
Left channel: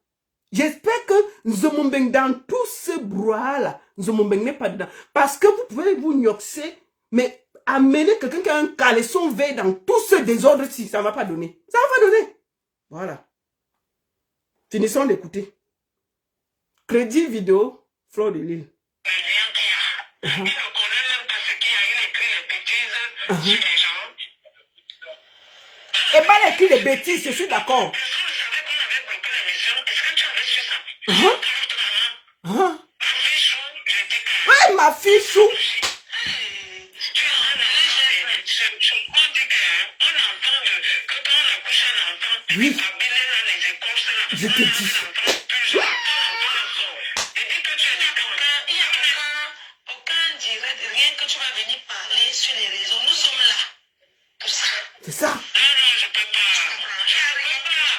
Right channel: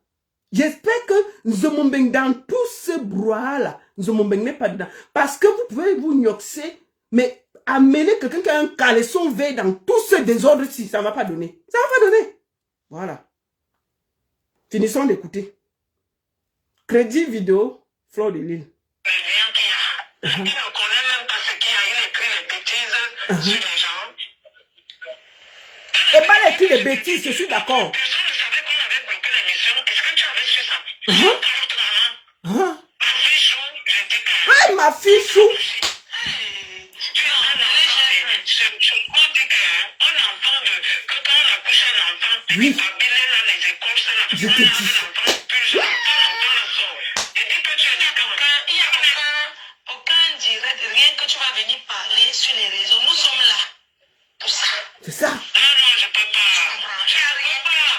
J'espère que Nzomombeng dans tout ce brouhaha-là, Nzomombeng n'est pas dedans. Parce que vous pouvez vous gnoxer, mais amener quelqu'un qui a un caleçon vert dans tout ce désordre-ci, ça ne va pas donner. Ça ne va pas donner. Voilà. Finissons d'écouter. Crédit vidéo, Fleur de Lille. Il ne connaît même pas ce qu'il a, il écrit les bêtises sur les gens. Et pas écrit les bêtises, je suis d'accord. Personne ne savait qu'on avait bloqué l'émission. Est-ce que tu avais su ça? Votre maman. Ma fille chou, je dis que... Ouais, ma fille chou. On dit qu'on entend que quand on accouche un enfant, Oui. les babines là, les écorces là, Je te dis. Aucun direct, rien que tu vas venir parler sur les réseaux. Nous sommes là pour ça. C'est ça. Non, je peux pas. Tu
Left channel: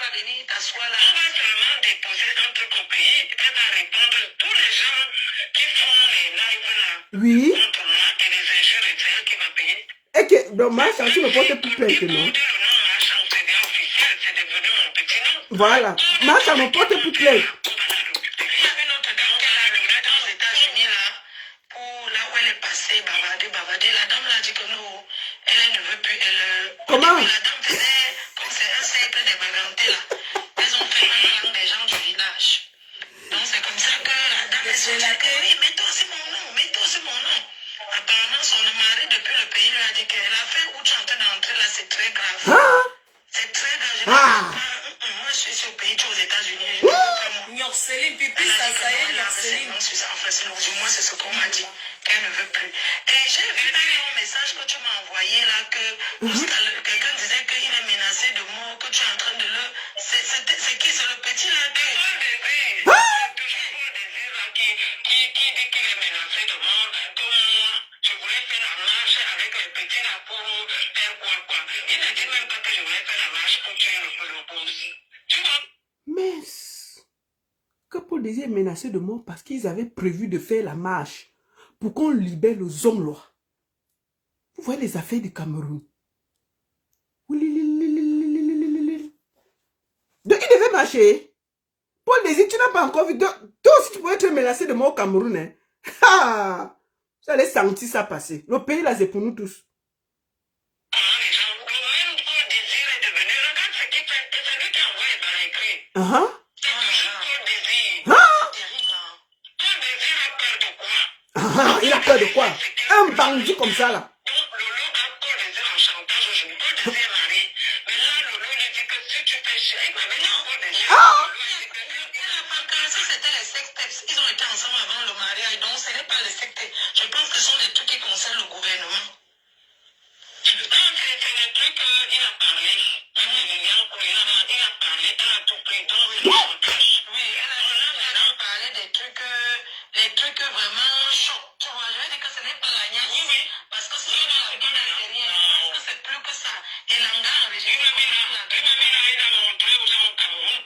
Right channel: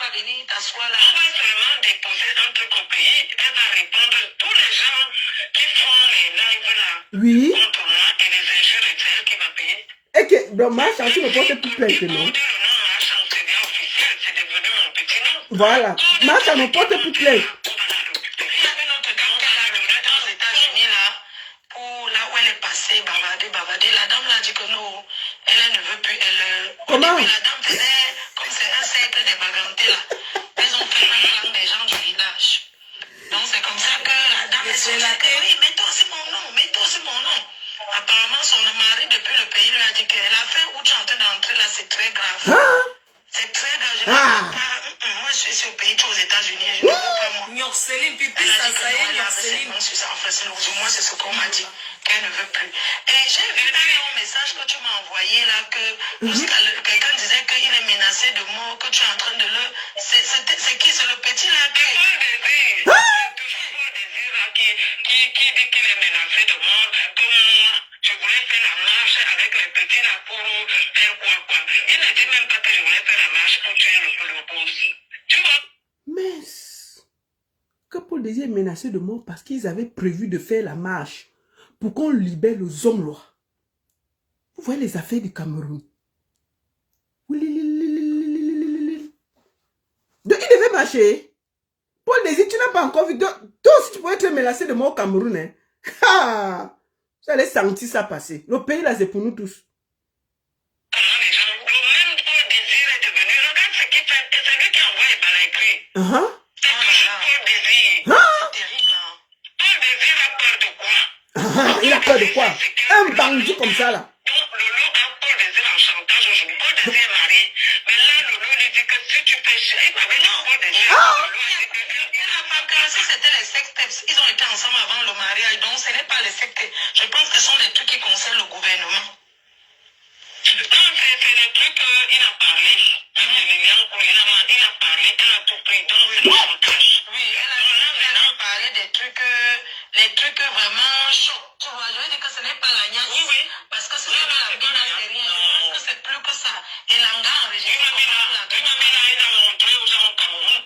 vas venir t'asseoir là. On va seulement déposer un truc au pays. Elle va répondre à tous les gens qui font les lives là. Oui. Contre moi et les injures et celles qui va payer. Et que, donc, ma chanson me porte plus plainte, non? Voilà. Ma chanson me porte plus plainte. La dame l'a dit que non, elle ne veut plus. Comment? La dame faisait comme c'est un cercle de bagantés là. Ils ont fait un clan des gens du village. Donc c'est comme ça que la dame est sortie. Oui, mets-toi aussi mon nom, mets-toi aussi mon nom. Apparemment, son mari depuis le pays lui a dit que l'affaire où tu es en train d'entrer là, c'est très grave. Ah. C'est très grave. Moi, je suis au pays, tu es aux États-Unis. Je ne veux pas moi. Yorceline, pipi, Elle a dit ça que non, y est, elle avait ses Yorceline. mains sur ça. Enfin, c'est au moins c'est ce qu'on m'a dit. Qu'elle ne veut plus. Et j'ai vu dans ton message que tu m'as envoyé là que quelqu'un disait qu'il est menacé de mort, que tu es en train de le. C'est qui? C'est le petit là qui est. C'est toujours Paul Désir là qui dit qu'il est menacé de mort. Comme moi, je voulais faire la marche avec les petits là pour faire quoi. Il ne dit même pas que je voulais faire la marche pour tuer le boss. Tu vois? Mais que Paul Désir est menacé de mort parce qu'ils avaient prévu de faire la marche pour qu'on libère le Zonglois. Vous voyez les affaires du Cameroun. Donc il devait marcher. Paul Désir, tu n'as pas encore vu. Toi aussi, tu pourrais être menacé de mort au Cameroun. Hein? Ah, vous allez sentir ça passer. Le pays là, c'est pour nous tous. Il a peur de quoi? Un bandit comme ça là. Ils ont été ensemble avant le mariage, donc ce n'est pas les sectes. Je pense que ce sont les trucs qui concernent le gouvernement. Non, c'est les trucs qu'il a parlé. Il a parlé, elle a tout pris, donc c'est le montage. Oui, elle a parlé des trucs, les trucs vraiment chauds. Tu vois, je veux dire que ce n'est pas la niaque. Oui. Parce que ce n'est pas la gueule, c'est rien. Parce que c'est plus que ça. Et l'anga enregistré comme ça, la gueule. Il a montré aux gens au Cameroun.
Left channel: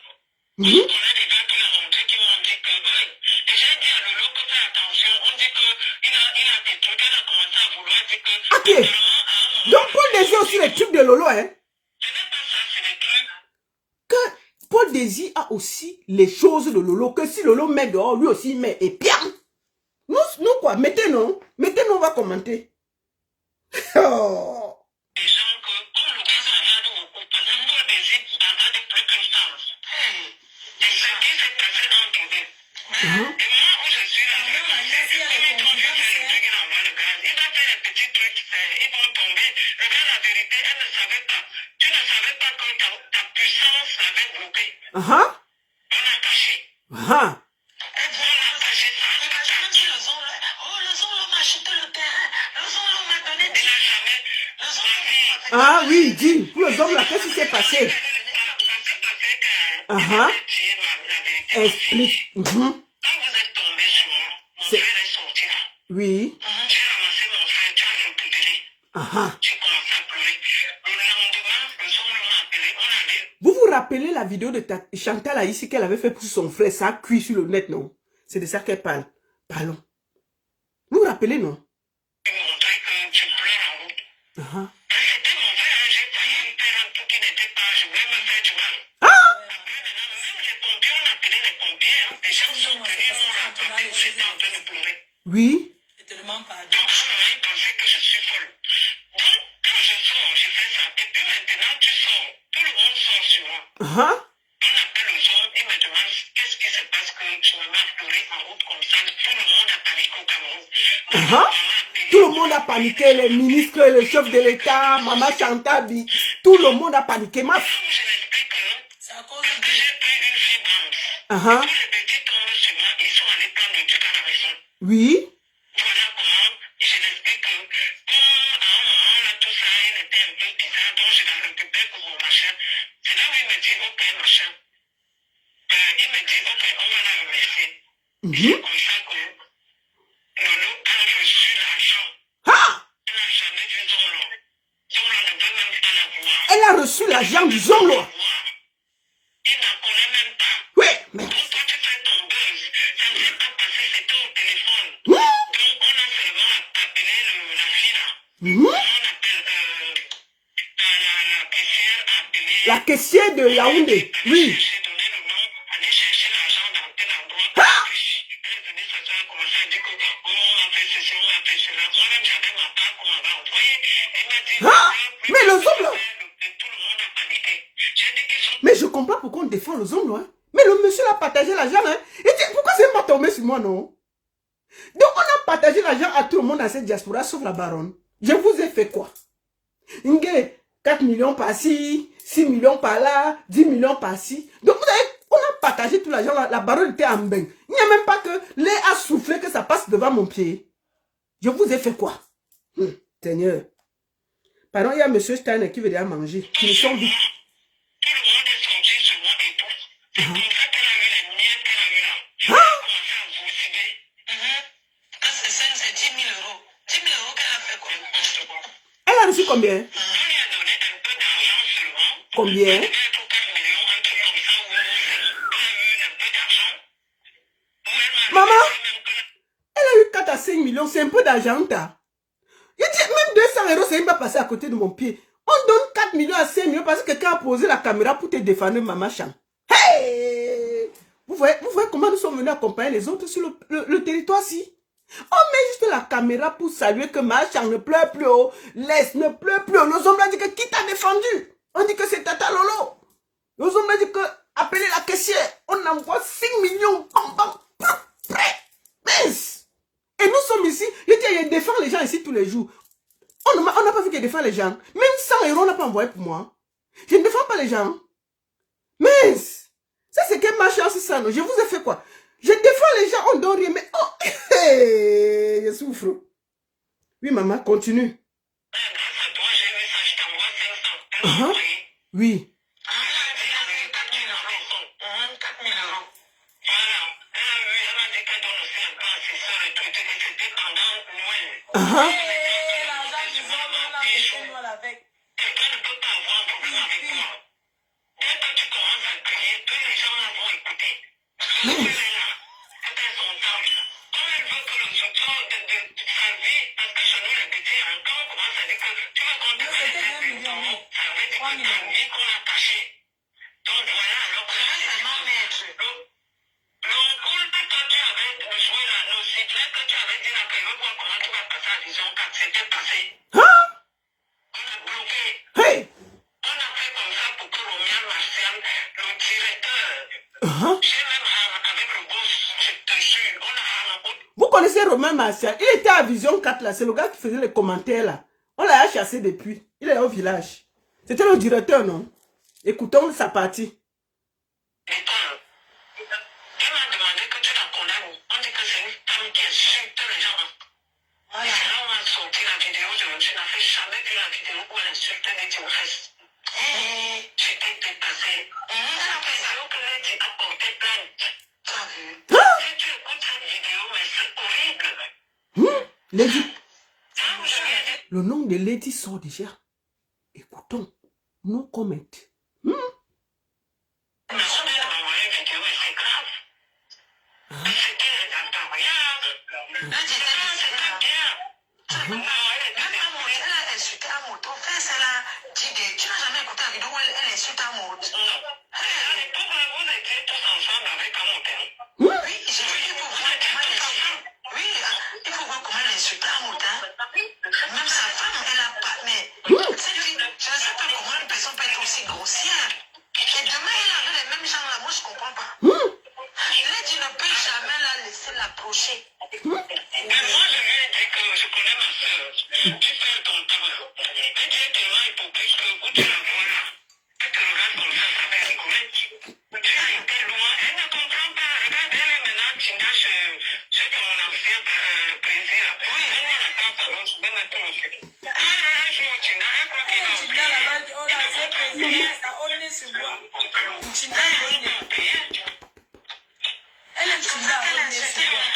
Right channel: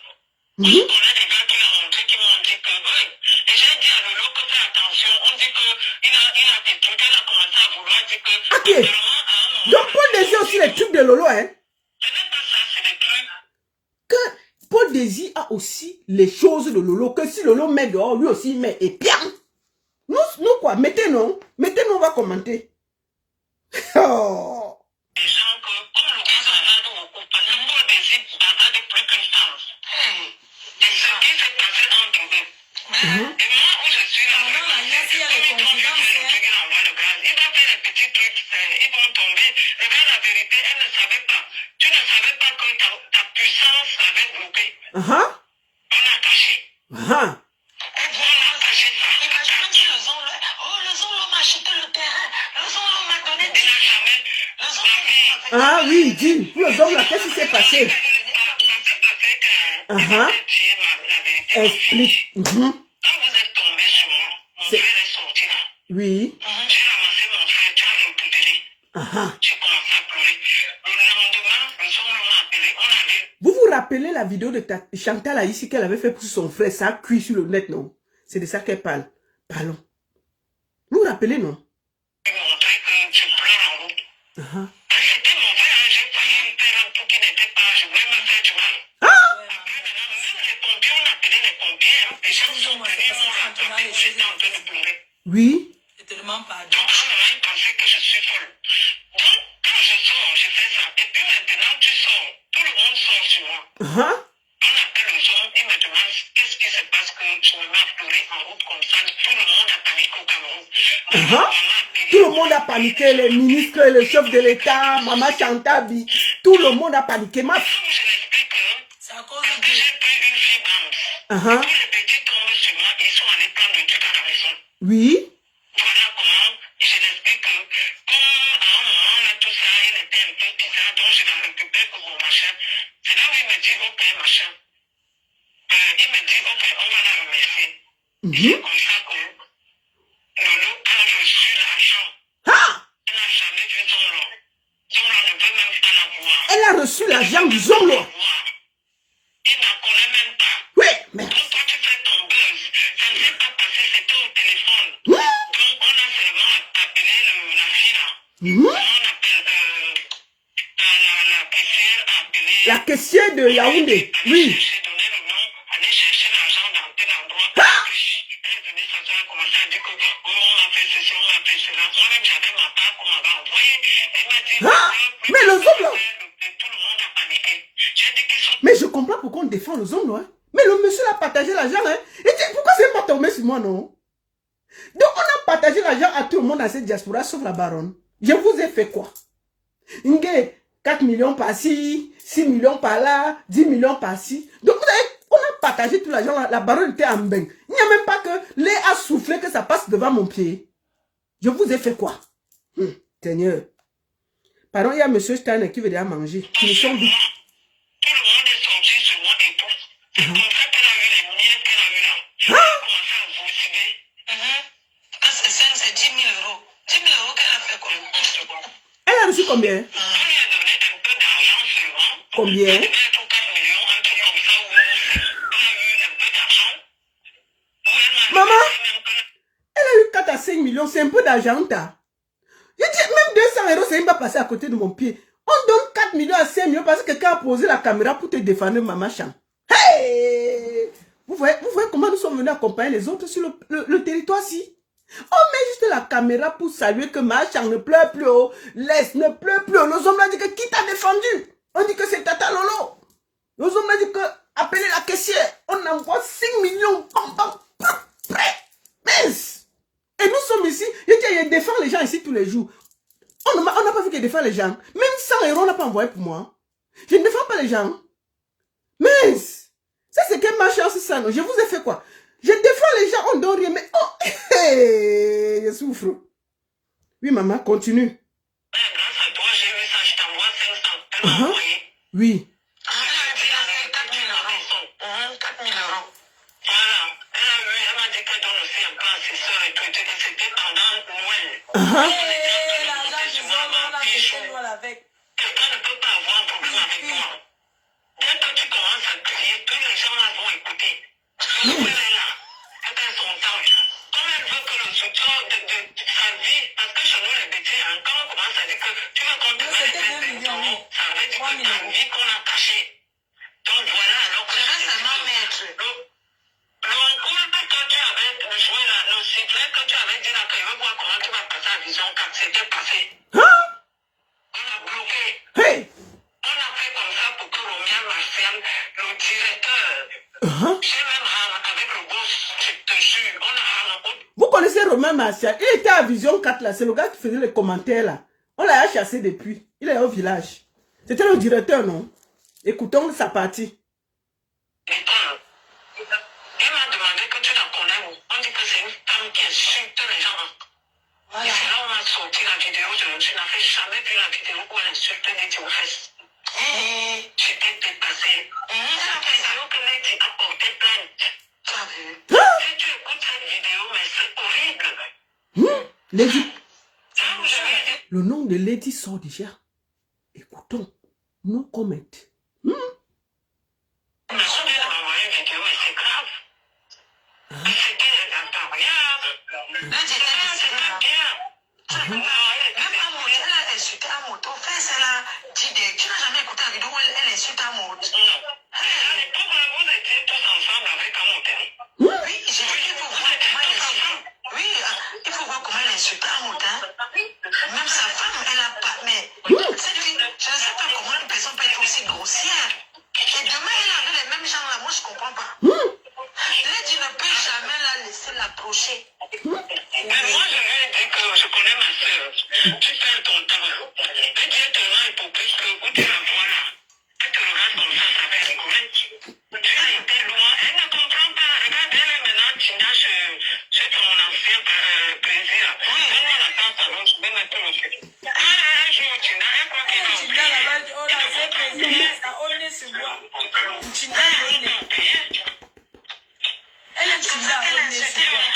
On a des gars qui l'ont montré, qui m'ont dit que, et j'ai dit à Lolo que fais attention, on dit qu'il a des trucs, elle a commencé à vouloir dire que... Ok. Donc Paul Désir aussi les trucs de Lolo, hein? Ce n'est pas ça, c'est des trucs. Que Paul Désir a aussi les choses de Lolo, que si Lolo met dehors, lui aussi il met, et bien. Nous quoi, mettez-nous, on va commenter. Oh. Des gens que, comme le cas en beaucoup, parce que Paul Désir a plus qu'une chance. Et ce qui s'est passé entre eux. Et moi, où je suis là, il va faire les petits trucs, ils vont tomber. Regarde la vérité, elle ne savait pas. Tu ne savais pas que ta puissance l'avait bloqué. On a caché. On a caché ça. Imagine si le Zonlo m'a acheté le terrain. Le Zonlo m'a donné des jamais. Le Zonlo Ah oui, dis, pour les hommes là, qu'est-ce qui s'est passé? Explique. Quand vous êtes tombé sur moi, mon frère est sorti là. Oui. J'ai ramassé mon frère, tu as récupéré. J'ai commencé à pleurer. Le lendemain, le soir, on m'a appelé, on a vu. Vous vous rappelez la vidéo de Chantal ici qu'elle avait fait pour son frère, ça a cuit sur le net, non? C'est de ça qu'elle parle. Parlons. Vous vous rappelez, non? Uh-huh. Oui. Je te demande pardon. Donc, à un moment, il pensait que je suis folle. Donc, quand je sors, je fais ça. Et puis maintenant, tu sors. Tout le monde sort sur moi. Uh-huh. On appelle aux hommes, ils me demandent qu'est-ce qui se passe que je me mets à pleurer en route comme ça. Tout le monde a paniqué au Cameroun. Uh-huh. Tout le monde a paniqué, les ministres, les chefs de l'État, Maman Chantabi, tout le monde a paniqué. Comme je l'explique, C'est à cause parce de que j'ai pris une fille d'âme. Uh-huh. Tous les petits tombent sur moi, ils sont allés prendre le truc à la maison. Oui. Voilà comment je l'explique que, comme à un moment, là, tout ça, il était un peu bizarre, donc je la récupère pour mon machin. C'est là où il me dit, ok, machin. Il me dit, ok, on va la remercier. C'est comme ça que Lolo a reçu l'argent. Elle n'a jamais vu Zomlo. Zomlo ne veut même pas la voir. Elle a reçu l'argent du Zomlo. Il ne la connaît même pas. Oui, mais... Donc, quand tu fais ton buzz, ça ne s'est pas passé, c'était au téléphone. Oui. Donc, on a seulement appelé la fille là. On appelle la caissière a appelé. La caissière de Yaoundé. Oui. J'ai donné le nom, aller chercher l'argent dans tel endroit. Elle est venue s'asseoir, commencer à dire que oh, on a fait ceci, on a fait cela. Moi-même, j'avais ma part qu'on m'avait envoyée. Elle m'a dit. Mais le Zomlo. Tout le monde a paniqué. J'ai dit qu'ils sont. Mais je comprends pourquoi on défend le Zomlo, hein. Mais le monsieur a partagé l'argent, hein. Il dit, pourquoi c'est pas tombé sur moi, non? Donc, on a partagé l'argent à tout le monde dans cette diaspora, sauf la baronne. Je vous ai fait quoi? 4 millions par-ci, 6 millions par-là, 10 millions par-ci. Donc, vous savez, on a partagé tout l'argent, la baronne était en bain. Il n'y a même pas que l'air a soufflé que ça passe devant mon pied. Je vous ai fait quoi? Seigneur. Pardon, il y a monsieur Steiner qui veut déjà manger. Ils sont vite. Tout le monde est sorti sur moi et tout. C'est comme ça qu'elle a eu les moyens qu'elle a eu là. Elle a commencé à vautiner. Parce que ça, c'est 10 000 euros. 10 000 euros qu'elle a fait comme n'importe quoi. Elle a reçu combien? On lui a donné un peu d'argent seulement. Combien? Elle a eu 4 millions, un truc comme ça, où elle a eu un peu d'argent. Maman, elle a eu 4 à 5 millions, c'est un peu d'argent, t'as. Je dis, même 200 euros, ça ne va pas passer à côté de mon pied. On donne 4 millions à 5 millions parce que quelqu'un a posé la caméra pour te défendre, Maman Cham. Hey! Vous voyez comment nous sommes venus accompagner les autres sur le territoire-ci? On met juste la caméra pour saluer que Maman Cham ne pleure plus, oh. Laisse, ne pleure plus. Nos hommes ont dit que qui t'a défendu? On dit que c'est Tata Lolo. Nos hommes ont dit que appelez la caissière. On envoie 5 millions. Mince! Et nous sommes ici, je défends les gens ici tous les jours. On n'a pas vu que je défends les gens. Même 100 euros, on n'a pas envoyé pour moi. Je ne défends pas les gens. Mais, ça c'est quelle ma chance ça, non? Je vous ai fait quoi? Je défends les gens, on donne rien, mais oh, hey, je souffre. Oui, maman, continue. Grâce à toi, j'ai eu ça, je t'envoie 500. Oui. L'argent du Zomlo, on a fait Zomlo avec. Quelqu'un ne peut pas avoir un problème avec toi. Dès que tu commences à crier, tous les gens là vont écouter. Elle est là. Elle a son temps. Comme elle veut que le soutien de sa vie, parce que chez nous, les petits, quand on commence à dire que tu veux qu'on te mette les enfants, ça veut dire que ta vie qu'on a cachée. Donc voilà, alors que c'est moi maître. Le cours que tu avais joué là, le sifflet que tu avais dit là, que je veux voir comment tu vas passer à Vision 4, c'était passé. On a bloqué. Hey! On a fait comme ça pour que Romain Martial, le directeur, j'ai même avec le boss, je te jure, on a Vous connaissez Romain Martial? Il était à Vision 4 là, c'est le gars qui faisait les commentaires là. On l'a chassé depuis. Il est au village. C'était le directeur, non? Écoutons sa partie. Elle m'a demandé que tu la connais. On dit que c'est une femme qui insulte les gens. Et c'est là où on a sorti la vidéo. Je n'avais jamais vu la vidéo où elle insulte les fesses. J'étais dépassée. Elle a fait ça que Lady a porté plainte. T'as vu? Si tu écoutes cette vidéo, mais c'est horrible. Lady. Le nom de Lady sort déjà. Écoutons. No comment. Même Amour, elle a insulté Amour. Ton frère, c'est la dit des... Tu n'as jamais écouté la vidéo où elle insulte Amour. Pourquoi vous étiez tous ensemble avec Amour? Oui, j'ai dit qu'il faut voir comment elle insulte. Oui, il faut voir comment elle insulte Amour. Même sa femme, elle a pas... Mais cette fille, je ne sais pas comment une personne peut être aussi grossière. Et demain, elle avait les mêmes gens là. Moi, je ne comprends pas. Lady ne peut jamais la laisser l'approcher. Mais moi, je lui ai dit que je connais ma soeur. Tu fais ton travail. Et tu es tellement hypocrite que où tu la vois là, elle te regarde comme ça fait rigoler. Tu as été loin. Elle ne comprend pas. Regarde, elle est maintenant Tina chez ton ancien président. Oui, elle a la tête à l'autre. Je vais mettre le fait. Un jour, Tina, elle croit qu'elle a oublié. Tina, là-bas, on a fait président. Ça, on est sur bois. Tina, elle est sur là, on est sur bois.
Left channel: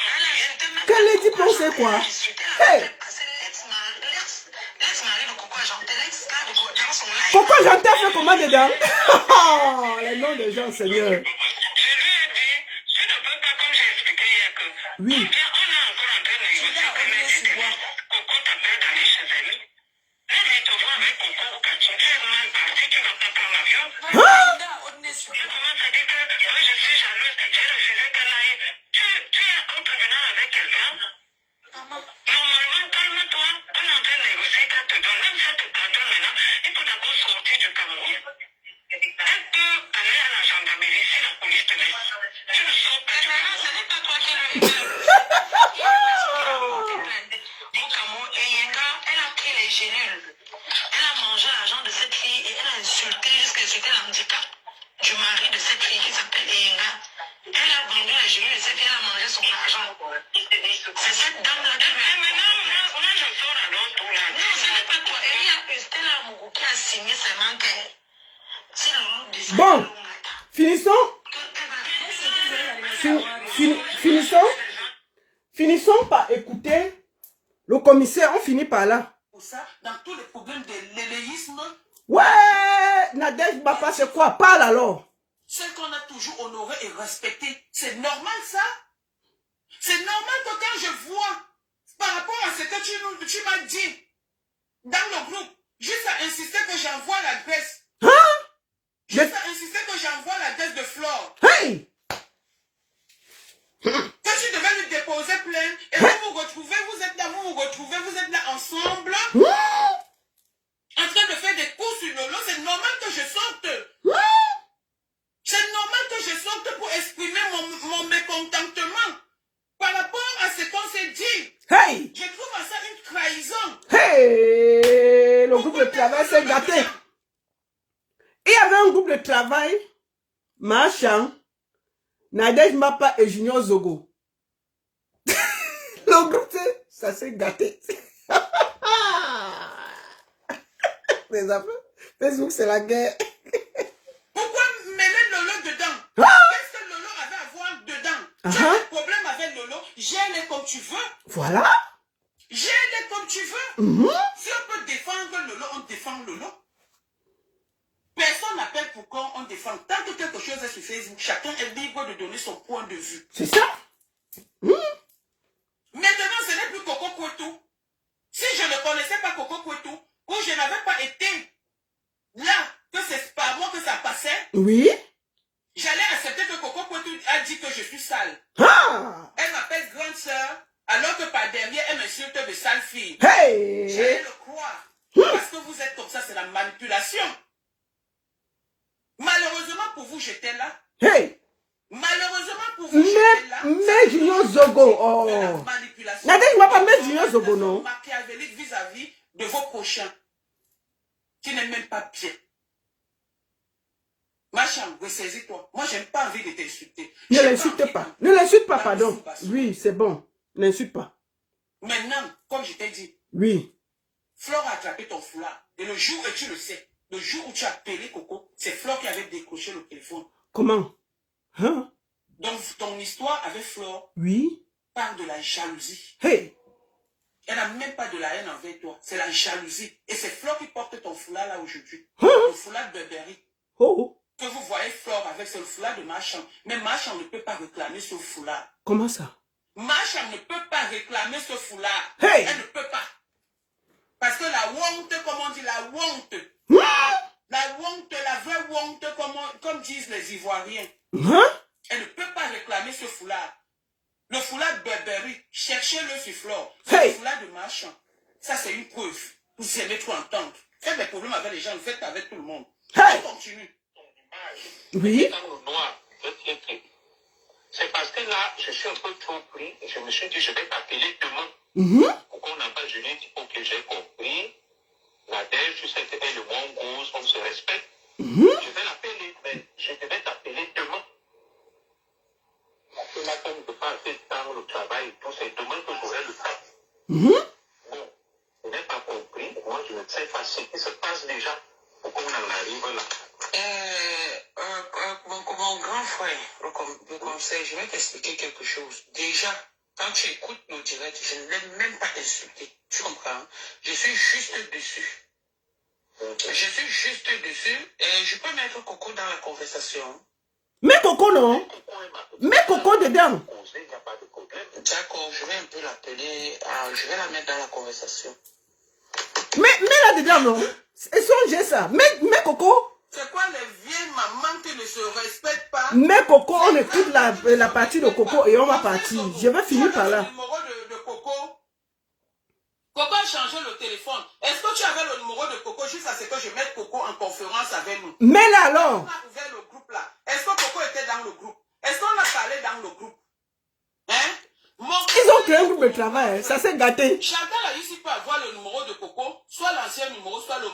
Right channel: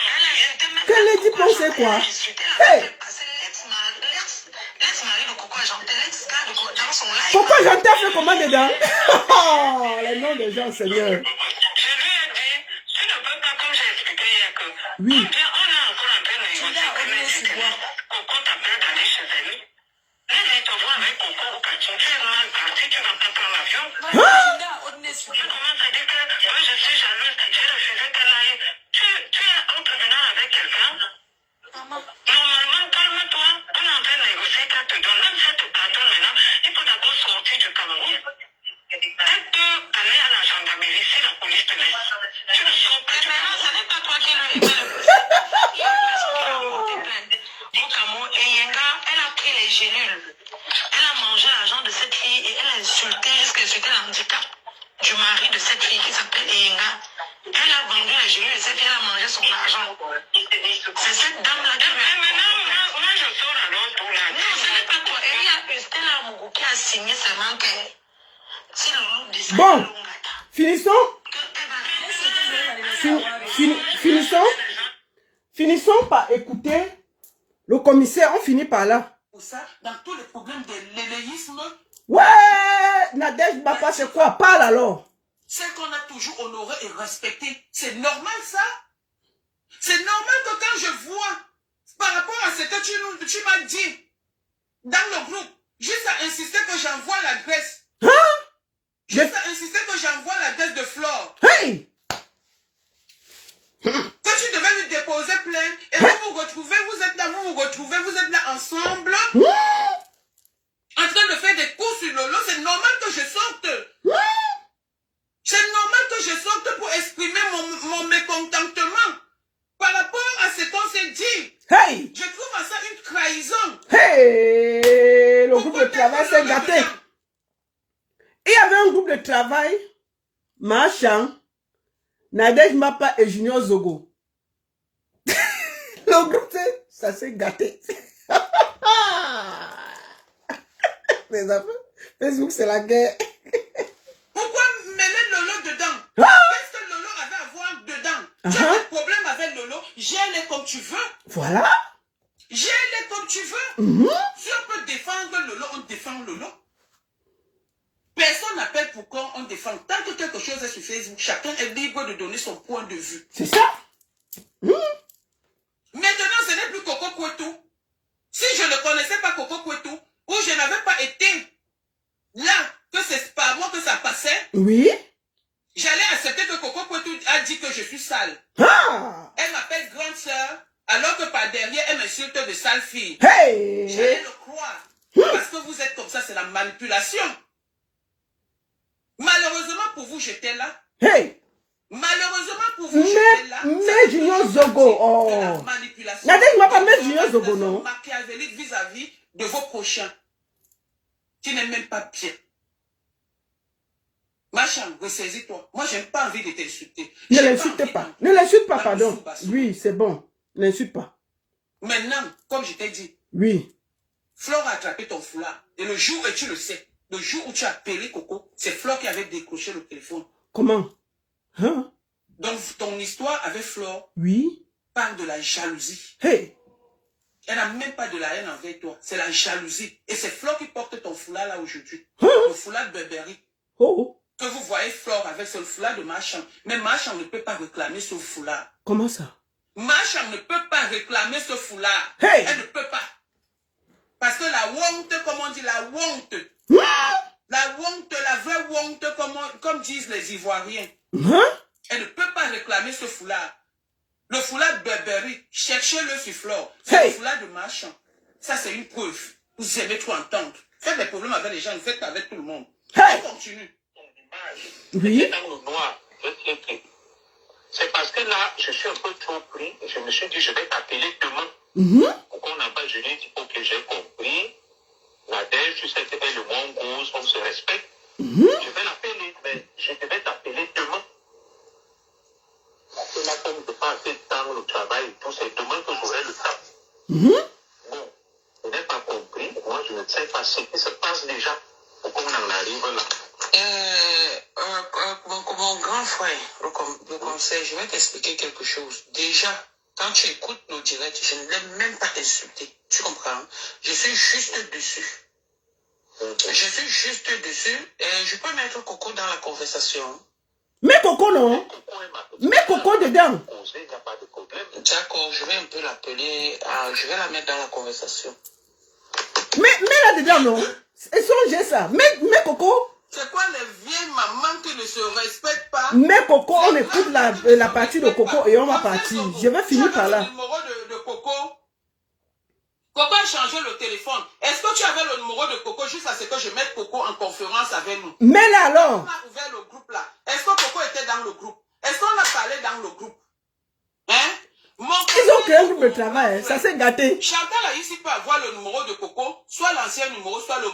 Quelle Lady pensait quoi? Hey! Pourquoi j'entends fait comment dedans? Oh, les noms des gens, Seigneur. Je lui ai dit, tu ne peux pas, comme j'ai expliqué hier, que oui. On est encore en train de négocier. Coco t'appelle d'aller chez elle. Elle vient te voir avec Coco au quartier. Tu es mal parti, tu ne vas pas prendre l'avion. Tu commences à dire que oui, je suis jalouse, j'ai refusé qu'elle aille. Tu es au tribunal avec quelqu'un. Normalement, calme-toi. On est en train de négocier qu'elle te donne. Même si tu pardonnes maintenant, il faut d'abord sortir du Cameroun. Elle peut aller à la gendarmerie si la police te laisse. Tu ne sors pas du Cameroun. Ce n'est pas toi qui lui au Cameroun, et Yenga, elle a pris les gélules. Elle a mangé l'argent de cette fille et elle a insulté, jusqu'à insulter l'handicap du mari de cette fille qui s'appelle Yenga. Elle a vendu les gélules et cette fille a mangé son argent. C'est cette dame-là qui m'a... Moi, je sors alors pour la... Non, ce n'est pas toi. Elle a Stella Mougou qui a signé seulement que... C'est le Bon, finissons. Finissons par écouter le commissaire. On finit par là. Pour ça, dans tous les problèmes de l'éléisme. Ouais, Nadège Bapa, c'est quoi? Parle alors. C'est qu'on a toujours honoré et respecté. C'est normal ça? C'est normal que quand je vois, par rapport à ce que tu m'as dit, dans le groupe, juste à insister que j'envoie l'adresse. Hein? Juste à insister que j'envoie l'adresse de Flore. Hey! Que tu devais lui déposer plainte et vous vous retrouvez, vous êtes là ensemble, en train de faire des coups sur Lolo. C'est normal que je sorte. C'est normal que je sorte pour exprimer mon mécontentement par rapport à ce qu'on s'est dit. Hey! Je trouve ça une trahison. Hey! Le groupe de travail s'est gâté. Il y avait un groupe de travail, Marchand, Nadège Mapa et Junior Zogo. Le groupe, ça s'est gâté. Les affaires, Facebook, c'est la guerre. Pourquoi mêler Lolo dedans? Qu'est-ce que Lolo avait à voir dedans? Tu as des problèmes avec Lolo, gère-les comme tu veux. Voilà. Gère-les comme tu veux. Si on peut défendre Lolo, on défend Lolo. Personne n'appelle pour quand on défend. Tant que quelque chose est sur Facebook, chacun est libre de donner son point de vue. C'est ça. Maintenant, ce n'est plus Coco Kwetu. Si je ne connaissais pas Coco Kwetu, ou je n'avais pas été là, que c'est par moi que ça passait, oui, j'allais accepter que Coco Kwetu a dit que je suis sale. Elle m'appelle grande sœur, alors que par derrière, elle m'insulte de sale fille. Hey! J'allais le croire. Parce que vous êtes comme ça, c'est la manipulation. Malheureusement pour vous, j'étais là. Hey! Malheureusement pour vous, j'étais là. Mais Junior Zogo, oh. La manipulation. Nadège Mapa, mais Junior Zogo, non? Machiavélique vis-à-vis de vos prochains. Qui n'est même pas bien. Ma chambre, ressaisis-toi. Moi, je n'ai pas envie de t'insulter. Ne l'insulte pas. Ne l'insulte pas, pardon. Oui, c'est bon. N'insulte pas. Maintenant, comme je t'ai dit, oui. Flore a attrapé ton foulard. Et le jour, et tu le sais, le jour où tu as appelé Coco, c'est Flore qui avait décroché le téléphone. Comment? Hein? Donc, ton histoire avec Flore oui. parle de la jalousie. Hey! Elle n'a même pas de la haine envers toi. C'est la jalousie. Et c'est Flore qui porte ton foulard là aujourd'hui. Hein? Le foulard de Burberry. Oh! Que vous voyez Flore avec ce foulard de Marchand. Mais Marchand ne peut pas réclamer ce foulard. Comment ça? Macha ne peut pas réclamer ce foulard. Hey! Elle ne peut pas. Parce que la honte, comme on dit, la honte. La honte, la vraie honte, comme disent les Ivoiriens. Elle ne peut pas réclamer ce foulard. Le foulard de Burberry, cherchez-le sur Flore. C'est le foulard de Machin. Ça, c'est une preuve. Vous aimez trop entendre. Faites des problèmes avec les gens, vous faites avec tout le monde. On continue. Oui. Dans le noir, c'est parce que là, je suis un peu trop pris. Et je me suis dit, je vais t'appeler demain. Pourquoi on n'a pas, je lui ai dit, ok, j'ai compris. Nadège, tu sais qu'elle est le monde gauche, on se respecte. Je vais l'appeler, mais je devais t'appeler demain. Parce que là, comme je passe assez de temps, le travail et tout, c'est demain que j'aurai le temps. Bon, je n'ai pas compris. Moi, je ne sais pas ce qui se passe déjà. Pourquoi on en arrive là? Mon grand frère, le conseil, je vais t'expliquer quelque chose. Déjà, quand tu écoutes nos directs, je ne l'ai même pas insulté. Tu comprends? Je suis juste dessus. Je suis juste dessus. Je peux mettre Coco dans la conversation. Mais Coco, non. Mais Coco dedans. D'accord, je vais un peu l'appeler. Je vais la mettre dans la conversation. Mais là-dedans, non. Et songez ça. Mais Coco. C'est quoi les vieilles mamans qui ne se respectent pas? Mais Coco, on écoute la partie de Coco et on va partir. Je vais finir par là. Le numéro de Coco. Coco a changé le téléphone. Est-ce que tu avais le numéro de Coco juste à ce que je mette Coco en conférence avec nous? Mais là alors. On a ouvert le groupe là. Est-ce que Coco était dans le groupe? Est-ce qu'on a parlé dans le groupe? Hein? Ils ont créé un groupe de travail, hein. Ça s'est gâté. Chantal a ici peut avoir le numéro de Coco, soit l'ancien numéro, soit le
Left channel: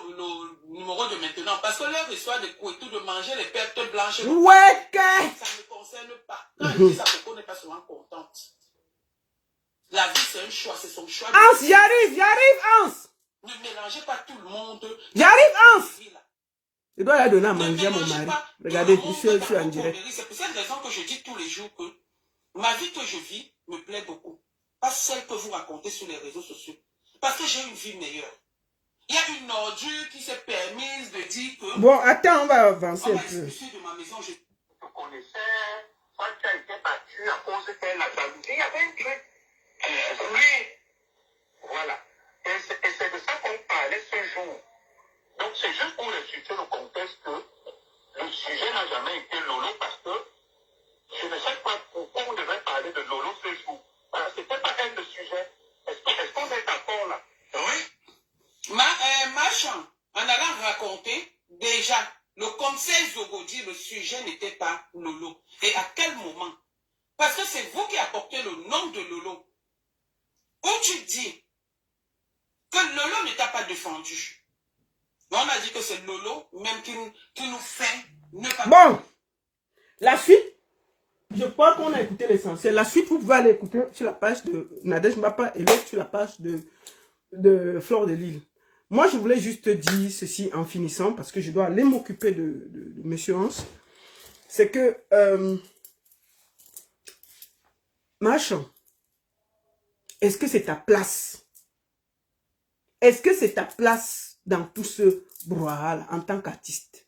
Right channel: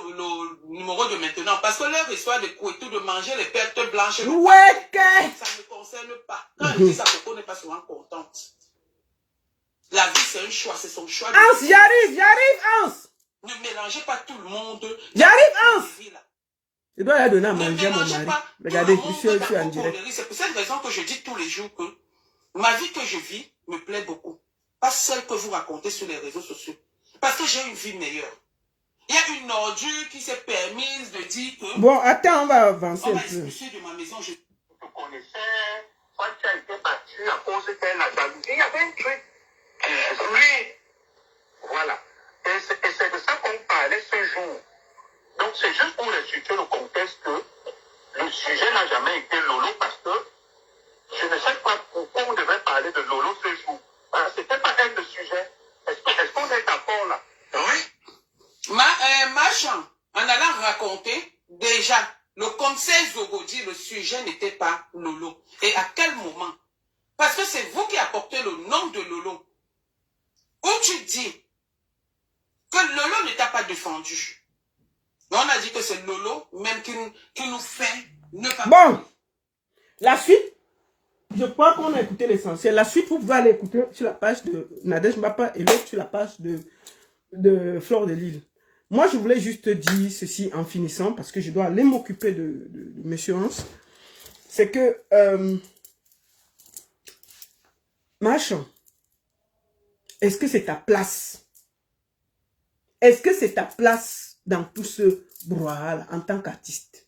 numéro de maintenant. Parce que leur histoire de couetou, de manger les pertes blanches, ouais, ça ne me concerne pas. Quand je dis ça, Coco n'est pas souvent contente. La vie, c'est un choix, c'est son choix. Hans, j'arrive, Hans. Ne mélangez pas tout le monde. J'arrive, Hans. Je dois la donner à manger à mon mari. Regardez, je suis en direct. C'est pour cette raison que je dis tous les jours que ma vie que je vis me plaît beaucoup. Pas celle que vous racontez sur les réseaux sociaux. Parce que j'ai une vie meilleure. Il y a une ordure qui s'est permise de dire que... Bon, attends, on va avancer un peu. De ma maison, je connaissais, soit tu as été battu à cause de la jalousie. Il y avait un truc. Oui. Voilà. Et c'est de ça qu'on parlait ce jour. Donc c'est juste pour expliquer le contexte que le sujet n'a jamais été Lolo parce que je ne sais pas pourquoi on devait parler de Lolo ce jour. C'était pas elle le sujet. Est-ce qu'on est d'accord là? Oui. Machin, en allant raconter, déjà, le conseil Zogo dit le sujet n'était pas Lolo. Et à quel moment? Parce que c'est vous qui apportez le nom de Lolo. Où tu dis que Lolo ne t'a pas défendu. On a dit que c'est Lolo même qui nous fait ne pas... Bon, la suite, je crois qu'on a écouté l'essentiel. La suite, vous pouvez aller écouter sur la page de Nadège Mbapa et l'autre sur la page de Flore de Lille. Moi, je voulais juste dire ceci en finissant, parce que je dois aller m'occuper de M. Hans. C'est que, Machin, est-ce que c'est ta place? Est-ce que c'est ta place dans tout ce brouhaha en tant qu'artiste?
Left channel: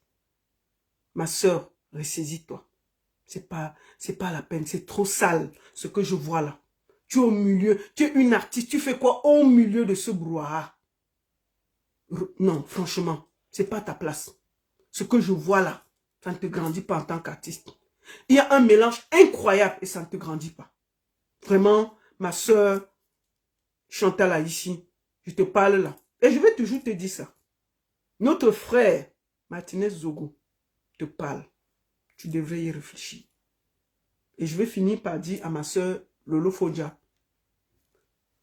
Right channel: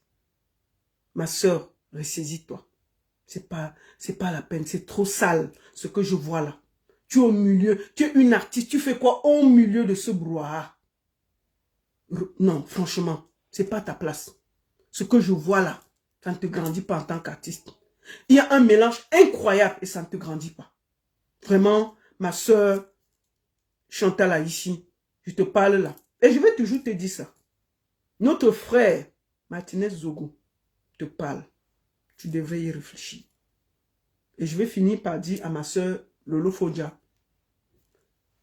Ma soeur, ressaisis-toi. C'est pas la peine, c'est trop sale ce que je vois là. Tu es au milieu, tu es une artiste, tu fais quoi au milieu de ce brouhaha? Non, franchement, c'est pas ta place. Ce que je vois là, ça ne te grandit pas en tant qu'artiste. Il y a un mélange incroyable et ça ne te grandit pas. Vraiment, ma soeur Chantal a ici, je te parle là. Et je vais toujours te dire ça. Notre frère, Martinez Zogo, te parle. Tu devrais y réfléchir. Et je vais finir par dire à ma soeur Lolo Fodja,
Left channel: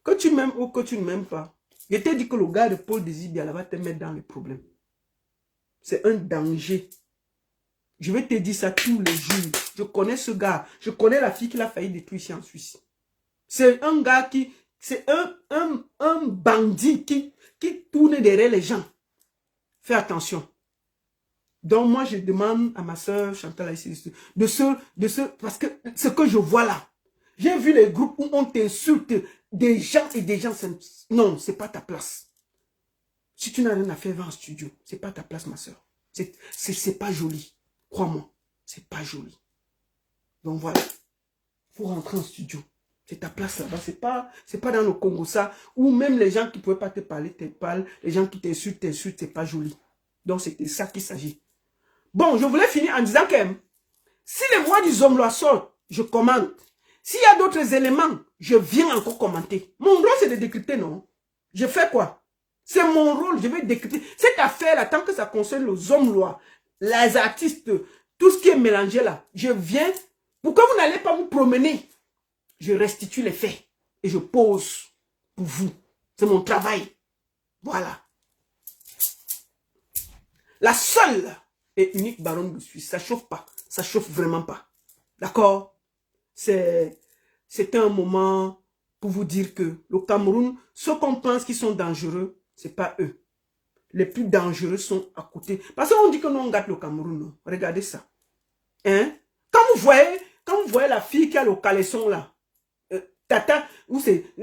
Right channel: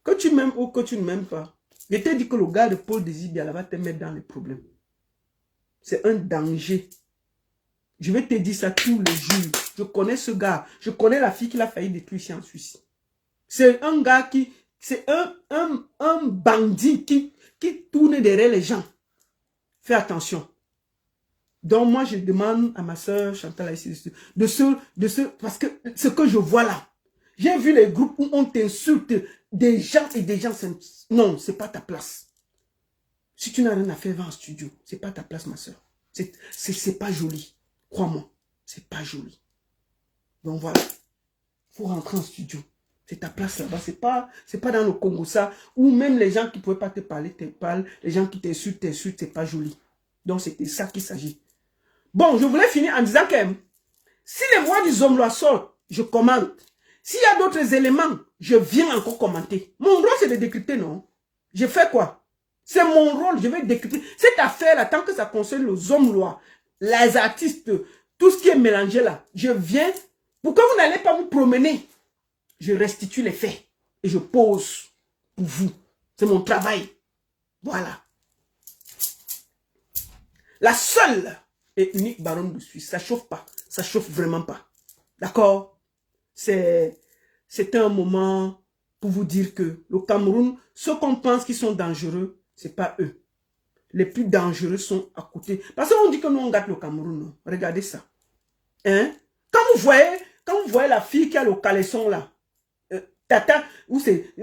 que tu m'aimes ou que tu ne m'aimes pas, je t'ai dit que le gars de Paul Désibia va te mettre dans les problèmes. C'est un danger. Je vais te dire ça tous les jours. Je connais ce gars. Je connais la fille qui l'a failli détruire ici en Suisse. C'est un gars qui... C'est un bandit qui tourne derrière les gens. Fais attention. Donc moi, je demande à ma soeur Chantal ici, parce que ce que je vois là, j'ai vu les groupes où on t'insulte des gens et des gens. Non, c'est pas ta place. Si tu n'as rien à faire, va en studio. C'est pas ta place, ma soeur. C'est pas joli. Crois-moi, c'est pas joli. Donc voilà, faut rentrer en studio. C'est ta place là-bas. C'est pas dans le Congo ça, où même les gens qui ne pouvaient pas te parler, te parlent. Les gens qui t'insultent, c'est pas joli. Donc c'était ça qu'il s'agit. Bon, je voulais finir en disant que si les voix du Zomloa sortent, je commente. S'il y a d'autres éléments, je viens encore commenter. Mon rôle, c'est de décrypter, non? Je fais quoi? C'est mon rôle, je vais décrypter. Cette affaire-là, tant que ça concerne le Zomloa, les artistes, tout ce qui est mélangé là, je viens. Pour que vous n'allez pas vous promener, je restitue les faits et je pose pour vous. C'est mon travail. Voilà. La seule et unique baronne de Suisse, ça chauffe pas. Ça chauffe vraiment pas. D'accord? C'est un moment pour vous dire que le Cameroun, ceux qu'on pense qu'ils sont dangereux, c'est pas eux. Les plus dangereux sont à côté. Parce qu'on dit que nous on gâte le Cameroun. Non? Regardez ça. Hein? Quand vous voyez la fille qui a le caleçon là, Tata, où c'est,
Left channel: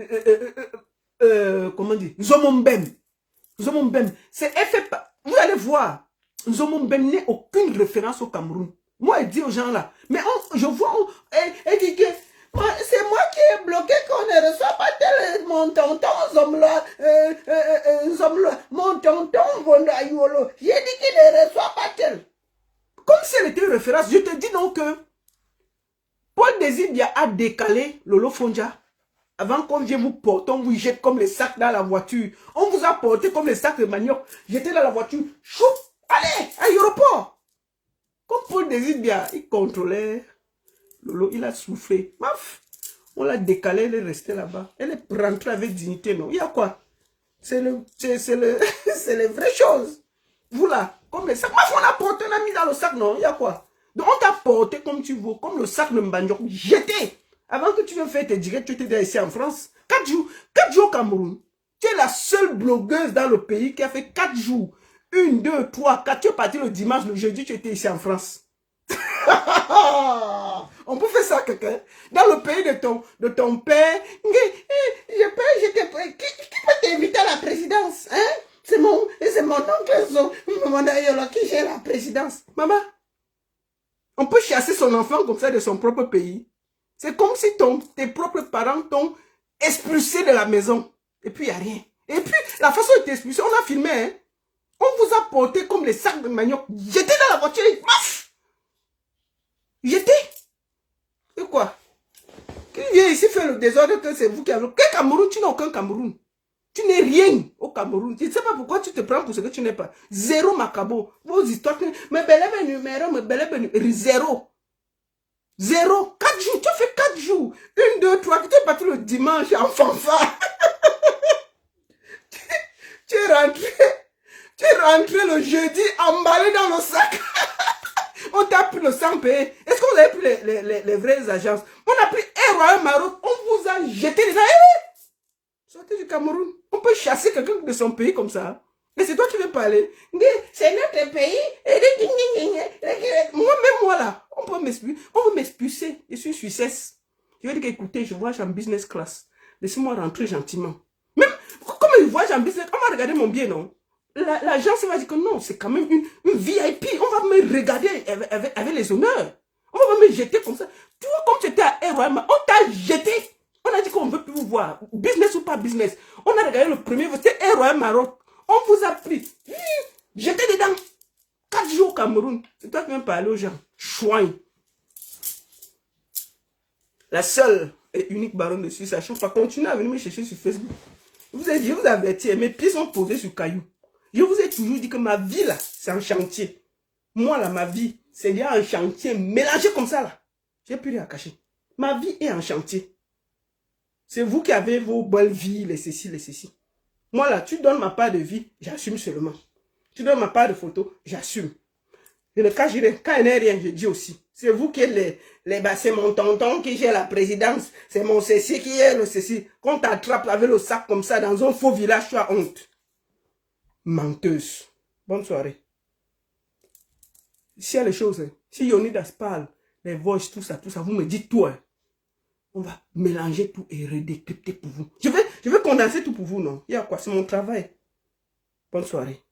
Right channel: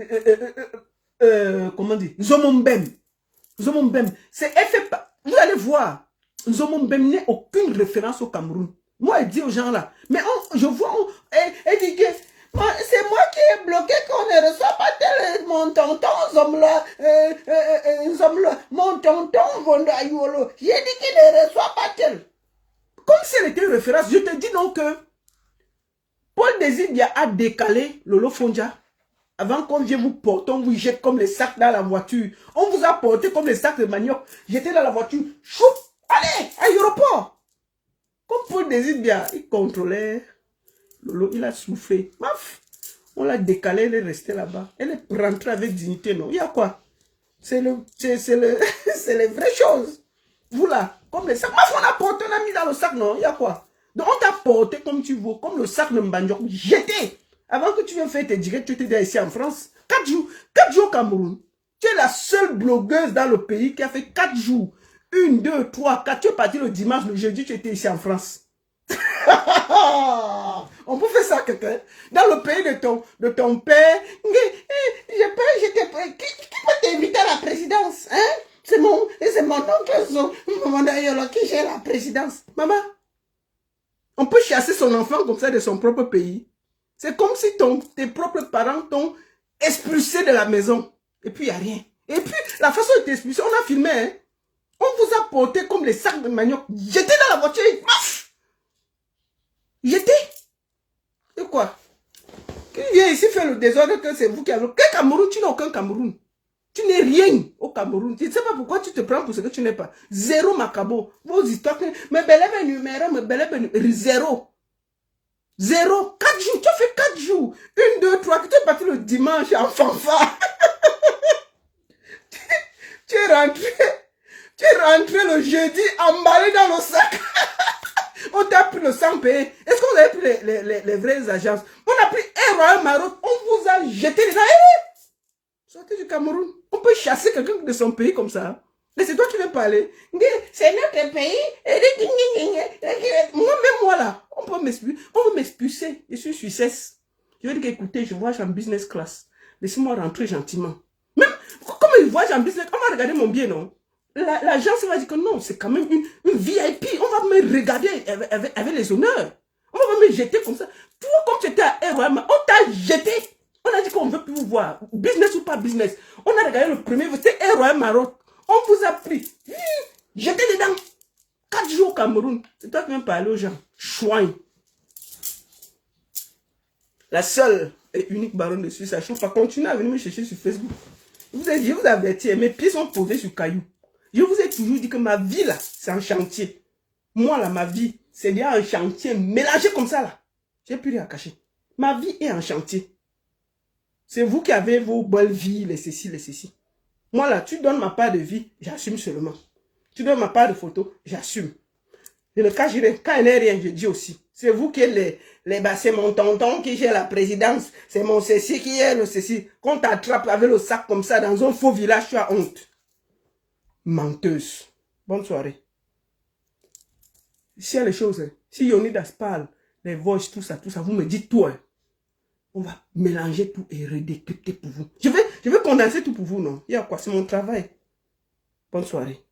comment dire, Zomombem. Zomombem. Elle fait pas, vous allez voir, Zomombem n'est aucune référence au Cameroun. Moi, elle dit aux gens là, mais je vois, elle dit que c'est moi qui ai bloqué qu'on ne reçoit pas tel mon tonton Zomloa, mon tonton Vondayolo. J'ai dit qu'il ne reçoit pas tel. Comme si elle était une référence, je te dis donc que Paul Désir a décalé Lolo Fonja. Avant qu'on vienne vous porter, on vous jette comme les sacs dans la voiture. On vous a porté comme les sacs de manioc. J'étais dans la voiture. Chou, allez, à l'aéroport. Comme Paul Désir, il contrôlait Lolo, il a soufflé. Maf, on l'a décalé, elle est restée là-bas. Elle est rentrée avec dignité, non? Il y a quoi? C'est les vraies choses. Vous là, comme les sacs. Maf, on a porté, on a mis dans le sac, non? Il y a quoi? Donc on t'a porté comme tu veux, comme le sac de Mbanyok, jeté. Avant que tu viennes faire tes directs, tu étais ici en France. 4 jours au Cameroun. Tu es la seule blogueuse dans le pays qui a fait 4 jours. 1, 2, 3, 4. Tu es parti le dimanche, le jeudi, tu étais ici en France. On peut faire ça à quelqu'un. Dans le pays de ton père. Qui peut t'inviter à la présidence? Hein? C'est mon oncle qui gère la présidence. Maman, on peut chasser son enfant comme ça de son propre pays. C'est comme si tes propres parents t'ont expulsé de la maison. Et puis, il n'y a rien. Et puis, la façon de t'expulser, on a filmé. Hein? On vous a porté comme les sacs de manioc. J'étais dans la voiture et maf! J'étais. Et quoi? Qui vient ici faire le désordre que c'est vous qui avez... Quel Cameroun? Tu n'as aucun Cameroun. Tu n'es rien au Cameroun. Je ne sais pas pourquoi tu te prends pour ce que tu n'es pas. Zéro macabo. Vos histoires... Mais belève numéro, mais belève zéro. 0, 4 jours, tu as fait 4 jours. 1, 2, 3, tu es parti le dimanche en fanfare. Tu es rentré le jeudi emballé dans le sac. On t'a pris le sang payé. Est-ce qu'on a pris les vraies agences? On a pris un Royal Maroc, on vous a jeté les sortez du Cameroun. On peut chasser quelqu'un de son pays comme ça. Mais c'est toi qui veux parler. C'est notre pays. Moi là, on veut m'expulser. Je suis Suissesse. Je veux dire écoutez, je voyage en business class. Laissez-moi rentrer gentiment. Même, comme je voyage en business, on va regarder mon billet, non? L'agence va dire que non, c'est quand même une VIP. On va me regarder avec les honneurs. On va me jeter comme ça. Toi, comme tu étais à ROM, on t'a jeté. On a dit qu'on ne veut plus vous voir. Business ou pas business. On a regardé le premier, c'était ROM Maroc. On vous a pris. J'étais dedans. 4 jours au Cameroun. C'est toi qui viens parler aux gens. Chouin. La seule et unique baronne de Suisse, ça chauffe pas. Continuez à venir me chercher sur Facebook. Je vous avertis, mes pieds sont posés sur cailloux. Je vous ai toujours dit que ma vie là, c'est un chantier. Moi là, ma vie, c'est bien un chantier mélangé comme ça là. J'ai plus rien à cacher. Ma vie est un chantier. C'est vous qui avez vos belles vies, les ceci, les ceci. Moi là, tu donnes ma part de vie, j'assume seulement. Tu donnes ma part de photo, j'assume. Et le cas, quand il n'y a rien, je dis aussi. C'est vous qui êtes c'est mon tonton qui gère la présidence. C'est mon ceci qui est le ceci. Quand t'attrape avec le sac comme ça dans un faux village, tu as honte. Menteuse. Bonne soirée. S'il y a les choses, si Yonidas parle, les voices, tout ça, vous me dites tout. Hein. On va mélanger tout et redécrypter pour vous. Je vais condenser tout pour vous, non? Il y a quoi? C'est mon travail. Bonne soirée.